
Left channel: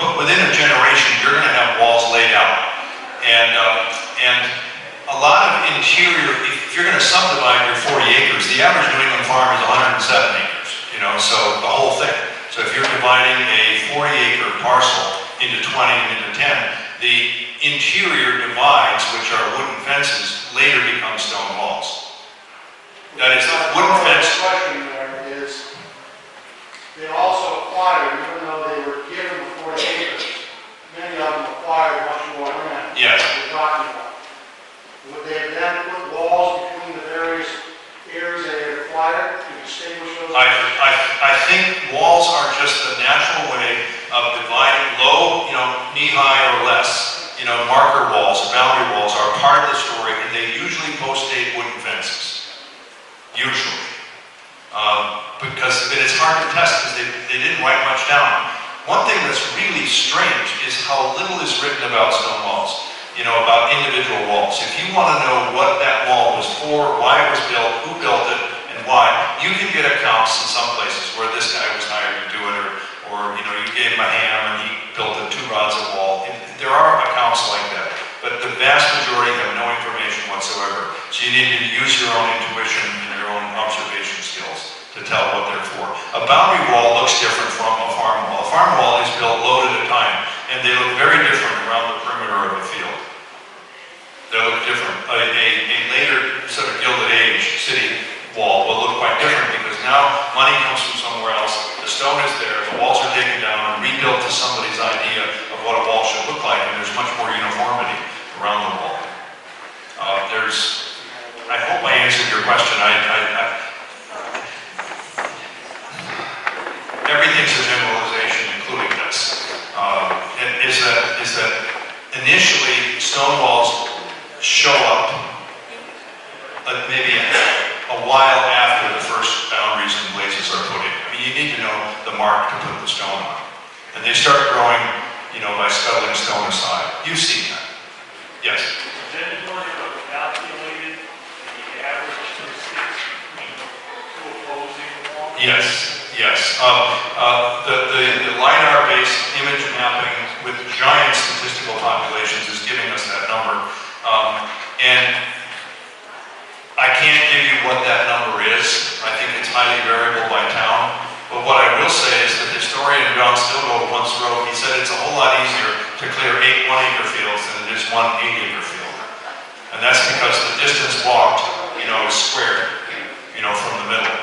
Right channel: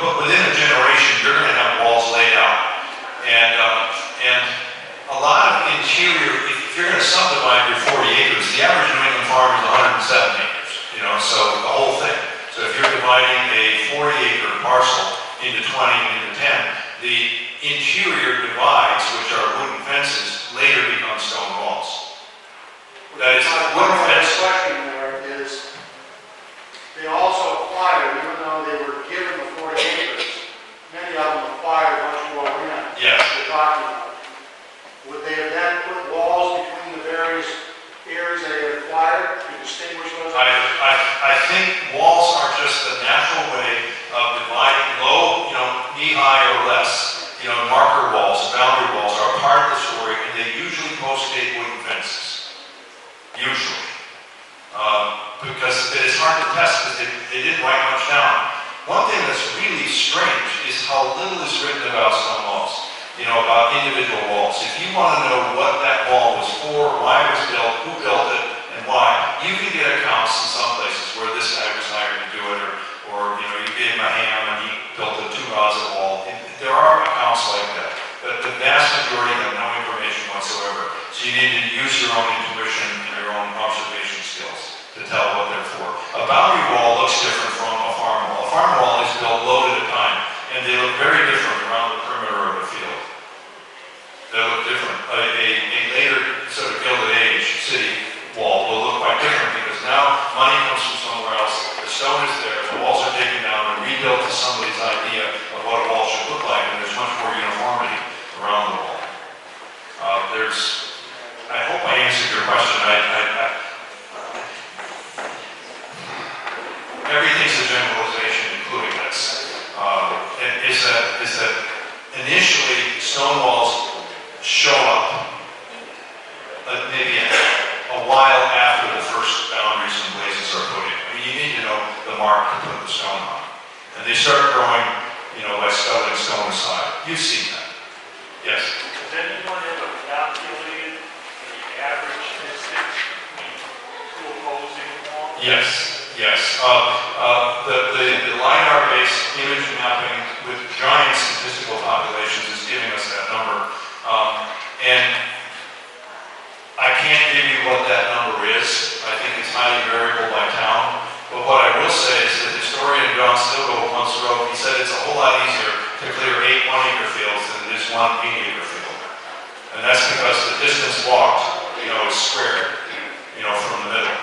but within a generation you're going to have walls laid out, and a lot of interior. If you're going to subdivide your 40 acres, the average New England farm is 107 acres. So the whole thing. So if you're dividing a 40-acre parcel into 20 and into 10, the interior divides, which are wooden fences, later become stone walls. That is, the wooden fence. The question there is, they also acquired, even though they were given the 40 acres, many of them acquired much more land. Yes. We're talking about. Would they have then put walls between the various areas they had acquired to distinguish those? I think walls are just the natural way of dividing low, knee-high or less. Marker walls, boundary walls are part of the story, and they usually post-date wooden fences. Usually. Because it's hard to test because they didn't write much down. One thing that's really strange is how little is written about stone walls. About individual walls. If you want to know what that wall was for, why it was built, who built it, and why, you can get accounts in some places where this guy was hired to do it, or you gave him a ham and he built 2 rods of wall. There are accounts like that, but the vast majority have no information whatsoever. So you need to use your own intuition and your own observation skills to tell what they're for. A boundary wall looks different from a farm wall. A farm wall is built load at a time, and they look very different around the perimeter of a field. They look different. A later sort of Gilded Age city wall will look quite different because now money comes from somewhere else. The stone is there, the walls are taken down and rebuilt to somebody's idea of what a wall should look like, and there's much more uniformity around the wall. I hope I answered your question. Everything's a generalization, including this. Is that initially stone walls show up maybe a while after the first boundaries and blazes are put in. You need to know the mark to put the stone on. And they start growing, by settling stone aside. You've seen that. Yes? Has anyone ever calculated the average distance between 2 opposing walls? Yes. The LiDAR-based image mapping with giant statistical populations is giving us that number. And I can't give you what that number is. I think it's highly variable by town. But what I will say is that historian John Stilgold once wrote, he said it's a whole lot easier to clear 8 1-acre fields than it is 1 8-acre field. And that's because the distance walked, is squared, from the middle.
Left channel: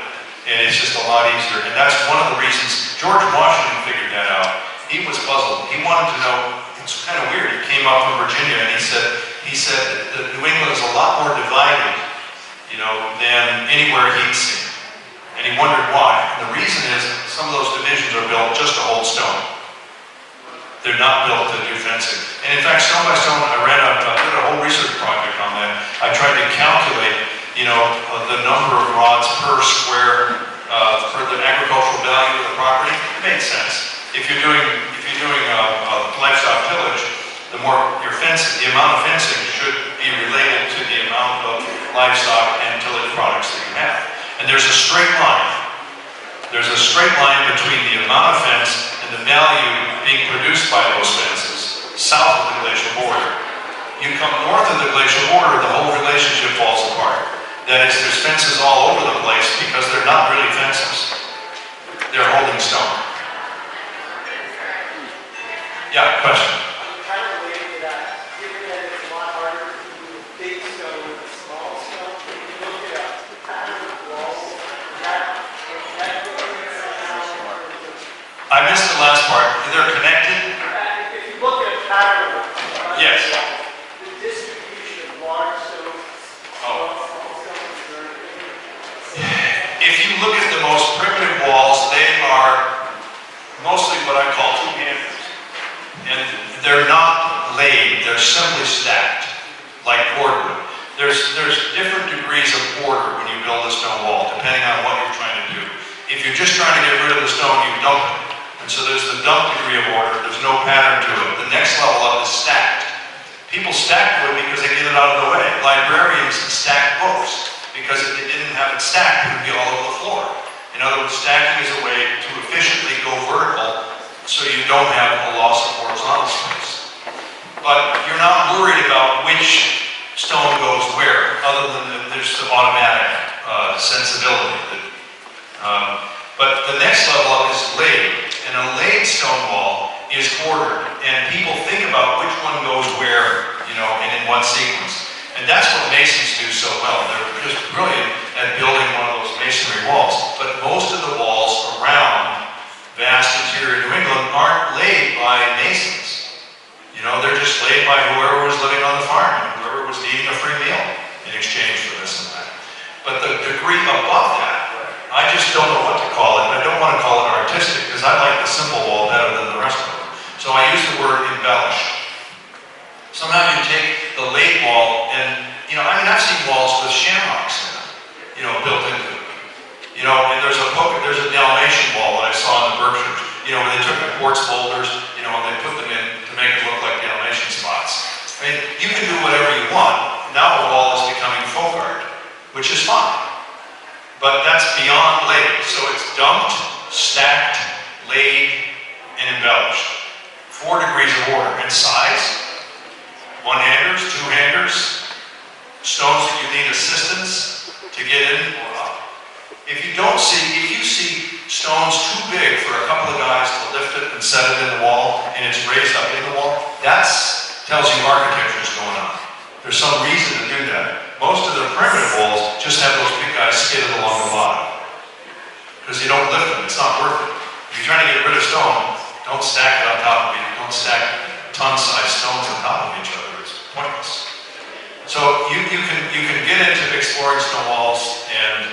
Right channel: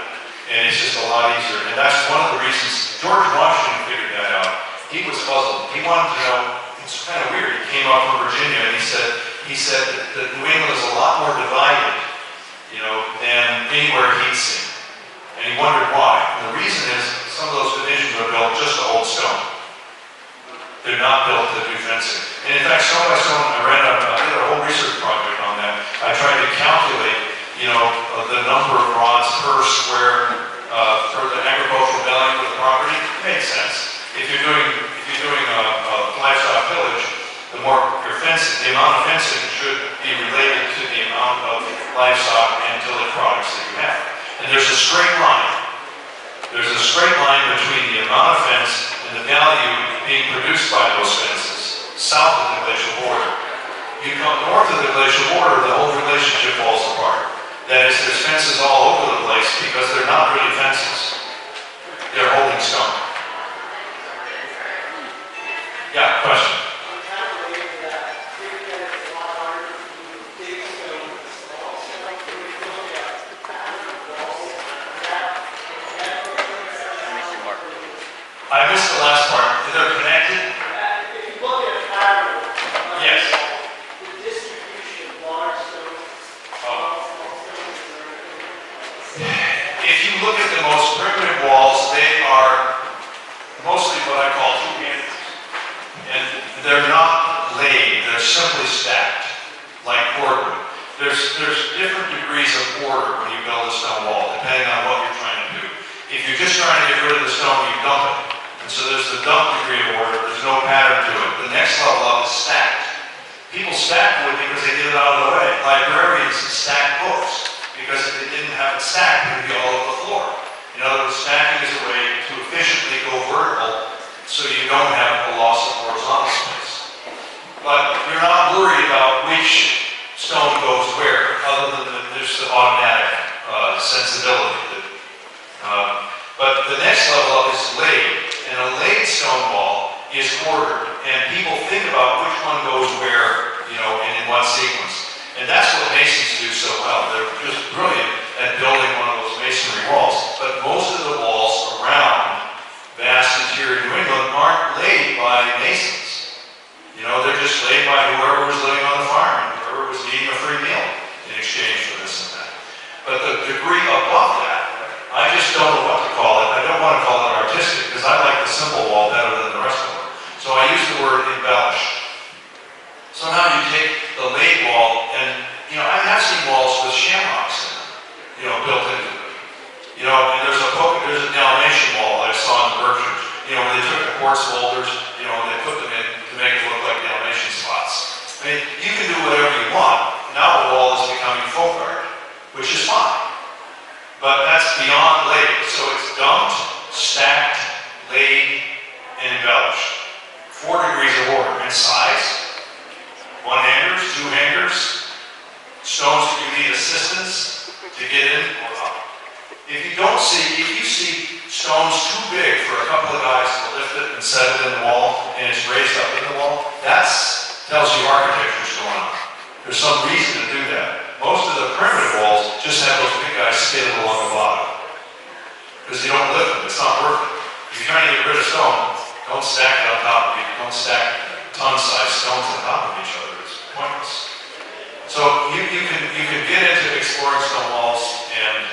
And it's just a lot easier. And that's one of the reasons George Washington figured that out. He was puzzled. He wanted to know, it's kind of weird, he came up from Virginia and he said that New England is a lot more divided, than anywhere he'd seen. And he wondered why. And the reason is some of those divisions are built just to hold stone. They're not built to do fencing. And in fact, stone by stone, I did a whole research project on that. I tried to calculate, the number of rods per square for the agricultural value of the property. It made sense. If you're doing a livestock tillage, the more your fencing, the amount of fencing should be related to the amount of livestock and tillage products that you have. And there's a straight line. There's a straight line between the amount of fence and the value being produced by those fences south of the glacial border. You come north of the glacial border, the whole relationship falls apart. That is, there's fences all over the place because they're not really fences. They're holding stone. Yeah, question? they're simply stacked, like cordwood. There's different degrees of order when you build a stone wall, depending on what you're trying to do. If you're just trying to get rid of the stone, you dump it. And so there's the dump degree of order. There's no pattern to it. The next level up is stacked. People stack wood because they get it out of the way. Librarians stack books because if they didn't have it stacked, it would be all over the floor. In other words, stacking is a way to efficiently go vertical so you don't have a loss of horizontal space. But you're not worried about which stone goes where, other than there's the automatic sensibility. But the next level up is laid, and a laid stone wall is ordered, and people think about which one goes where, and in what sequence. And that's what masons do so well. They're just brilliant at building one of those masonry walls. But most of the walls around vast interior New England aren't laid by masons. They're just laid by whoever was living on the farm, and whoever was eating a free meal in exchange for this and that. But the degree above that, I just don't know what to call it. I don't want to call it artistic because I like the simple wall better than the rest of them. So I use the word embellished. Somehow you take the laid wall and, I've seen walls with shamrocks in them, built into it. And there's a Dalmatian wall that I saw in the Berkshires, where they took the quartz boulders, and they put them in to make it look like Dalmatian spots. I mean, you can do whatever you want. Now the wall is becoming folk art, which is fine. But that's beyond laid. So it's dumped, stacked, laid, and embellished. 4 degrees of order. And size, 1-handers, 2-handers, stones that you need assistance to get in or up. If you see stones too big for a couple of guys to lift it and set it in the wall, and it's raised up in the wall, that tells you architecture is going on. There's some reason to do that. Most of the primitive walls just have those big guys skidded along the bottom. Because you don't lift them, it's not worth it. If you're trying to get rid of stone, don't stack it on top of each other. Don't stack ton-sized stones on top of each other. It's pointless. So you can get into exploring stone walls, and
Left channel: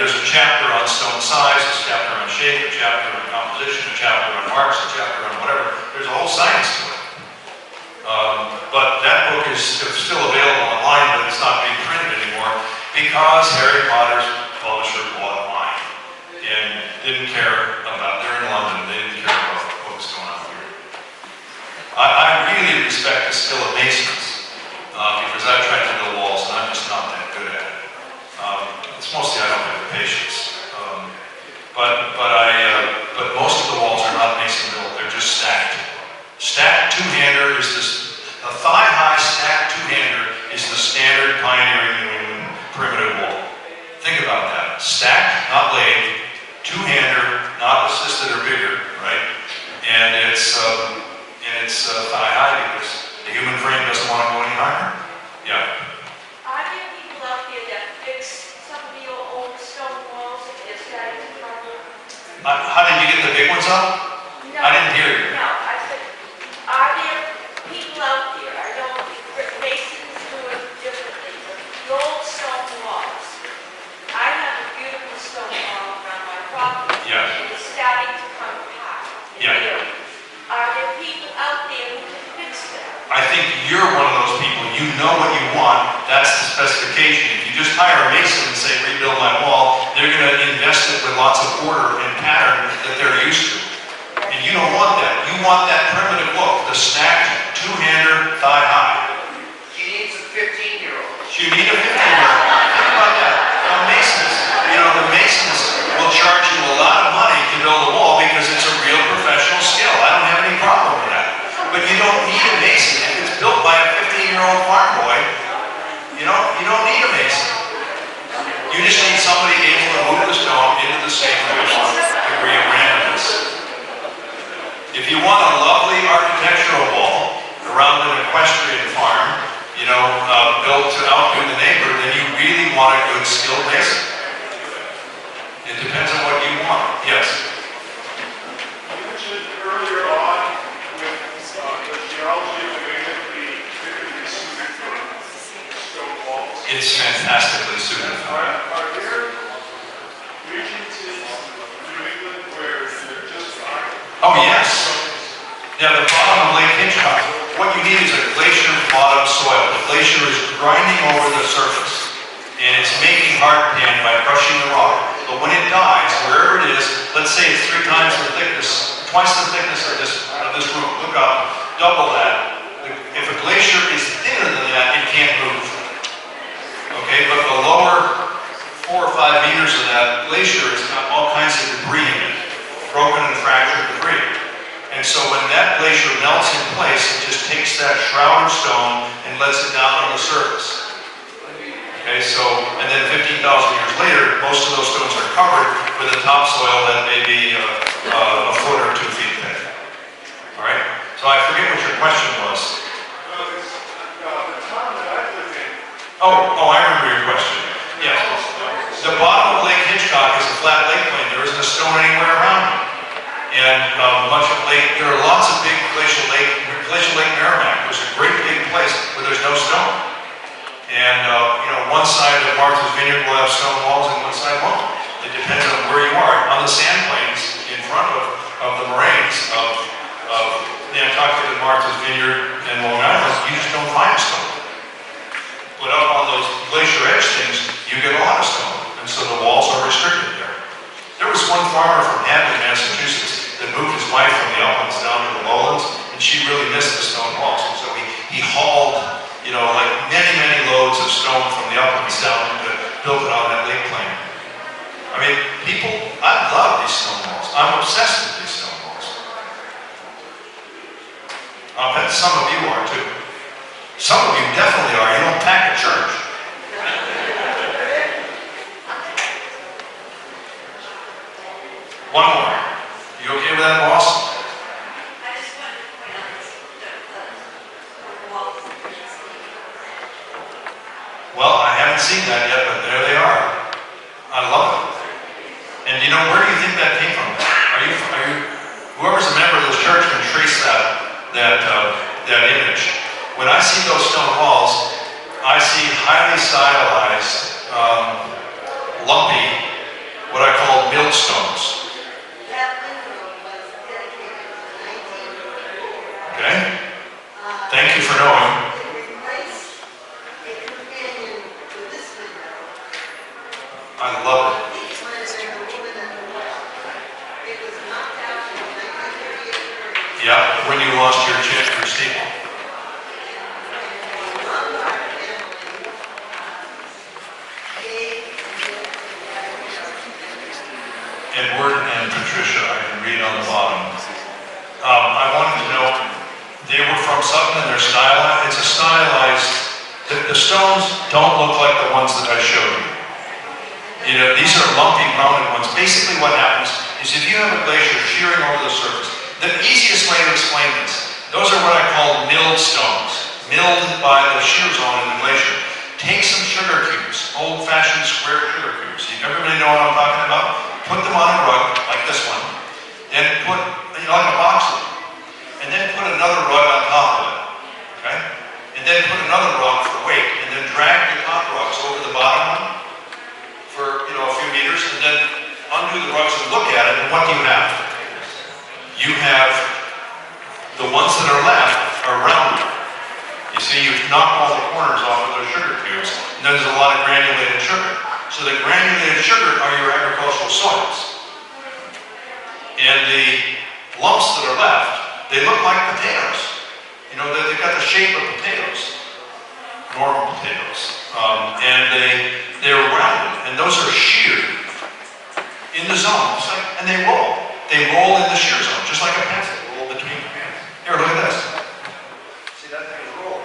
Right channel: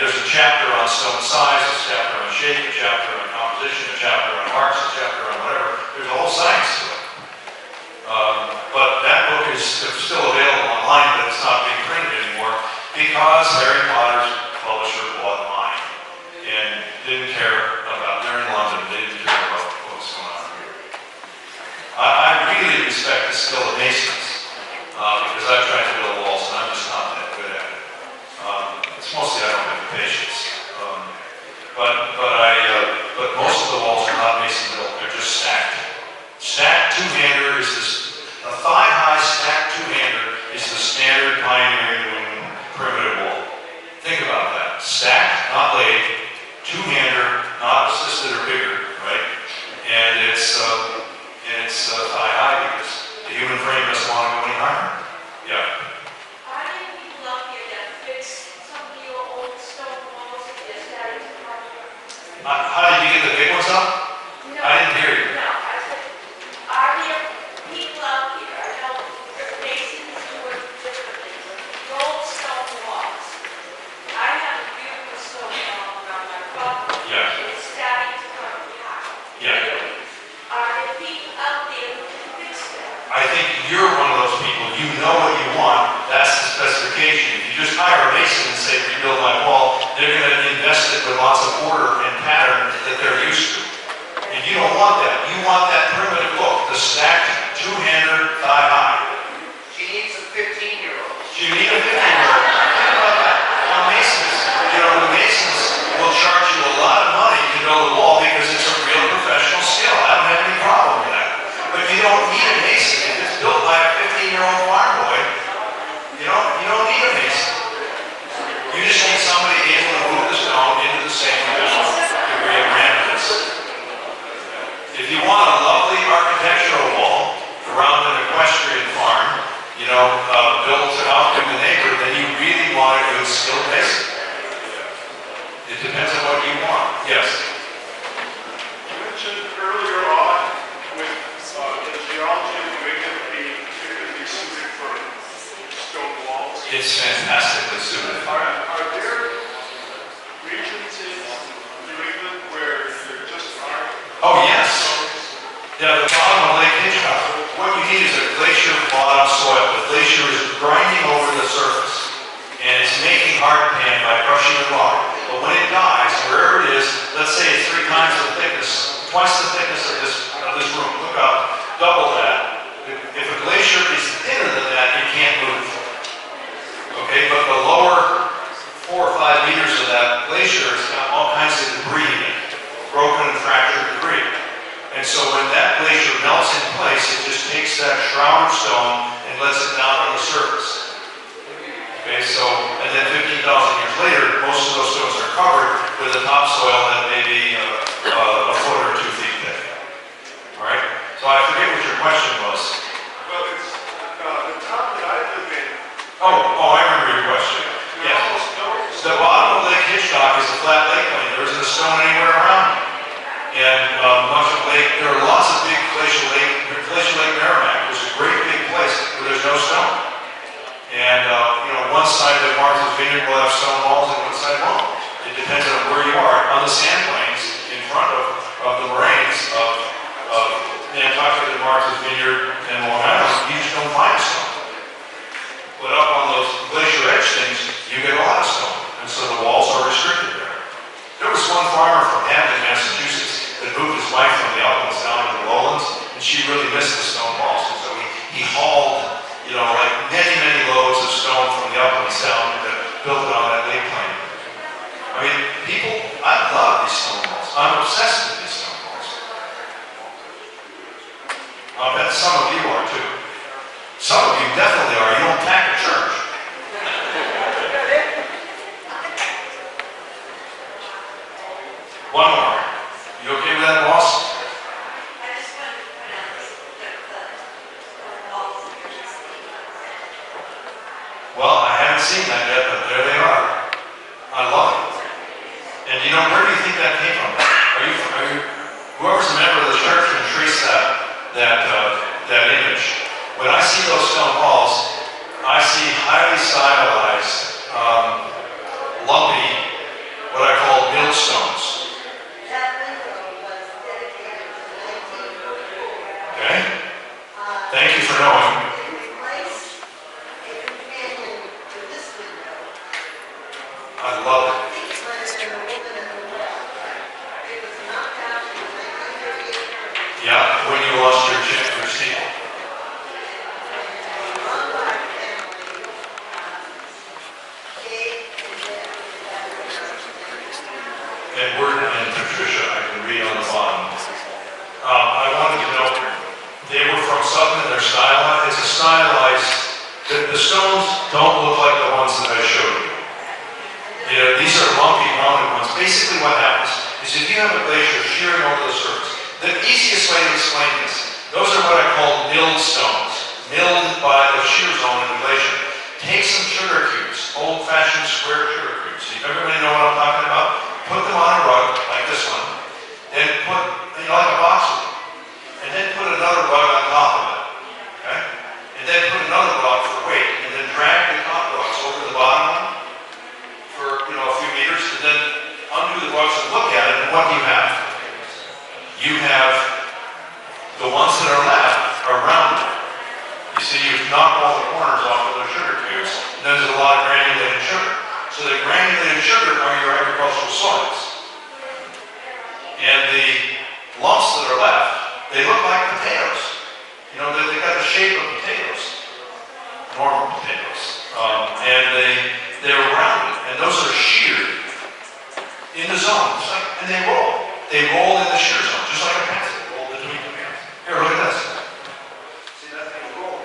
there's a chapter on stone size, a chapter on shape, a chapter on composition, a chapter on marks, a chapter on whatever. There's a whole science to it. But that book is still available online, but it's not being printed anymore because Harry Potter's publisher bought mine and didn't care about, they're in London, they didn't care about what was going on here. I really respect the skill of masons because I've tried to build walls and I'm just not that good at it. It's mostly I don't have the patience. But most of the walls are not mason built, they're just stacked. Stacked 2-hander is a thigh-high stacked 2-hander is the standard pioneering New England primitive wall. Think about that. Stacked, not laid, 2-hander, not assisted or bigger, right? And it's thigh-high because the human frame doesn't want to go any higher. Yeah. Are there people out there that fix some of your old stone walls if they're starting to crumble? How did you get the big ones up? No. I didn't hear you. No, I said, are there people out there, I know masons do it differently, but the old stone walls, I have a beautiful stone wall around my property. Yeah. And it's starting to come apart. Yeah. Really. Are there people out there who can fix them? I think you're one of those people. You know what you want. That's the specification. If you just hire a mason and say, rebuild my wall, they're going to invest it with lots of order and pattern that they're used to. And you don't want that. You want that primitive look, the stacked 2-hander, thigh-high. She needs a 15-year-old. You need a 15-year-old. Think about that. The masons will charge you a lot of money to build a wall because it's a real professional skill. I don't have any problem with that. But you don't need a mason. If it's built by a 15-year-old farm boy, you don't need a mason. You just need somebody able to move the stone into the same degree of randomness. If you want a lovely architectural wall around an equestrian farm, built to outbid the neighbor, then you really want a good skilled mason. It depends on what you want. Yes? You mentioned earlier on with the geology of New England being typically suited for stone walls. It's fantastically suited for that. Are there regions in New England where there just aren't Oh, yes. Yeah, the bottom of Lake Hitchcock. What you need is a glacier bottom soil. The glacier is grinding over the surface, and it's making hard pan by crushing the rock. But when it dies, wherever it is, let's say it's 3 times the thickness, twice the thickness of this room. Look up, double that. If a glacier is thinner than that, it can't move. Okay, but the lower 4 or 5 meters of that glacier has got all kinds of debris in it, broken and fractured debris. And so when that glacier melts in place, it just takes that shroud of stone and lets it down on the surface. Okay, so, and then 15,000 years later, most of those stones are covered with a topsoil that may be a foot or 2 feet thick. All right? So I forget what your question was. Well, it's the town that I live in. Oh, I remember your question. Yes. The bottom of Lake Hitchcock is a flat lake plain. There isn't a stone anywhere around it. And much of Lake, there are lots of big Glacier Lake Merrimack. There's a great big place where there's no stone. And, one side of Martha's Vineyard will have stone walls and one side won't. It depends on where you are. On the sand plains in front of the moraines of Nantucket and Martha's Vineyard and Long Island, you just don't find stone. But up on those glacier edge things, you get a lot of stone. And so the walls are restricted there. There was one farmer from Hampton, Massachusetts, that moved his wife from the uplands down to the lowlands, and she really missed the stone walls. And so he hauled, like many, many loads of stone from the uplands down and built it on that lake plain. I mean, I love these stone walls. I'm obsessed with these stone walls. I'll bet some of you are too. Some of you definitely are. You don't pack a church. One more. You okay with that, boss? Well, I haven't seen that yet, but there they are. I love it. And where do you think that came from? Whoever's a member of the church can trace that image. When I see those stone walls, I see highly stylized, lumpy, what I call millstones. Okay? Thank you for knowing. I love it. Yeah, when you lost your steeple. Edward and Patricia, I can read on the bottom. I wanted to know, they were from Sutton and they're stylized. It's a stylized, the stones don't look like the ones that I showed you. These are lumpy, rounded ones. Basically what happens is if you have a glacier shearing over the surface, the easiest way to explain this, those are what I call milled stones, milled by the shear zone in the glacier. Take some sugar cubes, old-fashioned square sugar cubes. Everybody know what I'm talking about? Put them on a rug, like this one, then put, like a box of them, and then put another rug on top of it, okay? And then put another rug for weight, and then drag the top rugs over the bottom one for, a few meters, and then undo the rugs and look at it, and what do you have? You have the ones that are left are rounded. You see, you've knocked all the corners off of those sugar cubes, and there's a lot of granulated sugar. So the granulated sugar are your agricultural soils. And the lumps that are left, they look like potatoes. They've got the shape of potatoes, normal potatoes. And they're rounded, and those are sheared in the zone. And they roll. They roll in the shear zone, just like a pencil roll between the hands. Here, look at this. See, that thing is rolling.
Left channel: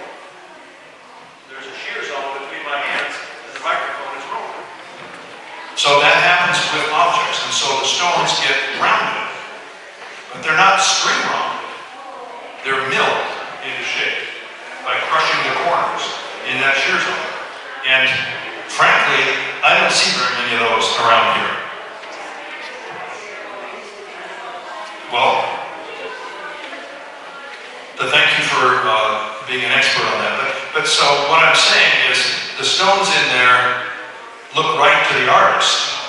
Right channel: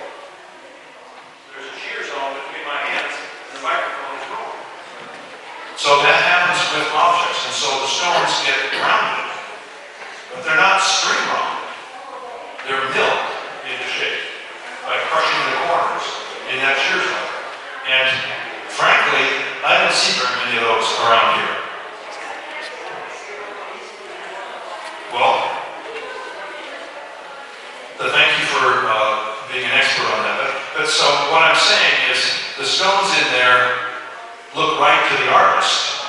There's a shear zone between my hands, and the microphone is rolling. So that happens with objects, and so the stones get rounded. But they're not string rounded. They're milled into shape by crushing the corners in that shear zone. And frankly, I don't see very many of those around here. Well, thank you for being an expert on that. But so what I'm saying is the stones in there look right to the artist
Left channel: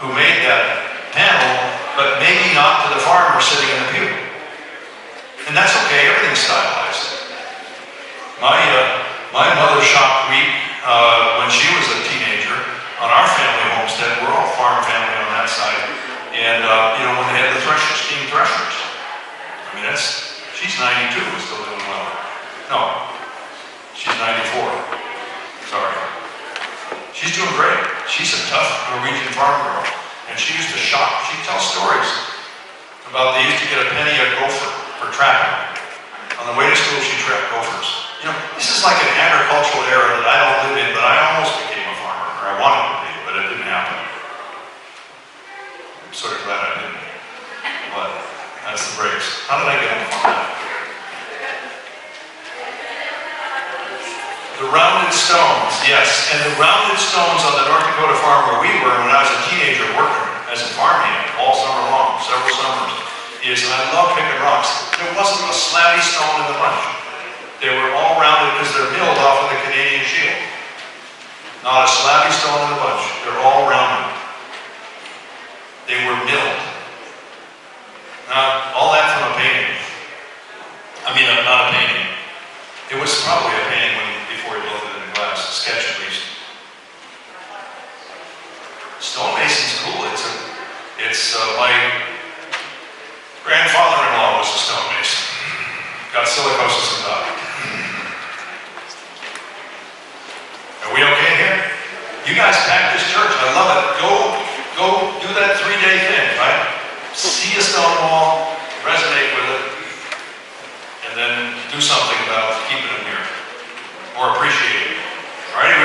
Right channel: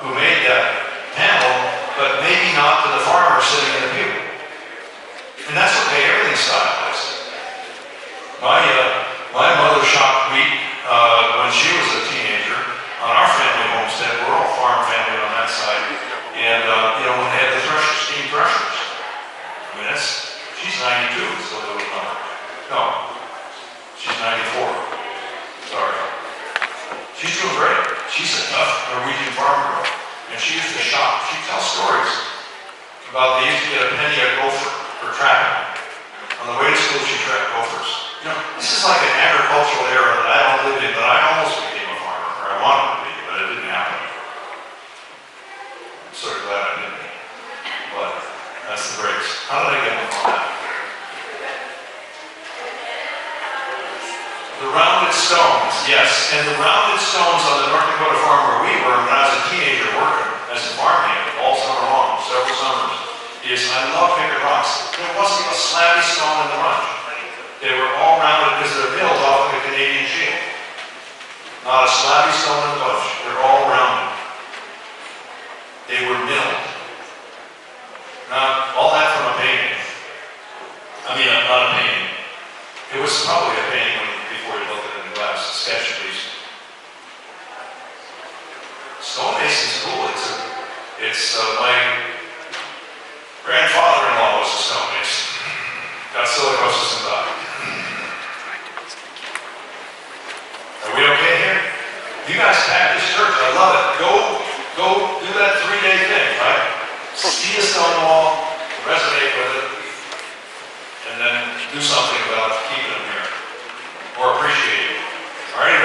who made that panel, but maybe not to the farmer sitting in the pew. And that's okay, everything's stylized. My mother shocked wheat when she was a teenager on our family homestead. We're all farm family on that side. And, when they had the threshers, steam threshers. I mean, she's 92 and still doing well. No, she's 94. Sorry. She's doing great. She's a tough Norwegian farm girl. And she used to shop. She'd tell stories about they used to get a penny a gopher for trapping. On the way to school, she trapped gophers. This is like an agricultural era that I don't live in, but I almost became a farmer, or I wanted to be, but it didn't happen. I'm sort of glad I didn't. But that's the breaks. How did I get on that? The rounded stones, yes. And the rounded stones on the North Dakota farm where we were when I was a teenager working as a farmhand all summer long, several summers, is I love picking rocks. There wasn't a slabby stone in the bunch. They were all rounded because they're milled off of the Canadian Shield. Not a slabby stone in the bunch. They're all rounded. They were milled. Not all that from a painting. Not a painting. It was probably a painting before he looked at it in glass, a sketch at least. Stonemason's cool. My grandfather-in-law was a stonemason. Got silicosis and died. Are we okay here? You guys pack this church. I love it. Go do that 3-day thing, right? See a stone wall, resonate with it, and then do something about keeping them here. Or appreciate it. All right,